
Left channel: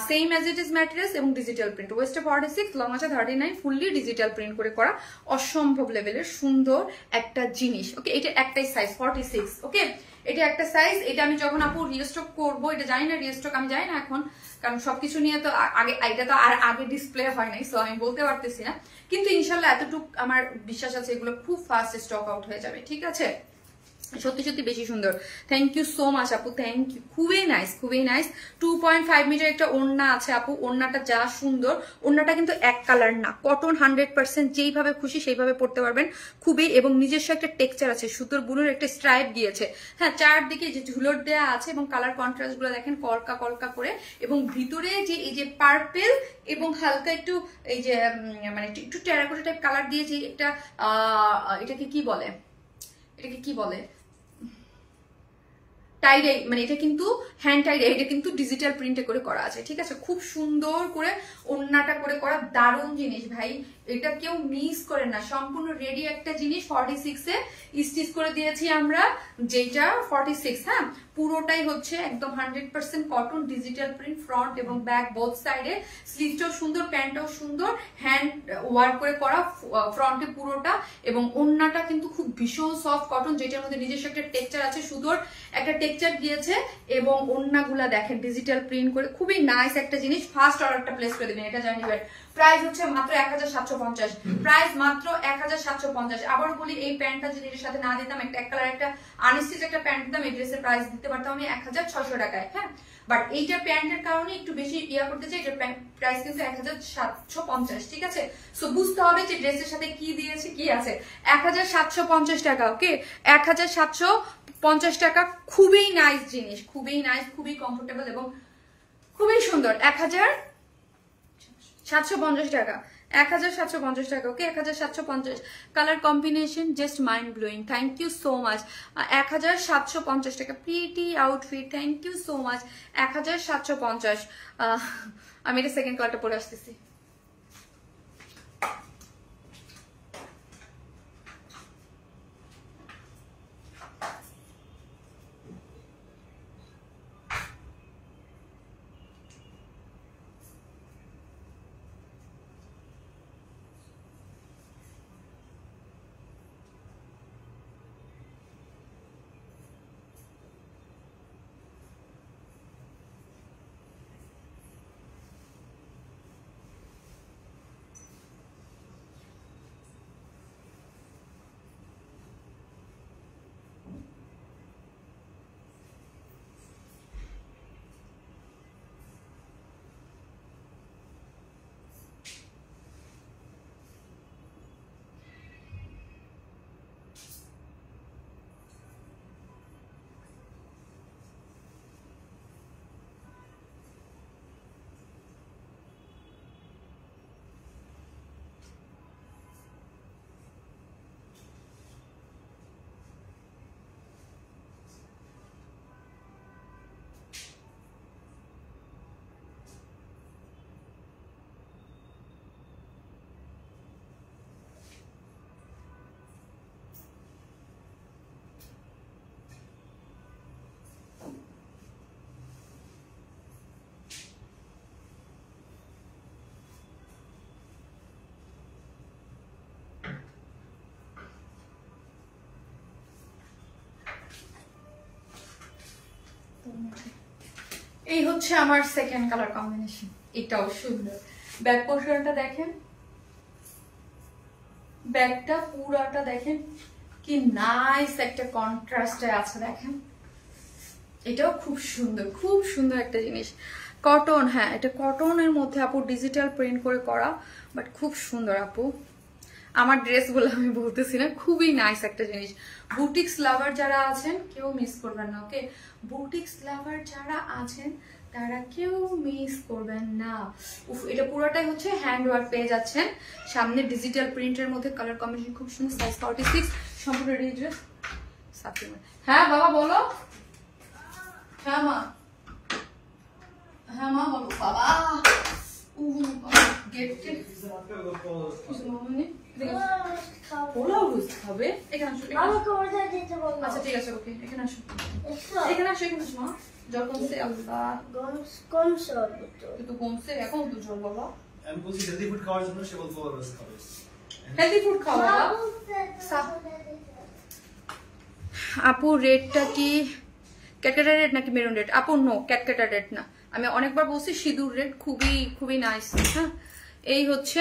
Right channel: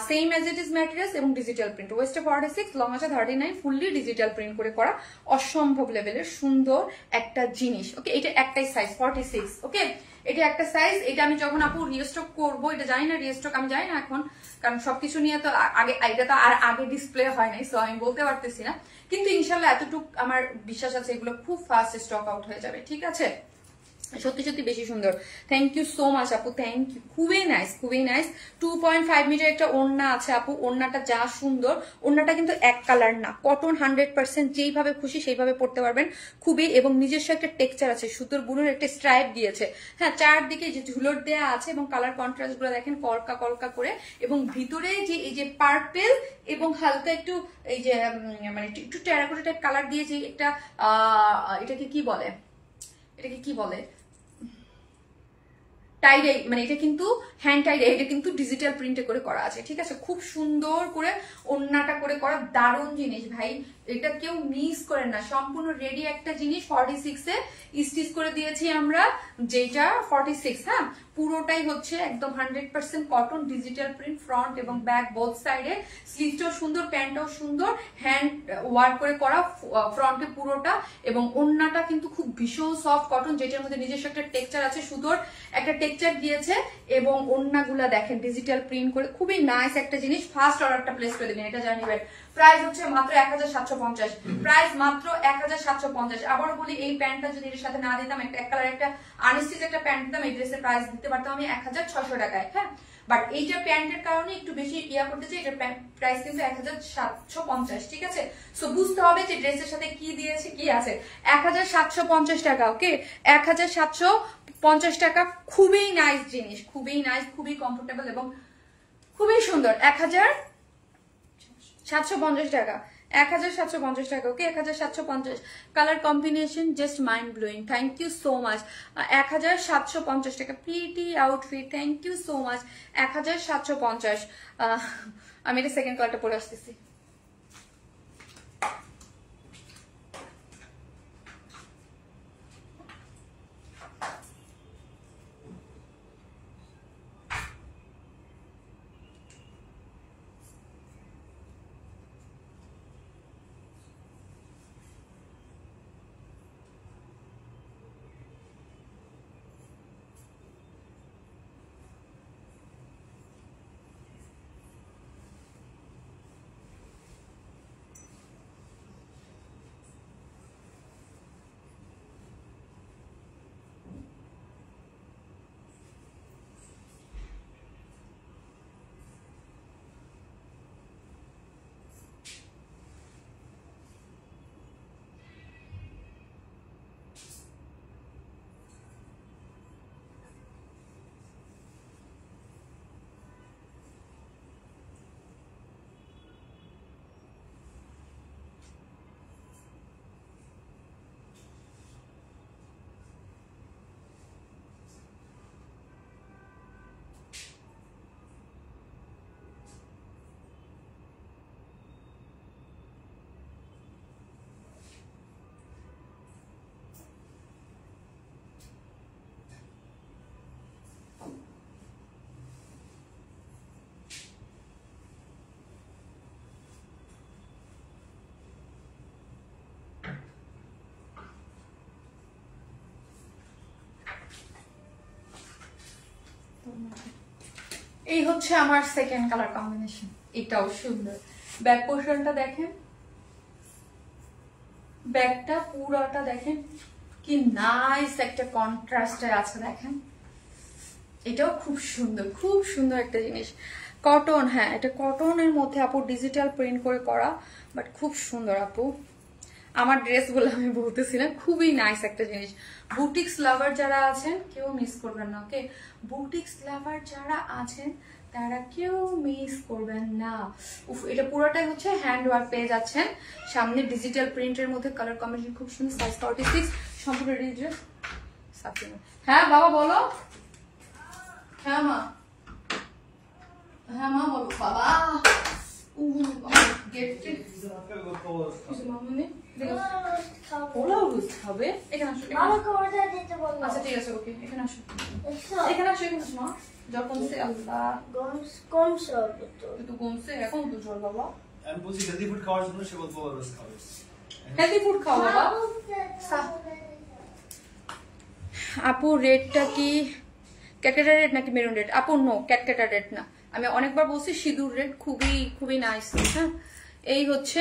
Same as it is materials এবং ডিজিটাল প্রিন্ট, ওয়েস্টে 46, লং আছে 39, ফুললি ডিজিটাল প্রিন্ট করে করা, অসম্ভব লেভেলের সুন্দর একটা জিনিস, ওকে। এটা একটাই সাইজ 46, ওকে। এটা একটা সাইজ। এটা আমি যখন আপু রিস্টক করবো, এটা জানি না রিস্টক, আমি জানি না এখন, কারণ সবকিছু নিয়ে তো আগে, এটা তো আর আগে ডিসপ্লে হয় নাই, সো আমি বলতে পারতেছি না, কিন্তু ইনশাল্লাহ এতটুকু আমার বিশ্বাস আছে এগুলো খুব ফাস্ট স্টক আউট হয়ে যাবে, ঠিক আছে। সত্যি সত্যি বেশি সুন্দর, থ্যাংক ইউ সো মাচ আপু, থ্যাংক ইউ, খুবই নাইস, খুবই নাইস। 2.5 মিটার একটা ওড়না আছে আপু, ওড়নাটা যা সুন্দর, ওড়নাটা কিন্তু এক কালার না, কটন 100%, যেইভাবে খুশি সেইভাবে পড়তে পারবেন, খুবই, এবং নিজস্ব একটা টেক্সচার আছে, সুতোর বুনোর একটা স্ট্রাইপ দিয়েছে, হ্যাঁ, চারদিকে যে ঝুলট দেওয়া আছে, এবং কালার কন্ট্রাস্ট গুলো দেখেন কলকা কলকা করে, এবং ভিতরে যে এই যে পার্পেল এবং হালকা একটু এই যে মানে একটু টেরাকোটা টাইপ কালার দিয়েছে, একটা এটাকে কি বলে, এটাকে কি বলে, টাইডাই, মানে এটা কিন্তু হ্যান্ড টাইডাই, এটা কিন্তু ডিজিটাল প্রিন্টে করে করা আছে, ঠিক আছে। খুব সুন্দর করে ওড়নাটা করে করা, দারুণ জিনিস ভাই, এটা কেউ মিস করেন না, সম্পূর্ণ রেডি একটা জিনিস। 46 এ স্টিচ করে দিয়েছি আমরা, যেটা 46, হ্যাঁ, পুরোটাই হচ্ছে একদম 100% কটন, ডিজিটাল প্রিন্ট, ফ্রন্ট এবং ব্যাক বোথ সাইডে, স্লিভটাও সুন্দর, প্যান্টটাও সুন্দর, হ্যান্ড ওয়ার্ক করে করা ফ্রন্টে পুরোটা, এবং ওড়নাটা কিন্তু খুব ভীষণ সফট কটন, যেটার মধ্যে নিজস্ব একটা টেক্সচার আছে, সুতোর একটা টেক্সচার দিয়েছে, এবং ওড়নাগুলা দেখেন ডিজিটাল প্রিন্ট করে, খুবই নাইস একটা জিনিস। ফার্স্ট অর্ডারটা প্লেস করে দিন, এটা জানিবেন। প্রাইস হচ্ছে মাত্র 1750, প্রাইস মাত্র 1750। আবারও বলি, এই প্যান্টটা যদি এর সাথে না দিতাম, একটা এক কালার একটা আনস্টিচ একটা প্যান্ট দিতাম, এই ড্রেসের প্রাইস দিতে পারতাম আমি 1600 টাকায়, হ্যাঁ, বাট এইটা প্যান্টের কারণে একটু বেশি করতে চাই, এটার প্রাইস কিন্তু 1750, ঠিক আছে। সো বুঝতে হবে যে ড্রেসের সাথে কি দিয়েছে, কি আছে। 1750 টাকা, ওকে, 1750 টাকা, খুবই নাইস জিনিস, খুবই নাইস, খুবই কমফোর্টেবল এবং খুবই সুন্দর। 1750 টাকা, 1750 টাকা, okay, 1750। Colour combination just mind blowing, thank you so much. 1750 টাকা, pretty outfit, thank you so much. 1750। আমি এটা সেকেন্ড কালারটা পরে আসতেছি। এই হচ্ছে আমার সেকেন্ড কালার কম্বিনেশন, এটাও সুন্দর। ব্যাক পোর্শনটা দেখেন, ব্যাকটা পুরাটা দেখেন কি নাইস একটা কন্ট্রাস্টে আছে, দেখেন এটাও খুব সুন্দর একটা জিনিস, কটন। হ্যাঁ, এটা কটনের মধ্যে আপু ডিজিটাল প্রিন্ট করে করা, বাট খুব সুন্দর আপু। আমার ড্রেসগুলো আমি বলতেছি না, খুবই নাইস একটা জিনিস। বুটিক্স লাভার যারা আছেন কেউ মিস করবেন না, ওকে? বুটিক্স লাভার যারা আছেন তারা কেউ মিস করবেন না। উফ, এটা পুরোটাই হচ্ছে হ্যান্ড ওয়ার্ক পেয়ে যাচ্ছেন, সামনে ডিজিটাল প্রিন্টের মধ্যে কালার কম্বিনেশন খুব সুন্দর। সাইজ 46, সম্পূর্ণ রেডি ড্রেস। হ্যাঁ বাবা বলো। হ্যাঁ মা, হ্যাঁ মা বলো। বাবা আচ্ছা ঠিক আছে, ওকে এখানে আসো, এখানে আসো, এখানে আসো। জল কমছে? আল্লাহ কমছে, তো কমছে এখন তো জল। বাবা আমি বলছি হেলদি ফুড খাওয়ার জন্য সে বলবো রোজ খাবে। হেলদি ফুড খাও বাবা। আপু রেডটা কি ক্যাটকাটা রেড নাকি মেরুন রেড? আপু নো, ক্যাটকাটা রেড না, আমি অনেকবার বলছি সিঁদুর রেড, খুবই নাইস। হ্যাঁ, এই হচ্ছে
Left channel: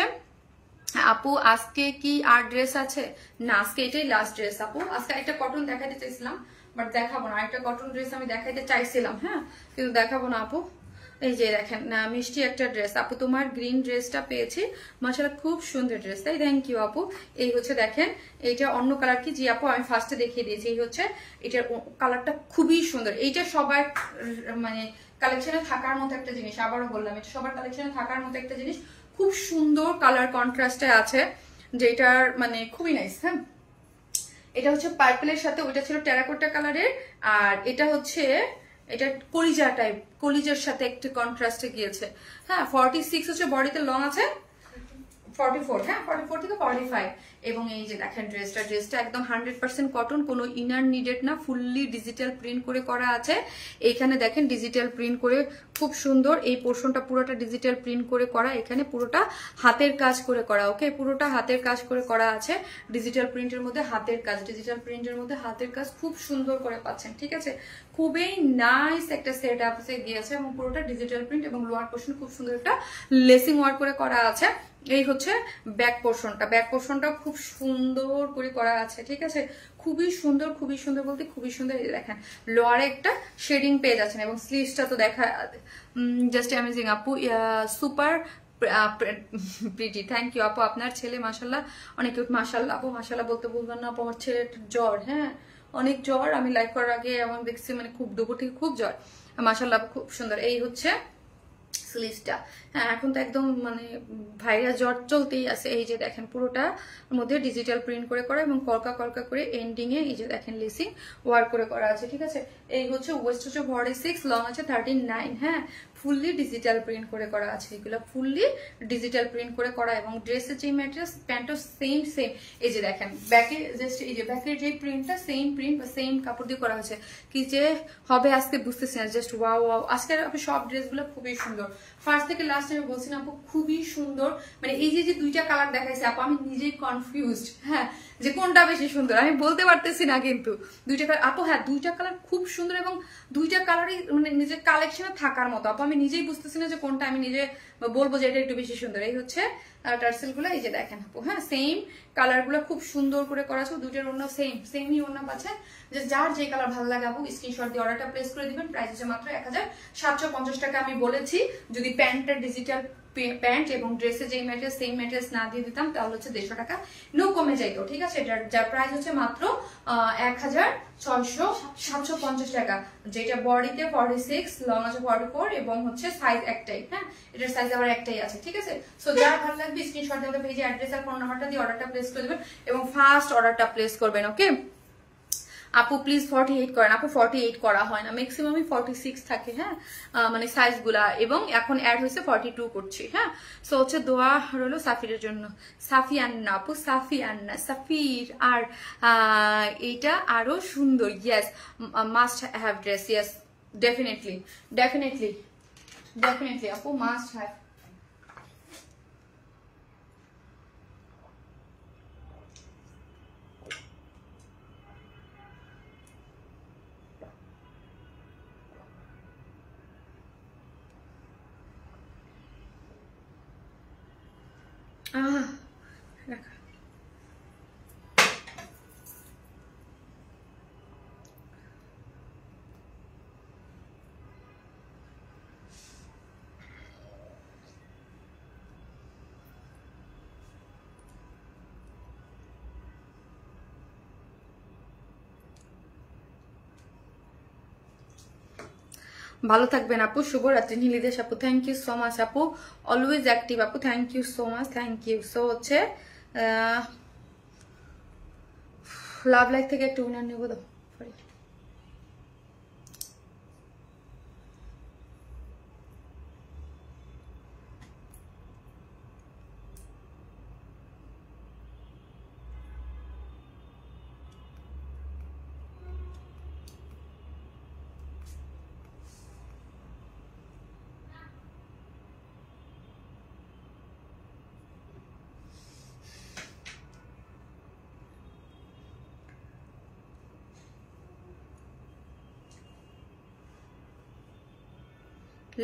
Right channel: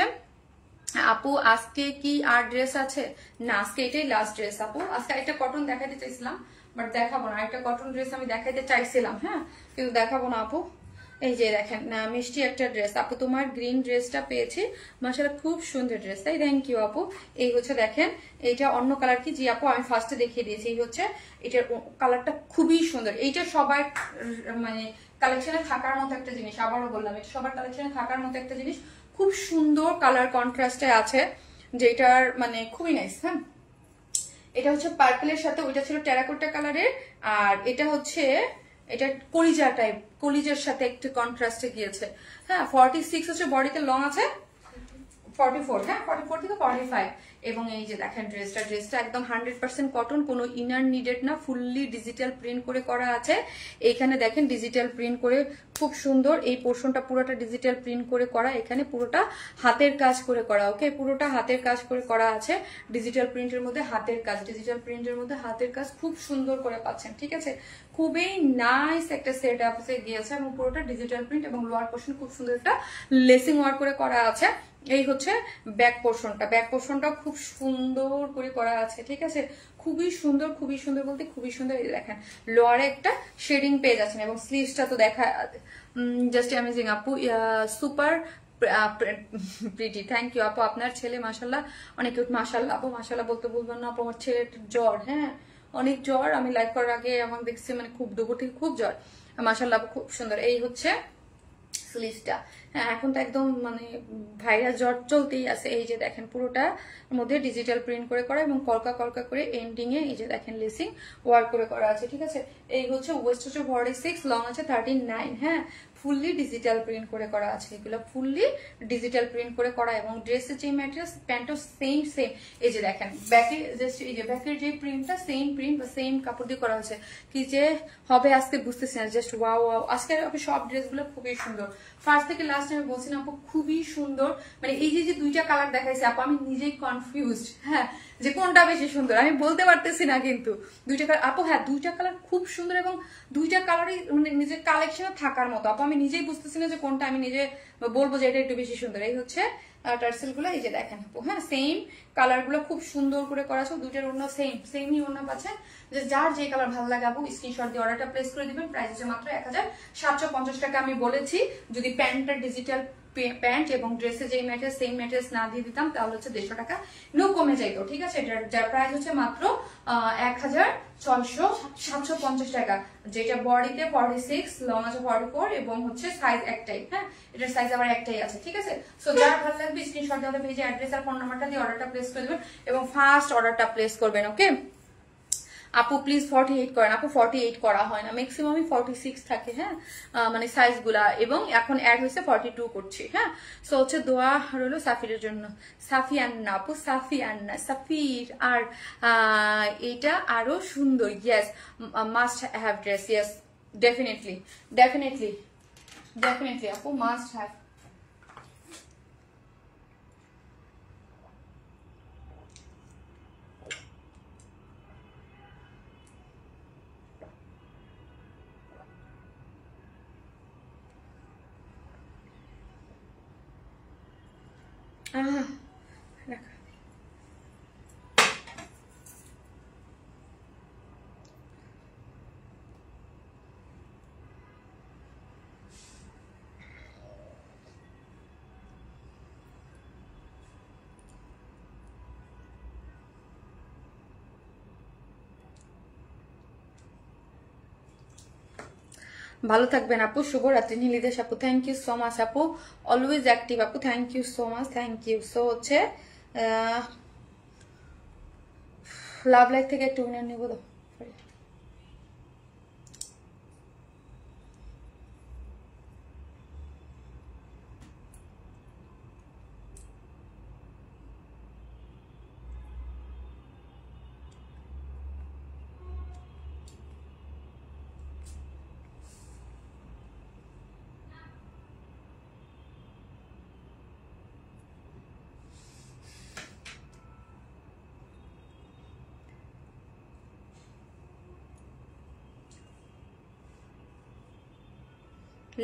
আপু। আজকে কি আর ড্রেস আছে? না, আজকে এটাই লাস্ট ড্রেস আপু। আজকে একটা কটন দেখাইতে চাইছিলাম, বাট দেখাবো না। একটা কটন ড্রেস আমি দেখাইতে চাইছিলাম, হ্যাঁ, কিন্তু দেখাবো না আপু। এই যে দেখেন না, মিষ্টি একটা ড্রেস আপু, তোমার গ্রিন ড্রেসটা পেয়েছি, মাশাআল্লাহ খুব সুন্দর ড্রেস, তাই থ্যাংক ইউ আপু। এই হচ্ছে দেখেন, এইটা অন্য কালার কি? জি আপু আমি ফার্স্টে দেখিয়ে দিয়েছি। এই হচ্ছে এটার কালারটা খুবই সুন্দর। এইটা সবার মানে কালেকশনে থাকার মতো একটা জিনিস, আবারও বললাম এটা সবার কালেকশনে থাকার মতো একটা জিনিস। খুব সুন্দর কালার কন্ট্রাস্টে আছে, যেটার মানে খুবই নাইস। হ্যাঁ, এটা হচ্ছে পার্পলের সাথে, ওইটা ছিল টেরাকোটা কালারের, আর এটা হচ্ছে এটা কলিজা টাইপ, কলিজার সাথে একটু কন্ট্রাস্টে গিয়েছে। হ্যাঁ, 46 হচ্ছে বডিতে, লং আছে 44, হ্যাঁ 44 থেকে 45। এবং এই যে দেখেন ড্রেসটা একদম 100% কটন, কোনো ইনার নিডেড না, ফুললি ডিজিটাল প্রিন্ট করে করা আছে। এইখানে দেখেন ডিজিটাল প্রিন্ট করে খুব সুন্দর, এই পোর্শনটা পুরোটা ডিজিটাল প্রিন্ট করে করা, এখানে পুরোটা হাতের কাজ করে করা, ওকে? পুরোটা হাতের কাজ করে করা আছে, ডিজিটাল প্রিন্টের মধ্যে হাতের কাজ, ডিজিটাল প্রিন্টের মধ্যে হাতের কাজ খুব সুন্দর করে পাচ্ছেন, ঠিক আছে? খুবই নাইস একটা সেট আপ দিয়েছে, এবং পুরোটা ডিজিটাল প্রিন্ট, এবং লোয়ার পোর্শন খুব সুন্দর একটা লেসিং ওয়ার্ক করে করা আছে। এই হচ্ছে ব্যাক পোর্শনটা খুব সুন্দর করে করা আছে, ঠিক আছে? খুবই সুন্দর বলতে খুবই সুন্দর। এই দেখেন লোয়ারে একটা শেডিং পেয়ে যাচ্ছেন, এবং স্লিভসটা তো দেখা জাস্ট অ্যামেজিং আপু, সুপার প্রিটি। থ্যাংক ইউ আপু। আপনার ছেলে মাশাল্লাহ অনেক কিউট। মাশাল্লাহ আপু, মাশাল্লাহ বলতে বলবেন না আপু, আমার ছেলের জ্বর, হ্যাঁ অনেক জ্বর। আমি লাইভ করার আগে এমন দেখছি, মানে খুব দুপুর থেকে খুব জ্বর। মাশাল্লাহ আপু খুব সুন্দর। এই হচ্ছে স্লিভসটা। হ্যাঁ, এখন তো একদম মানে ভাইরাস জ্বর চলতেই আছে। এই যে দেখেন পুরোটা মধ্যে ডিজিটাল প্রিন্ট করে করা, এবং কলকা করে এন্ডিং এ এই যে দেখেন লেসিং ওয়ার্ক করে করা আছে, ঠিক আছে? এই হচ্ছে ওয়েস্ট হচ্ছে 46, লং আছে 39। হ্যাঁ, ফুললি ডিজিটাল প্রিন্ট করে করা আছে, এগুলো ফুললি ডিজিটাল প্রিন্ট করে করা। এবং ড্রেসের যে ম্যাটেরিয়াল, প্যান্টও সেম। এই যে দেখেন ব্যাকে জাস্ট এই যে ব্যাকের যে প্রিন্টটা সেম প্রিন্ট বা সেম কাপড় দিয়ে করা হয়েছে। কি যে হবে আজকে বুঝতেছি না, জাস্ট ওয়াও। আজকের আপনি সব ড্রেসগুলো খুবই সুন্দর, ফার্স্ট থেকে লাস্ট আমি বলছি না আপু, খুবই সুন্দর। মানে এই যে দুইটা কালার দেখাইছে আপু, আমি নিজেই কনফিউজড, হ্যাঁ, যে কোনটা বেশি সুন্দর আমি বলতে পারতেছি না, কিন্তু দুইটা কালার আপু, হ্যাঁ দুইটা কালার খুব সুন্দর, এবং দুইটা কালারই মানে নিজের কালেকশনে থাকার মতো আপু। আমি নিজেই বুঝতেছি না যে কোনটা আমি নিজে বলবো যে এটা একটু বেশি সুন্দর। এই হচ্ছে টার্সেল গুলো, এই যে দেখেন আপু, হ্যাঁ সেম কালার গুলো খুব সুন্দর করে করা আছে। দুইটার ওড়না সেমই ওড়না পাচ্ছে, যে যার যে কালার ভালো লাগে আপু স্ক্রিনশট দিয়ে অর্ডারটা প্লেস করে দিবেন। প্রাইস হচ্ছে মাত্র 1750 টাকা। আমি বলেছি যদি প্যান্টটা ডিজিটাল প্যান্ট এবং ড্রেসে যেই ম্যাটেরিয়াল সেম ম্যাটেরিয়াল না দিয়ে দিতাম তাহলে হচ্ছে 150 টাকা নো কমে যাইতো, ঠিক আছে? যার প্রাইস হচ্ছে মাত্র 1650 টাকা, যেটা বডিতে 46, লং আছে 44, এবং হচ্ছে সাইজ একটাই। হ্যাঁ, এটার সাইজ আবার একটাই আছে, ঠিক আছে? সো যার ভালো লাগবে স্ক্রিনশট দিয়ে পেজে অ্যাড্রেস আর ফোন নাম্বারটা দিয়ে অর্ডারটা প্লেস করে দিবেন, এবং ফার্স্ট অর্ডারটা প্লেস করবেন, ওকে? আপু প্লিজ 48 করেন। আপু 48 করা হয় না, ম্যাক্সিমামই 46 থাকে, হ্যাঁ মানে সাইজ গুলা, এবং এখন অ্যাড হয়েছে 42 করছি। হ্যাঁ, সো হচ্ছে দোয়া রইলো সাফিরের জন্য। সাফিয়ান্না আপু, সাফির। আর এইটা আরো সুন্দর, yes must have dress, yes definitely আপু মাস্ট হ্যাভ। ভালো থাকবেন আপু, শুভরাত্রি। নীলিদেশ আপু থ্যাংক ইউ সো মাচ আপু, অলওয়েজ অ্যাক্টিভ আপু, thank you so much, thank you. So হচ্ছে লাভ লাইফ থেকে একটু উইনার নেবো তো।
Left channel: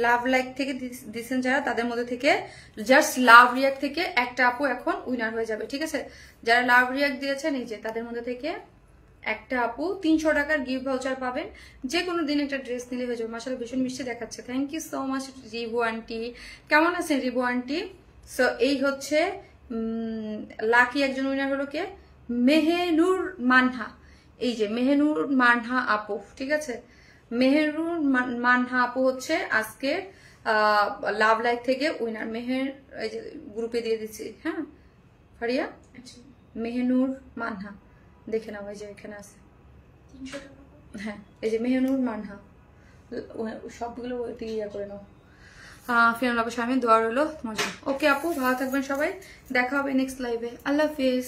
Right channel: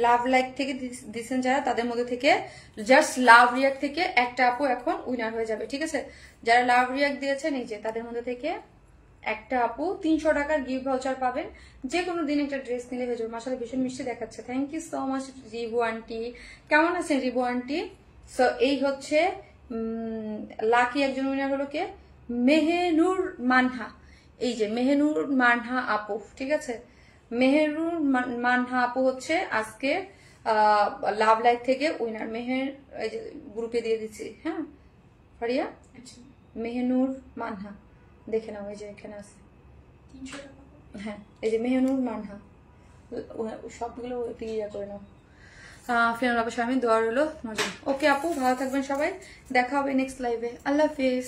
লাভ লাইক থেকে দিচ্ছেন যারা, তাদের মধ্যে থেকে জাস্ট লাভ রিয়াক্ট থেকে একটা আপু এখন উইনার হয়ে যাবে, ঠিক আছে? যারা লাভ রিয়াক্ট দিয়েছেন এই যে, তাদের মধ্যে থেকে একটা আপু 300 টাকার গিফট ভাউচার পাবেন। যে কোনো দিন একটা ড্রেস নিলে হয়ে যাবে। মাশাআল্লাহ ভীষণ মিষ্টি দেখাচ্ছে, thank you so much Rivu aunty. কেমন আছেন রিভু আন্টি? সো এই হচ্ছে লাকি একজন উইনার হলো কে, মেহেনুর মানহা। এই যে মেহেনুর মানহা আপু, ঠিক আছে? মেহেনুর মানহা আপু হচ্ছে আজকে লাভ লাইফ থেকে উইনার। মেহের এই যে গ্রুপে দিয়ে দিচ্ছি, হ্যাঁ ফারিয়া, মেহেনুর মানহা দেখে নাও, এই যে এখানে আছে 300 টাকা। হ্যাঁ এই যে মেহেনুর মানহা, সবগুলো ইয়া করে নাও। ফিরোজ আপু স্বামী দোয়া রইলো তোমার জন্য। ওকে আপু ভালো থাকবেন সবাই, দেখা হবে নেক্সট লাইভে। আল্লাহ হাফিজ।